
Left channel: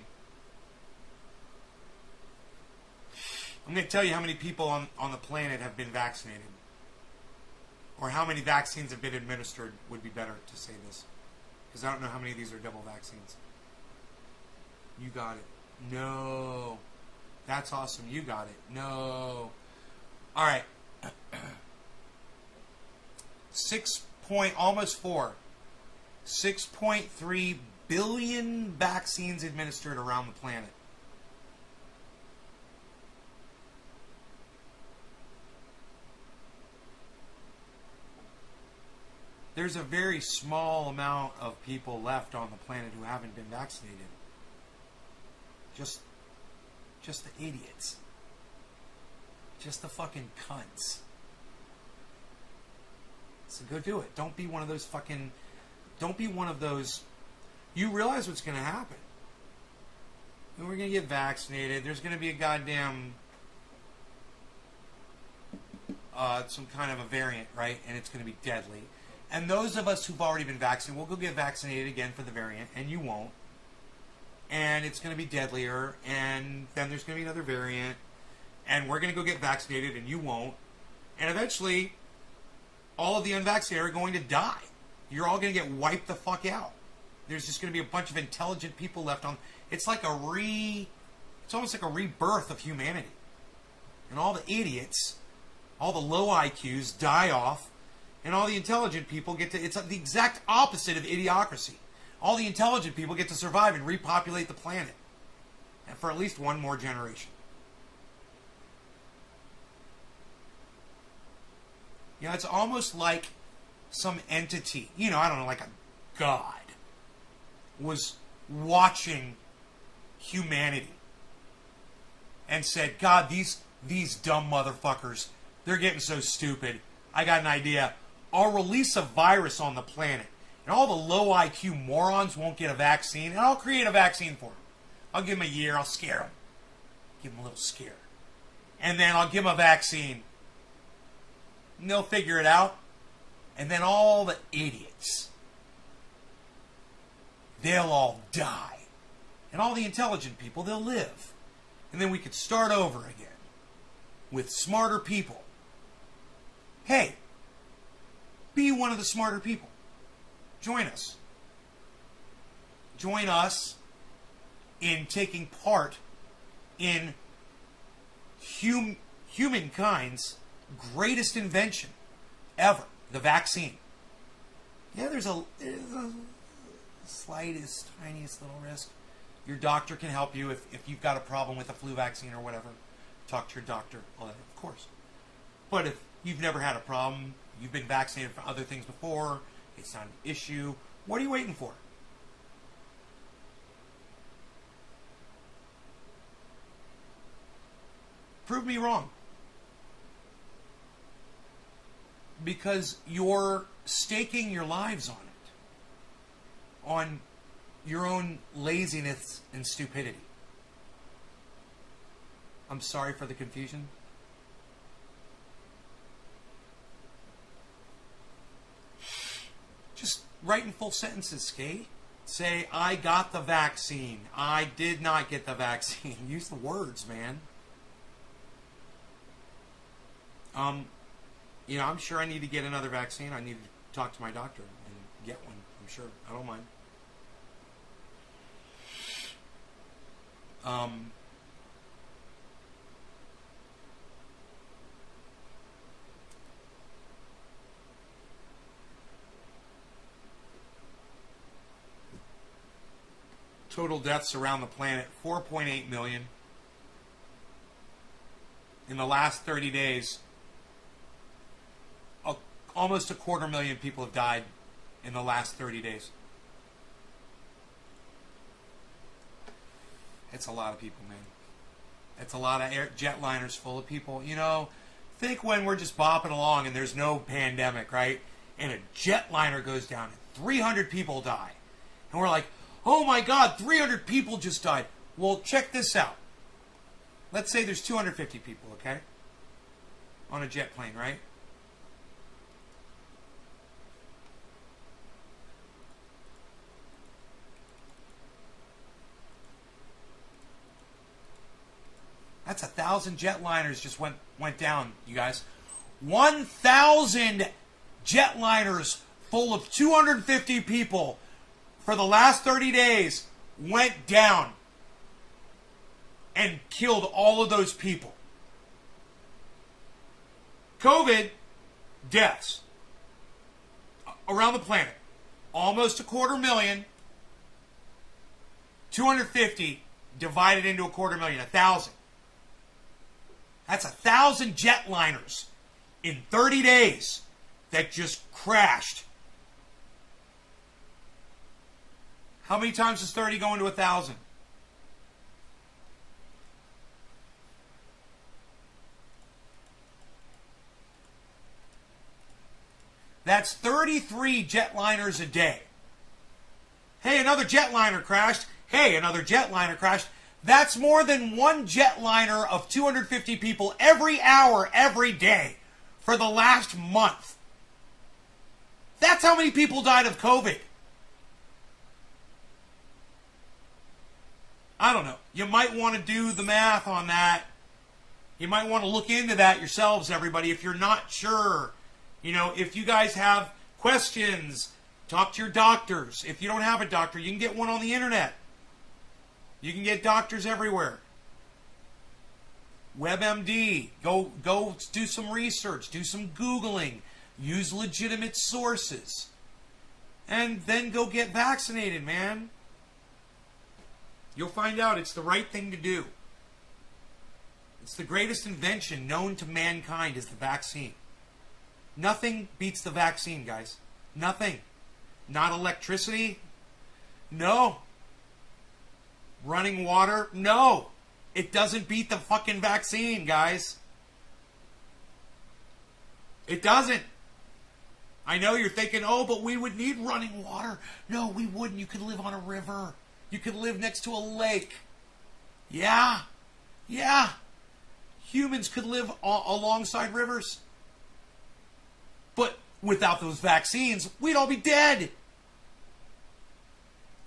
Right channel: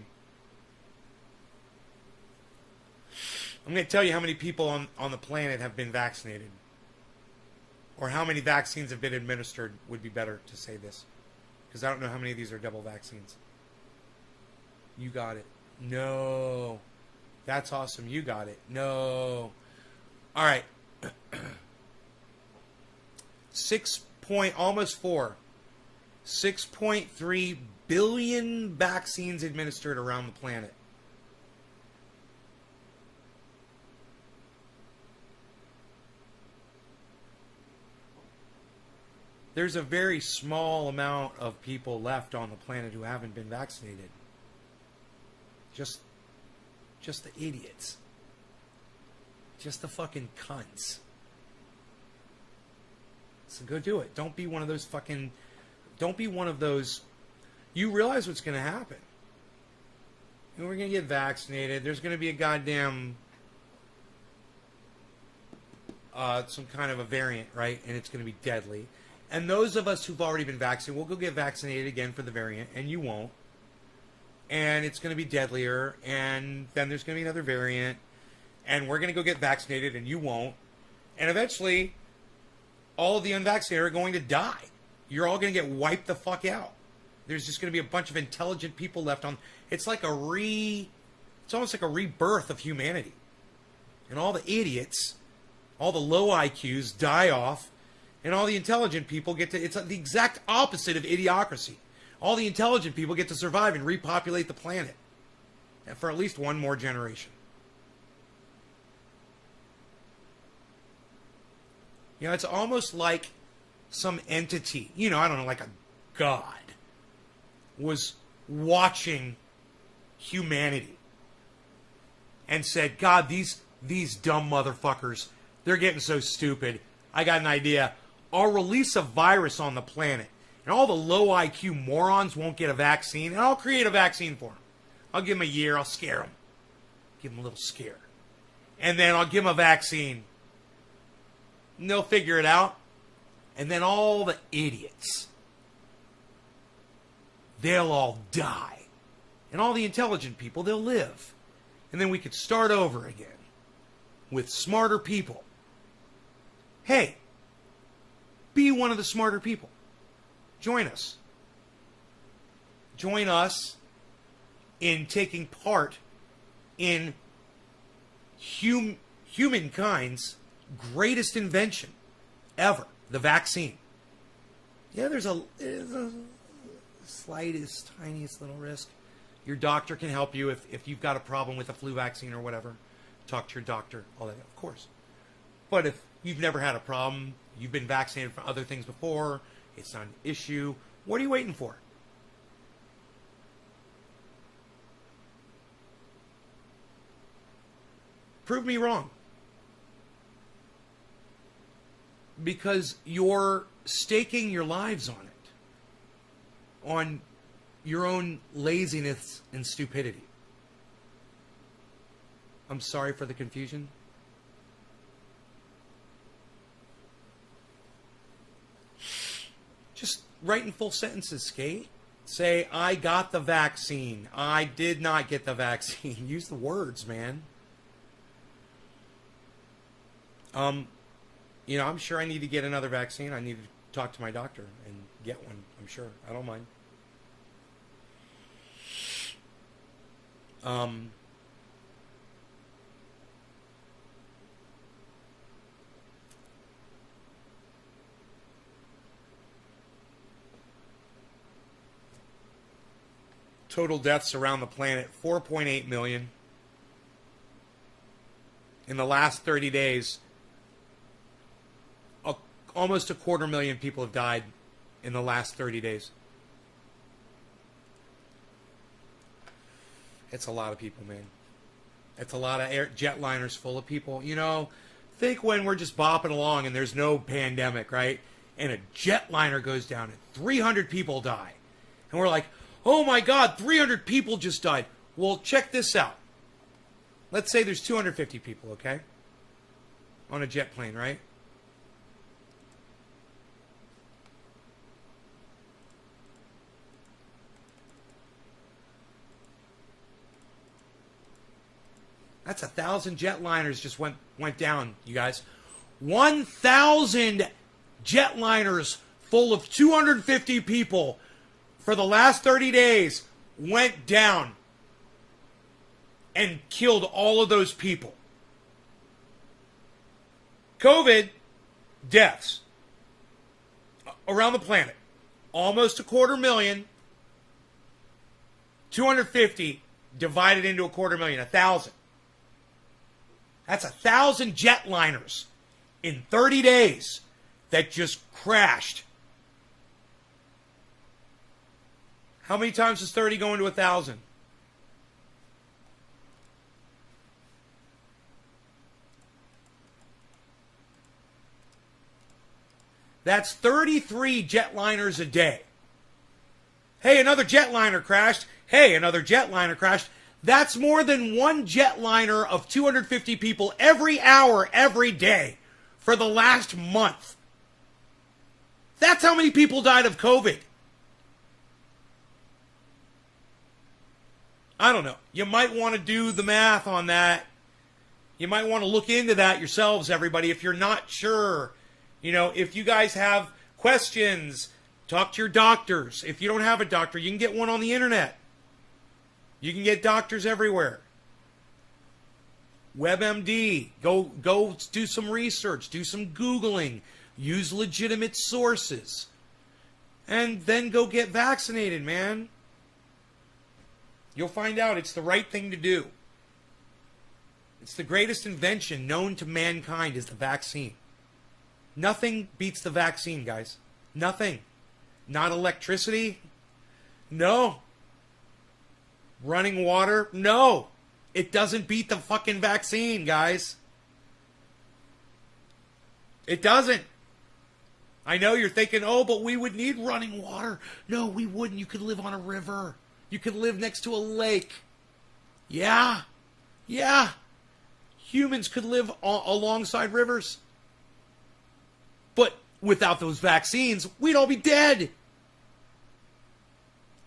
I'm going to tell you how many people on the planet have been vaccinated. Or how many vaccines have been administered would be better to say this. Because I don't know how many of these are double vaccines. You got it. No. That's awesome. You got it. No. All right. 6.3 billion vaccines administered around the planet. There's a very small amount of people left on the planet who haven't been vaccinated. Just the idiots. Just the fucking cunts. So go do it. Don't be one of those fucking... Don't be one of those... You realize what's going to happen. And we're going to get vaccinated. There's going to be a goddamn... some kind of a variant, right? And it's going to be deadly. And those of us who've already been vaccinated, we'll go get vaccinated again for the variant, and you won't. And it's going to be deadlier, and then there's going to be another variant, and we're going to go get vaccinated, and you won't. And eventually, all of the unvaccinated are going to die. You're all going to get wiped the fuck out. There's just going to be a bunch of intelligent people left on. It's like it's almost like a rebirth of humanity. And all the idiots, all the low IQs die off, and all the intelligent people get to... It's the exact opposite of idiocracy. All the intelligent people get to survive and repopulate the planet. And for at least one more generation. You know, it's almost like some entity, you know, I don't know, like a god, was watching humanity and said, God, these dumb motherfuckers, they're getting so stupid. I got an idea. I'll release a virus on the planet, and all the low IQ morons won't get a vaccine, and I'll create a vaccine for them. I'll give them a year. I'll scare them. Give them a little scare. And then I'll give them a vaccine. And they'll figure it out. And then all the idiots, they'll all die. And all the intelligent people, they'll live. And then we could start over again with smarter people. Hey, be one of the smarter people. Join us. Join us in taking part in humankind's greatest invention ever, the vaccine. Yeah, there's a slightest, tiniest little risk. Your doctor can help you if you've got a problem with a flu vaccine or whatever. Talk to your doctor, all that, of course. But if you've never had a problem, you've been vaccinated for other things before, it's not an issue, what are you waiting for? Prove me wrong. Because you're staking your lives on it. On your own laziness and stupidity. I'm sorry for the confusion. Just write in full sentences, Skate. Say, I got the vaccine. I did not get the vaccine. Use the words, man. You know, I'm sure I need to get another vaccine. I need to talk to my doctor and get one. I'm sure. I don't mind. Total deaths around the planet, 4.8 million. In the last 30 days, almost 250,000 people have died in the last 30 days. It's a lot of people, man. It's a lot of jetliners full of people. You know, Think when we're just bopping along and there's no pandemic, right? And a jetliner goes down and 300 people die. And we're like, oh my God, 300 people just died. Well, check this out. Let's say there's 250 people, okay? On a jet plane, right? That's 1,000 jetliners just went down, you guys. 1,000 jetliners full of 250 people for the last 30 days went down and killed all of those people. COVID deaths around the planet, almost 250,000. 250 divided into 250,000, 1,000. That's 1,000 jetliners in 30 days that just crashed. How many times does 30 go into 1,000? That's 33 jetliners a day. Hey, another jetliner crashed. Hey, another jetliner crashed. That's more than one jetliner of 250 people every hour, every day for the last month. That's how many people died of COVID. I don't know. You might want to do the math on that. You might want to look into that yourselves, everybody, if you're not sure. You know, if you guys have questions, talk to your doctors. If you don't have a doctor, you can get one on the internet. You can get doctors everywhere. WebMD. Go do some research. Do some Googling. Use legitimate sources. And then go get vaccinated, man. You'll find out it's the right thing to do. It's the greatest invention known to mankind is the vaccine. Nothing beats the vaccine, guys. Nothing. Not electricity. No. Running water? No. It doesn't beat the fucking vaccine, guys. It doesn't. I know you're thinking, oh, but we would need running water. No, we wouldn't. You could live on a river. You could live next to a lake. Yeah. Yeah. Humans could live alongside rivers. But without those vaccines, we'd all be dead.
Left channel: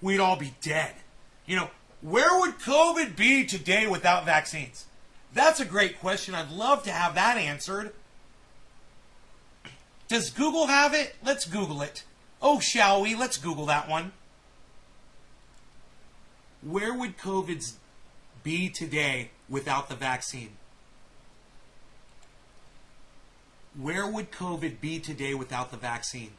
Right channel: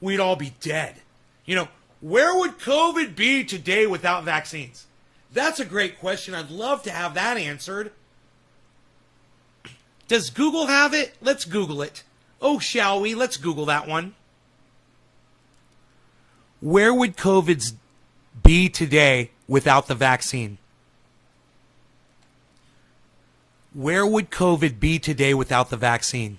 We'd all be dead. You know, where would COVID be today without vaccines? That's a great question. I'd love to have that answered. Does Google have it? Let's Google it. Oh, shall we? Let's Google that one. Where would COVID be today without the vaccine? Where would COVID be today without the vaccine?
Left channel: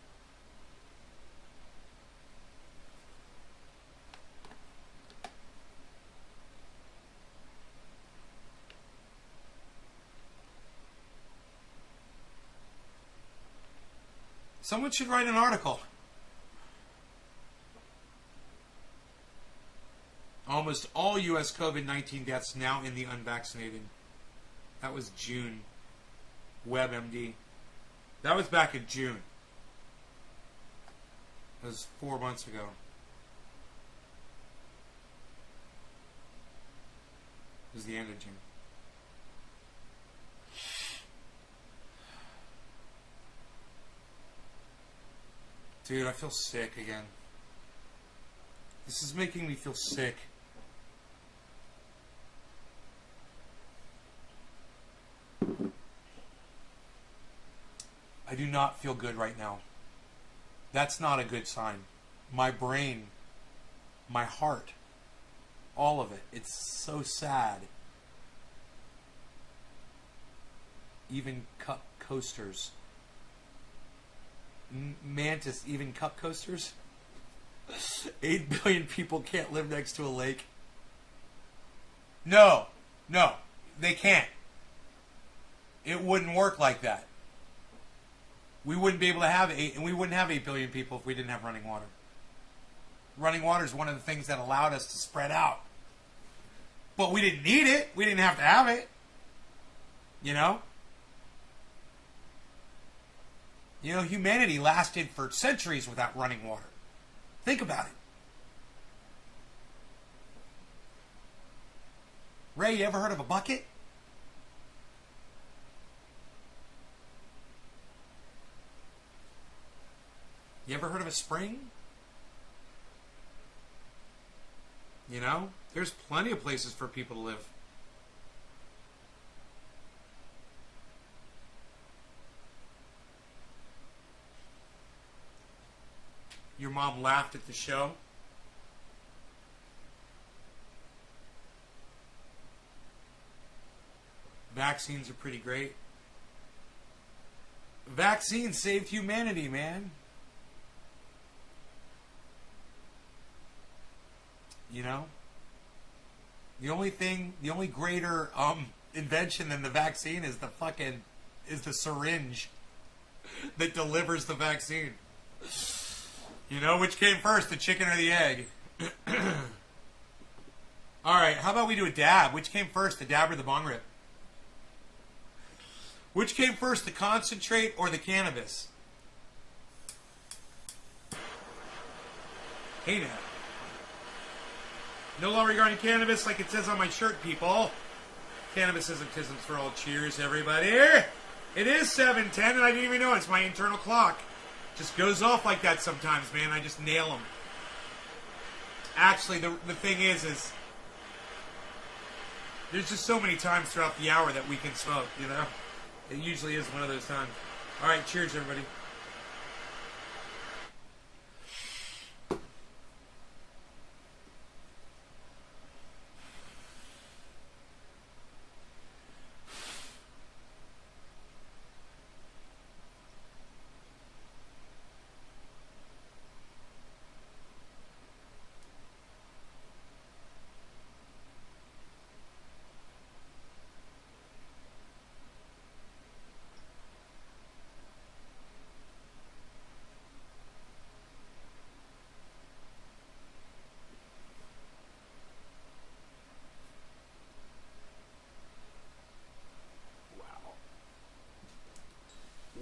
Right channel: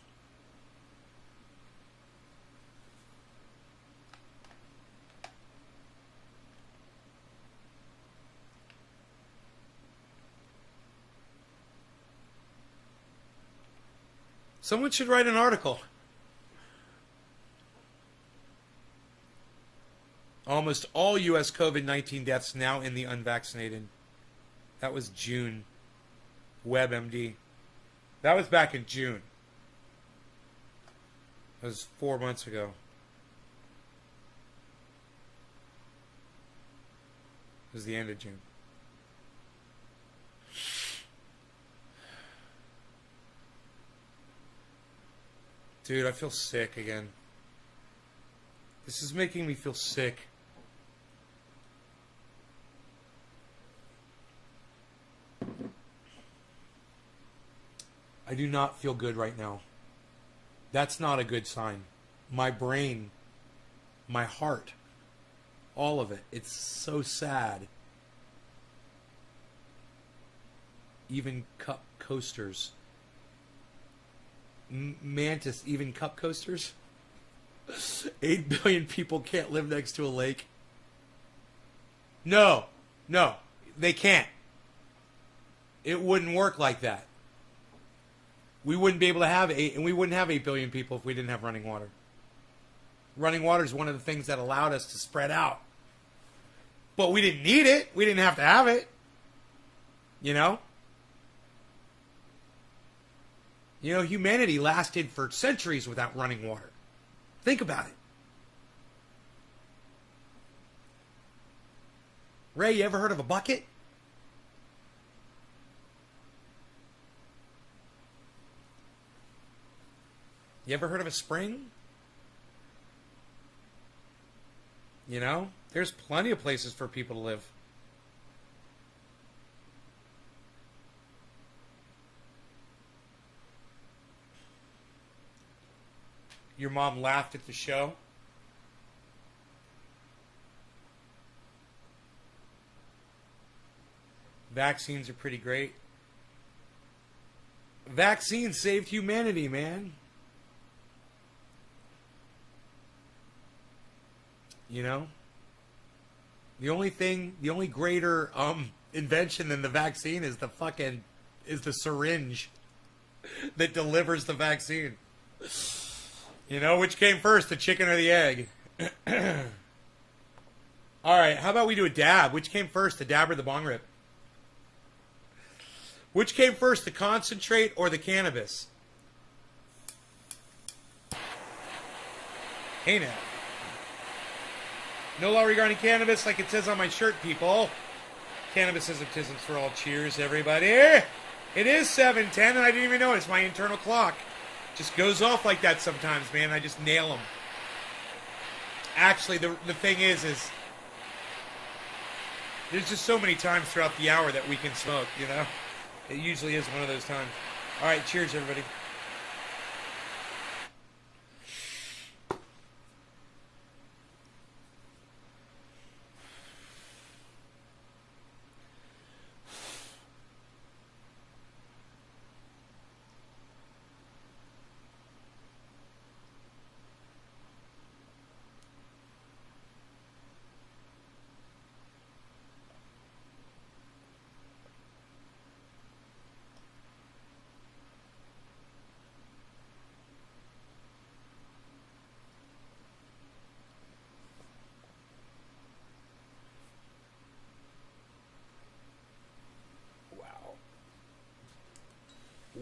Someone should write an article. Almost all U.S. COVID-19 deaths now in the unvaccinated. That was June. WebMD. That was back in June. It was 4 months ago. It was the end of June. Dude, I feel sick again. This is making me feel sick. I do not feel good right now. That's not a good sign. My brain, my heart, all of it. It's so sad. Even cup coasters. Mantis, even cup coasters? 8 billion people can't live next to a lake. No, they can't. It wouldn't work like that. We wouldn't be able to have 8 billion people if we didn't have running water. Running water is one of the things that allowed us to spread out. But we didn't need it. We didn't have to have it. You know? You know, humanity lasted for centuries without running water. Think about it. Ray, you ever heard of a bucket? You ever heard of a spring? You know, there's plenty of places for people to live. Your mom laughed at the show. Vaccines are pretty great. Vaccines saved humanity, man. You know? The only greater invention than the vaccine is the syringe that delivers the vaccine. You know, which came first, the chicken or the egg? Alright, how about we do a dab? Which came first, the dab or the bong rip? Which came first, the concentrate or the cannabis? Hey now. No law regarding cannabis like it says on my shirt, people. Cannabis ism for all. Cheers, everybody. It is 7:10 and I didn't even know it's my internal clock. Just goes off like that sometimes, man. I just nail them. Actually, the thing is there's just so many times throughout the hour that we can smoke, you know? It usually is one of those times. All right, cheers, everybody.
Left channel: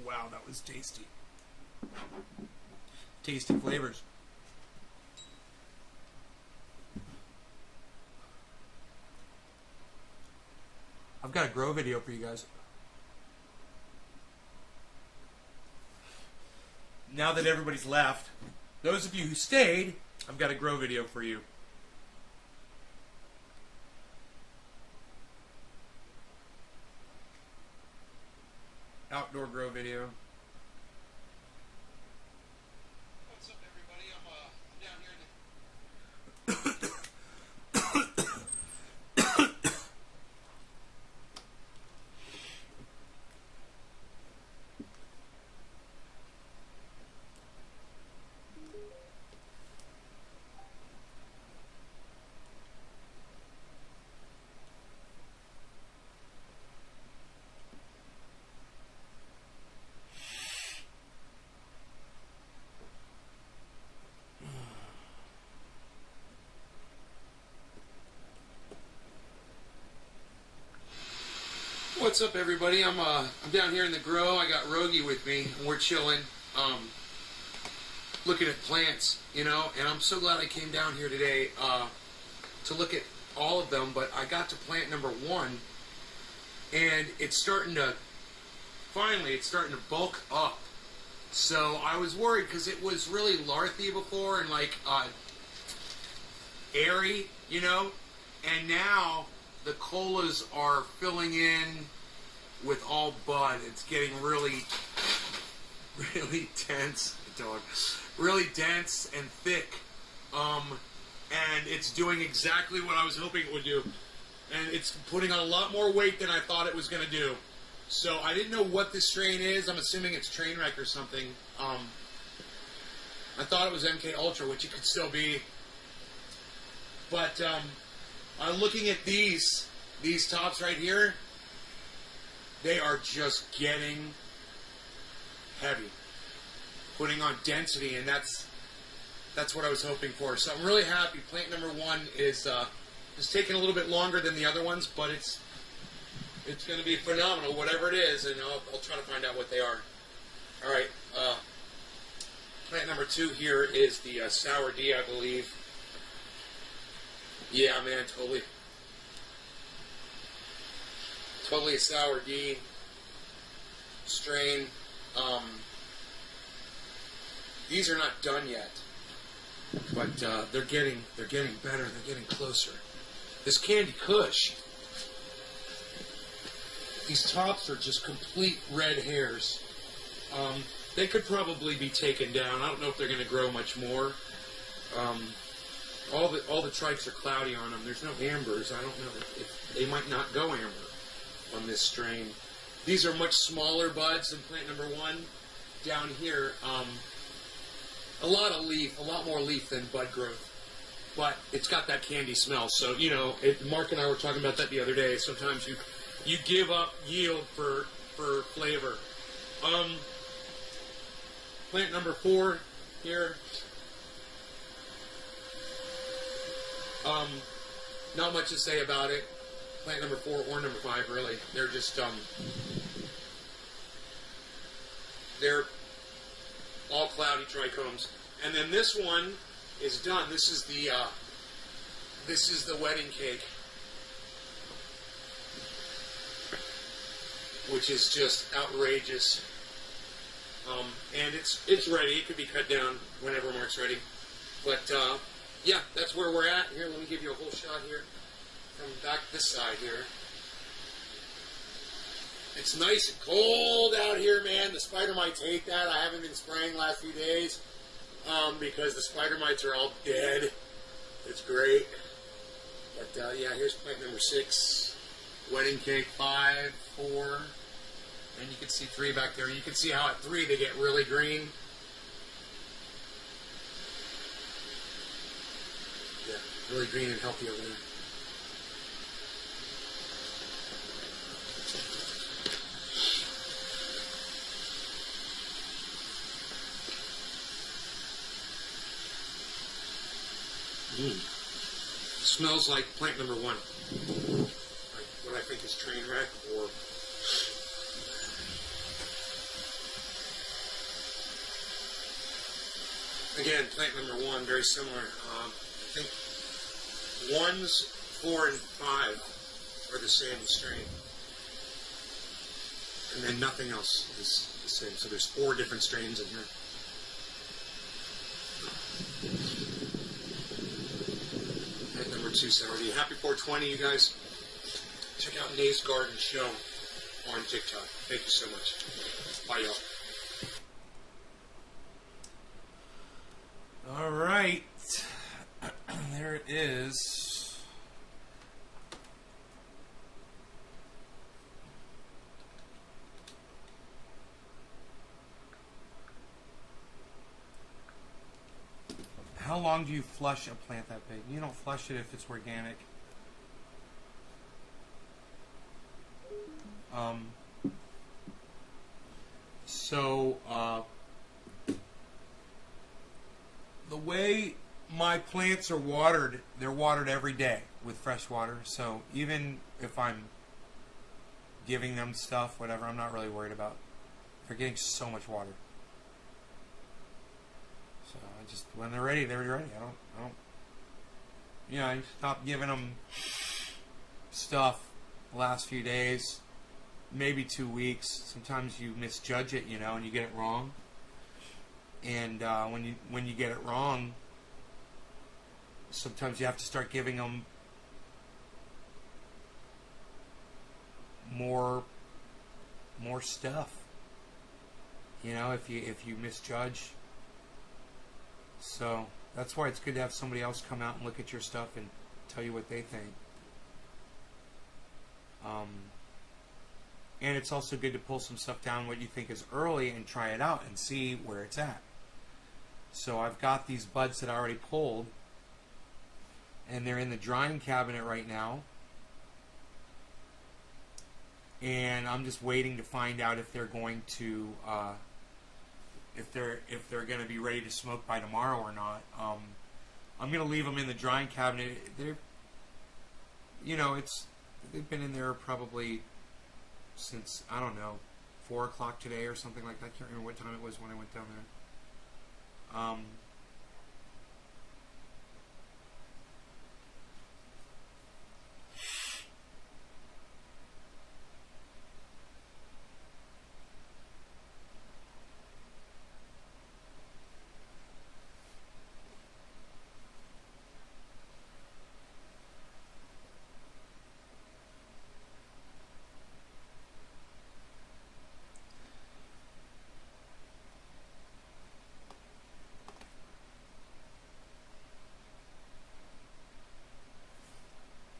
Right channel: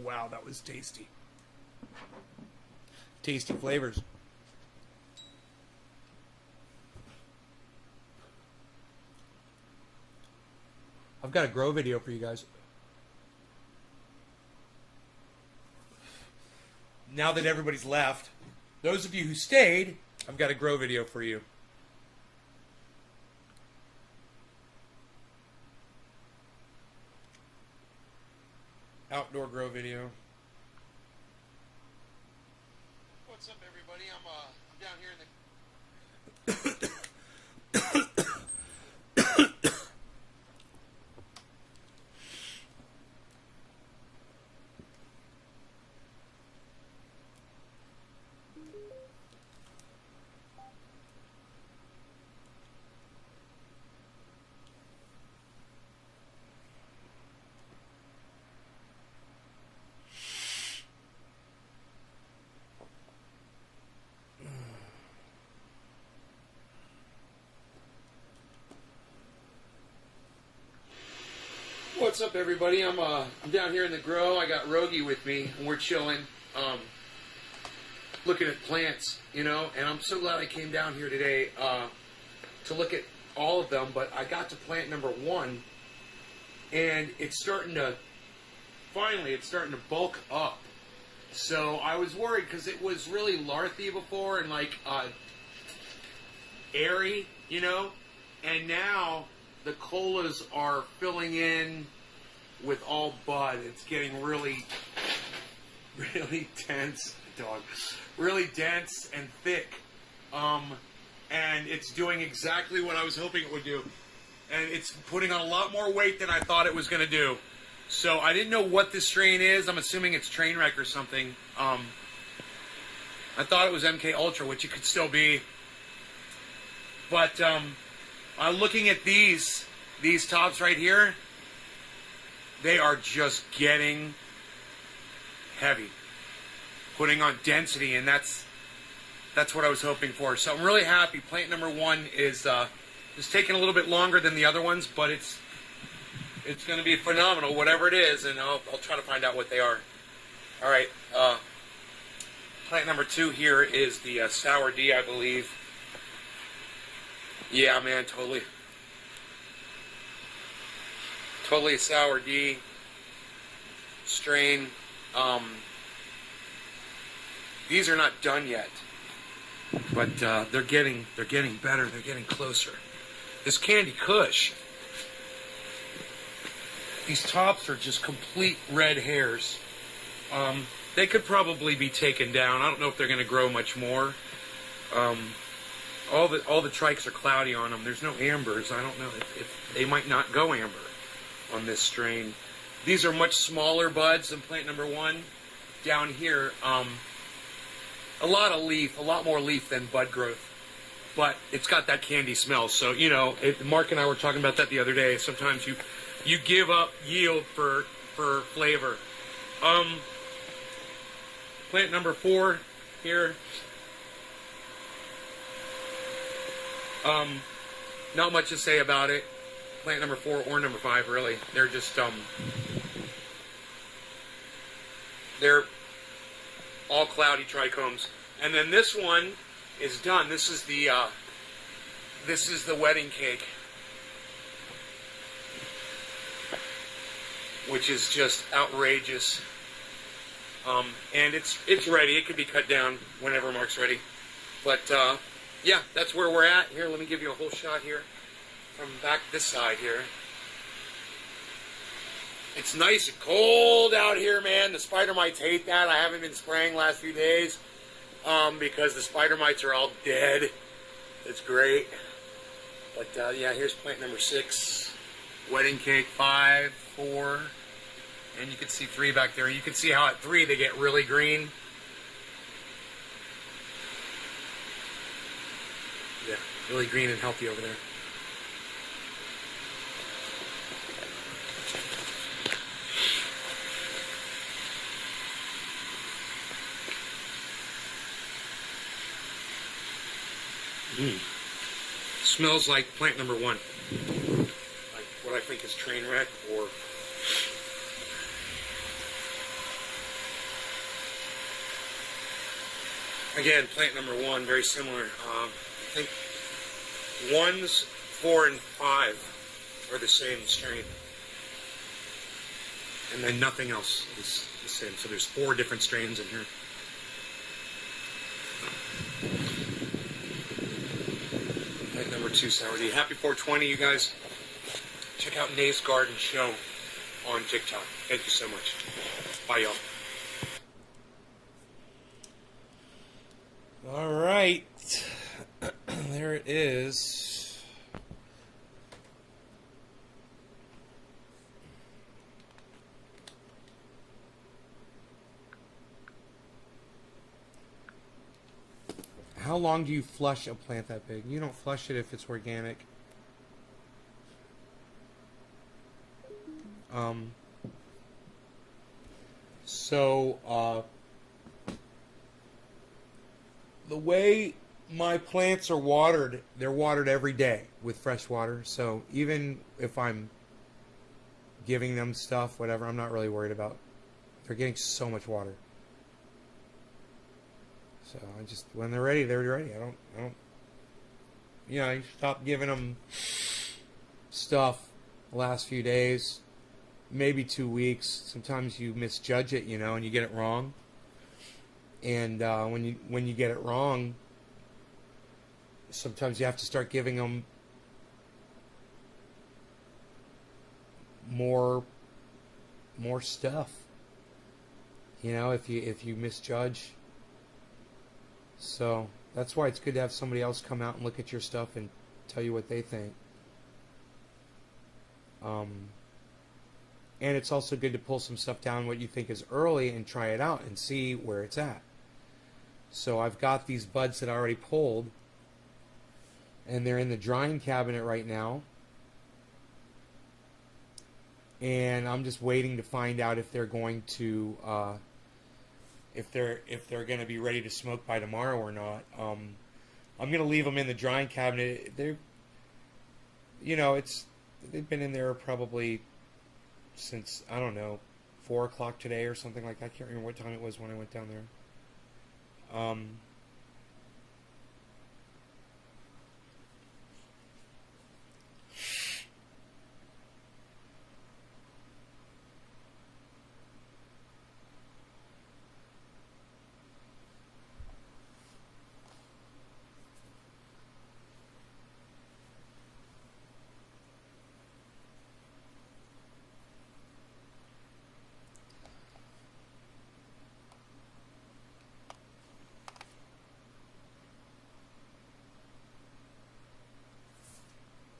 Wow, that was tasty. Tasty flavors. I've got a grow video for you guys. Now that everybody's left, those of you who stayed, I've got a grow video for you. Outdoor grow video. What's up, everybody? I'm down here in the What's up, everybody? I'm down here in the grow. I got Rogie with me, and we're chilling, looking at plants, you know. And I'm so glad I came down here today to look at all of them. But I got to plant number 1, and it's starting to bulk up. So I was worried because it was really larthy before and like airy, you know. And now the colas are filling in with all bud. It's getting really dense, really dense and thick. And it's doing exactly what I was hoping it would do. And it's putting on a lot more weight than I thought it was going to do. So I didn't know what this strain is. I'm assuming it's Trainwreck or something. I thought it was MK Ultra, which it could still be. But I'm looking at these tops right here. They are just getting heavy, putting on density, and that's what I was hoping for. So I'm really happy. Plant number 1 is taking a little bit longer than the other ones, but it's going to be phenomenal, whatever it is, and I'll try to find out what they are. All right. Plant number 2 here is the Sour D, I believe. Yeah, man, totally. Totally a Sour D strain. These are not done yet, but they're getting better. They're getting closer. This Candy Kush. These tops are just complete red hairs. They could probably be taken down. I don't know if they're going to grow much more. All the trikes are cloudy on them. There's no ambers. I don't know if they might not go amber on this strain. These are much smaller buds than plant number 1. Down here, a lot more leaf than bud growth. But it's got that candy smell. So, you know, Mark and I were talking about that the other day. Sometimes you give up yield for flavor. Plant number 4 here. Not much to say about it. Plant number 4 or number 5, really. They're just they're all cloudy trichomes. And then this one is done. This is the wedding cake, which is just outrageous. And it's ready. It can be cut down whenever Mark's ready. But yeah, that's where we're at. Here, let me give you a whole shot here from back this side here. It's nice and cold out here, man. The spider mites hate that. I haven't been spraying the last few days because the spider mites are all dead. It's great. But yeah, here's plant number 6. Wedding cake 5, 4. And you can see 3 back there. You can see how at 3 they get really green. Yeah, really green and healthy over there. Smells like plant number 1. Like what I think is train wreck or... Again, plant number 1, very similar. I think 1s, 4, and 5 are the same strain. And then nothing else is the same. So there's 4 different strains in here. Plant number 2, Sour D. Happy 420, you guys. Check out Nate's Garden Show on TikTok. Thank you so much. Bye, y'all. All right, there it is. How long do you flush a plant that big? You don't flush it if it's organic. The way my plants are watered, they're watered every day with fresh water. So even if I'm giving them stuff, whatever, I'm not really worried about. They're getting so much water. So I just, when they're ready, they're ready. I don't. Yeah, I stopped giving them stuff the last few days, maybe 2 weeks. Sometimes you misjudge it, you know, and you get it wrong. And when you get it wrong, sometimes you have to start giving them more stuff. You know, if you misjudge. So that's why it's good to have somebody else come out and look at your stuff and tell you what they think. And it's also good to pull some stuff down what you think is early and try it out and see where it's at. So I've got these buds that I already pulled, and they're in the drying cabinet right now. And I'm just waiting to find out if they're going to if they're going to be ready to smoke by tomorrow or not. I'm going to leave them in the drying cabinet. They're, you know, they've been in there probably since, I don't know, 4 o'clock today or something like that. I can't remember what time it was when I went down there.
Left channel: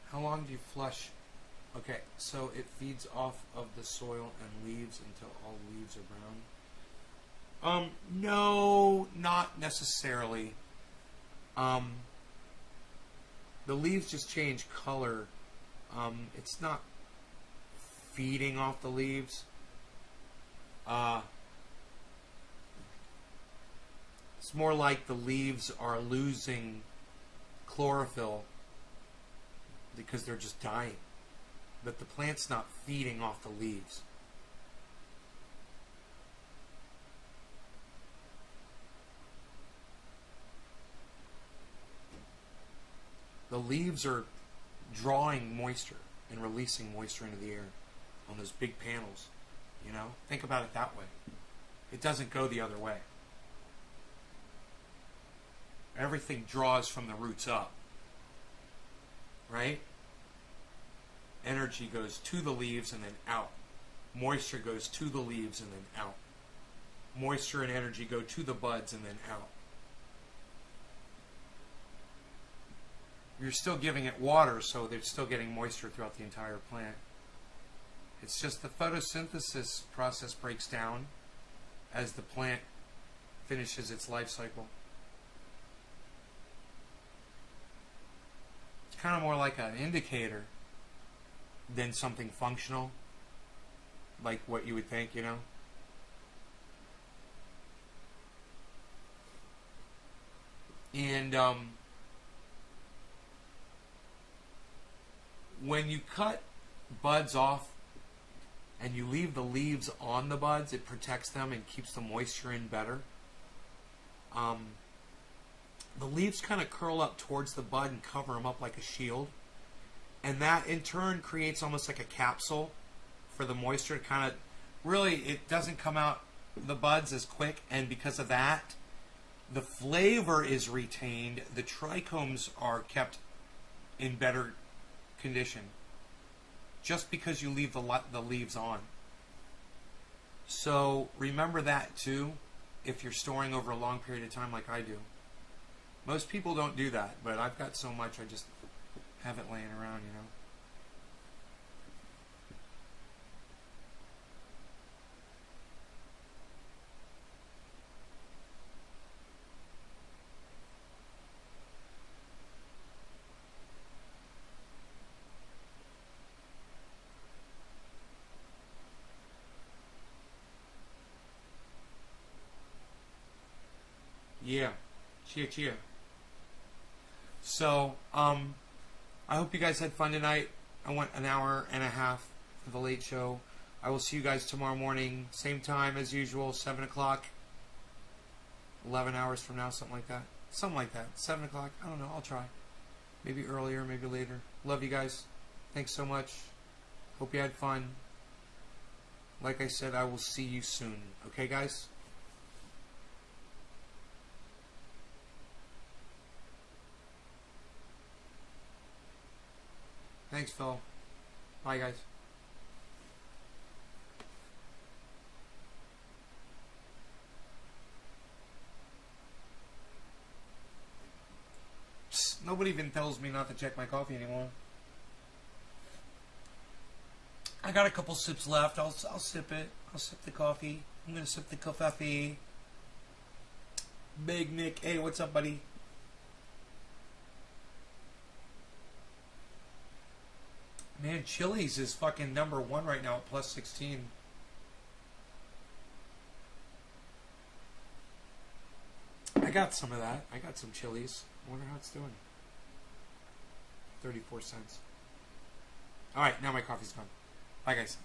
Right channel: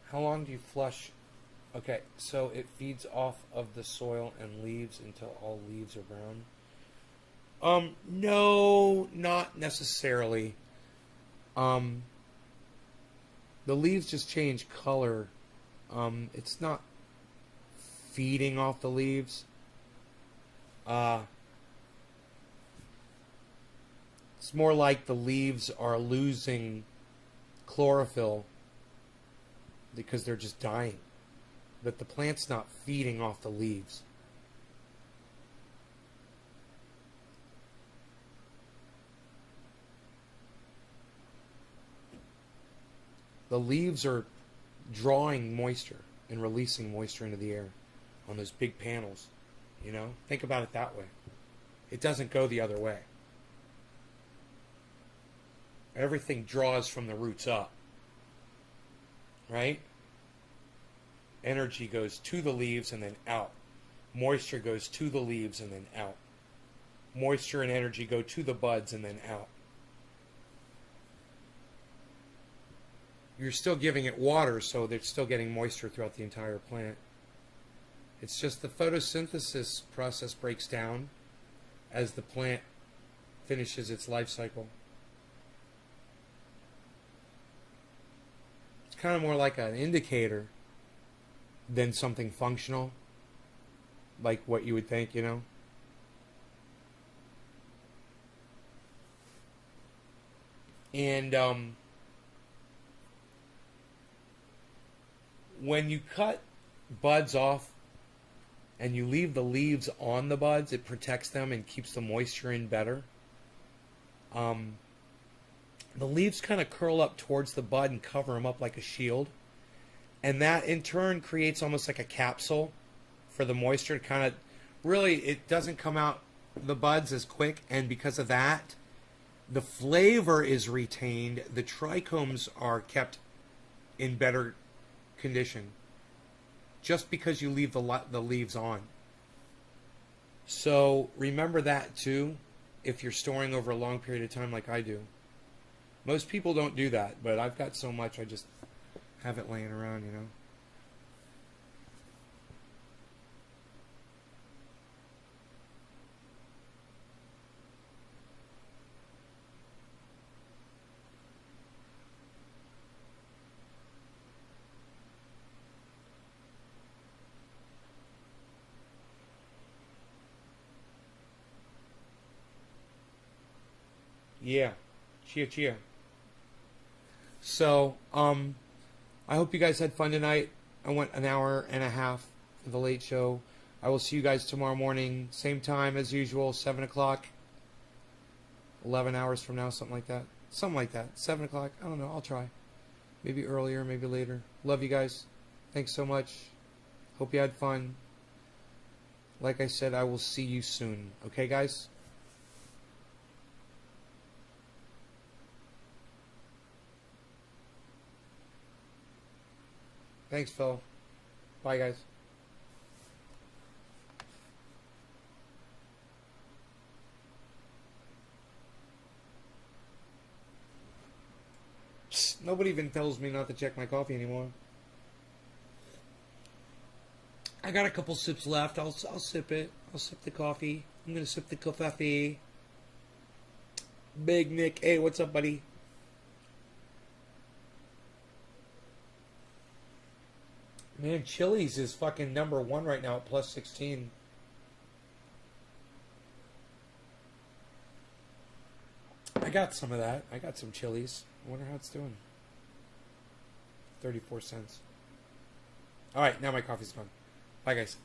How long do you flush? Okay, so it feeds off of the soil and leaves until all leaves are brown. No, not necessarily. The leaves just change color. It's not feeding off the leaves. It's more like the leaves are losing chlorophyll because they're just dying. But the plant's not feeding off the leaves. The leaves are drawing moisture and releasing moisture into the air on those big panels. You know? Think about it that way. It doesn't go the other way. Everything draws from the roots up. Right? Energy goes to the leaves and then out. Moisture goes to the leaves and then out. Moisture and energy go to the buds and then out. You're still giving it water, so they're still getting moisture throughout the entire plant. It's just the photosynthesis process breaks down as the plant finishes its life cycle. It's kind of more like an indicator than something functional, like what you would think, you know? And when you cut buds off and you leave the leaves on the buds, it protects them and keeps the moisture in better. The leaves kind of curl up towards the bud and cover them up like a shield. And that in turn creates almost like a capsule for the moisture to kind of, really, it doesn't come out the buds as quick, and because of that, the flavor is retained. The trichomes are kept in better condition just because you leave the leaves on. So remember that too if you're storing over a long period of time like I do. Most people don't do that, but I've got so much I just have it laying around, you know. Yeah. Chia chia. So, I hope you guys had fun tonight. I went an hour and a half for the late show. I will see you guys tomorrow morning, same time as usual, 7 o'clock. 11 hours from now, something like that. Something like that. 7 o'clock. I don't know. I'll try. Maybe earlier, maybe later. Love you guys. Thanks so much. Hope you had fun. Like I said, I will see you soon. Okay, guys? Thanks, Phil. Bye, guys. Psst, nobody even tells me not to check my coffee anymore. I got a couple sips left. I'll sip it. I'll sip the coffee. I'm gonna sip the coffee. Big Nick. Hey, what's up, buddy? Man, Chili's is fucking number one right now at plus 16. I got some of that. I got some Chili's. I wonder how it's doing. 34 cents. Alright, now my coffee's gone. Bye, guys.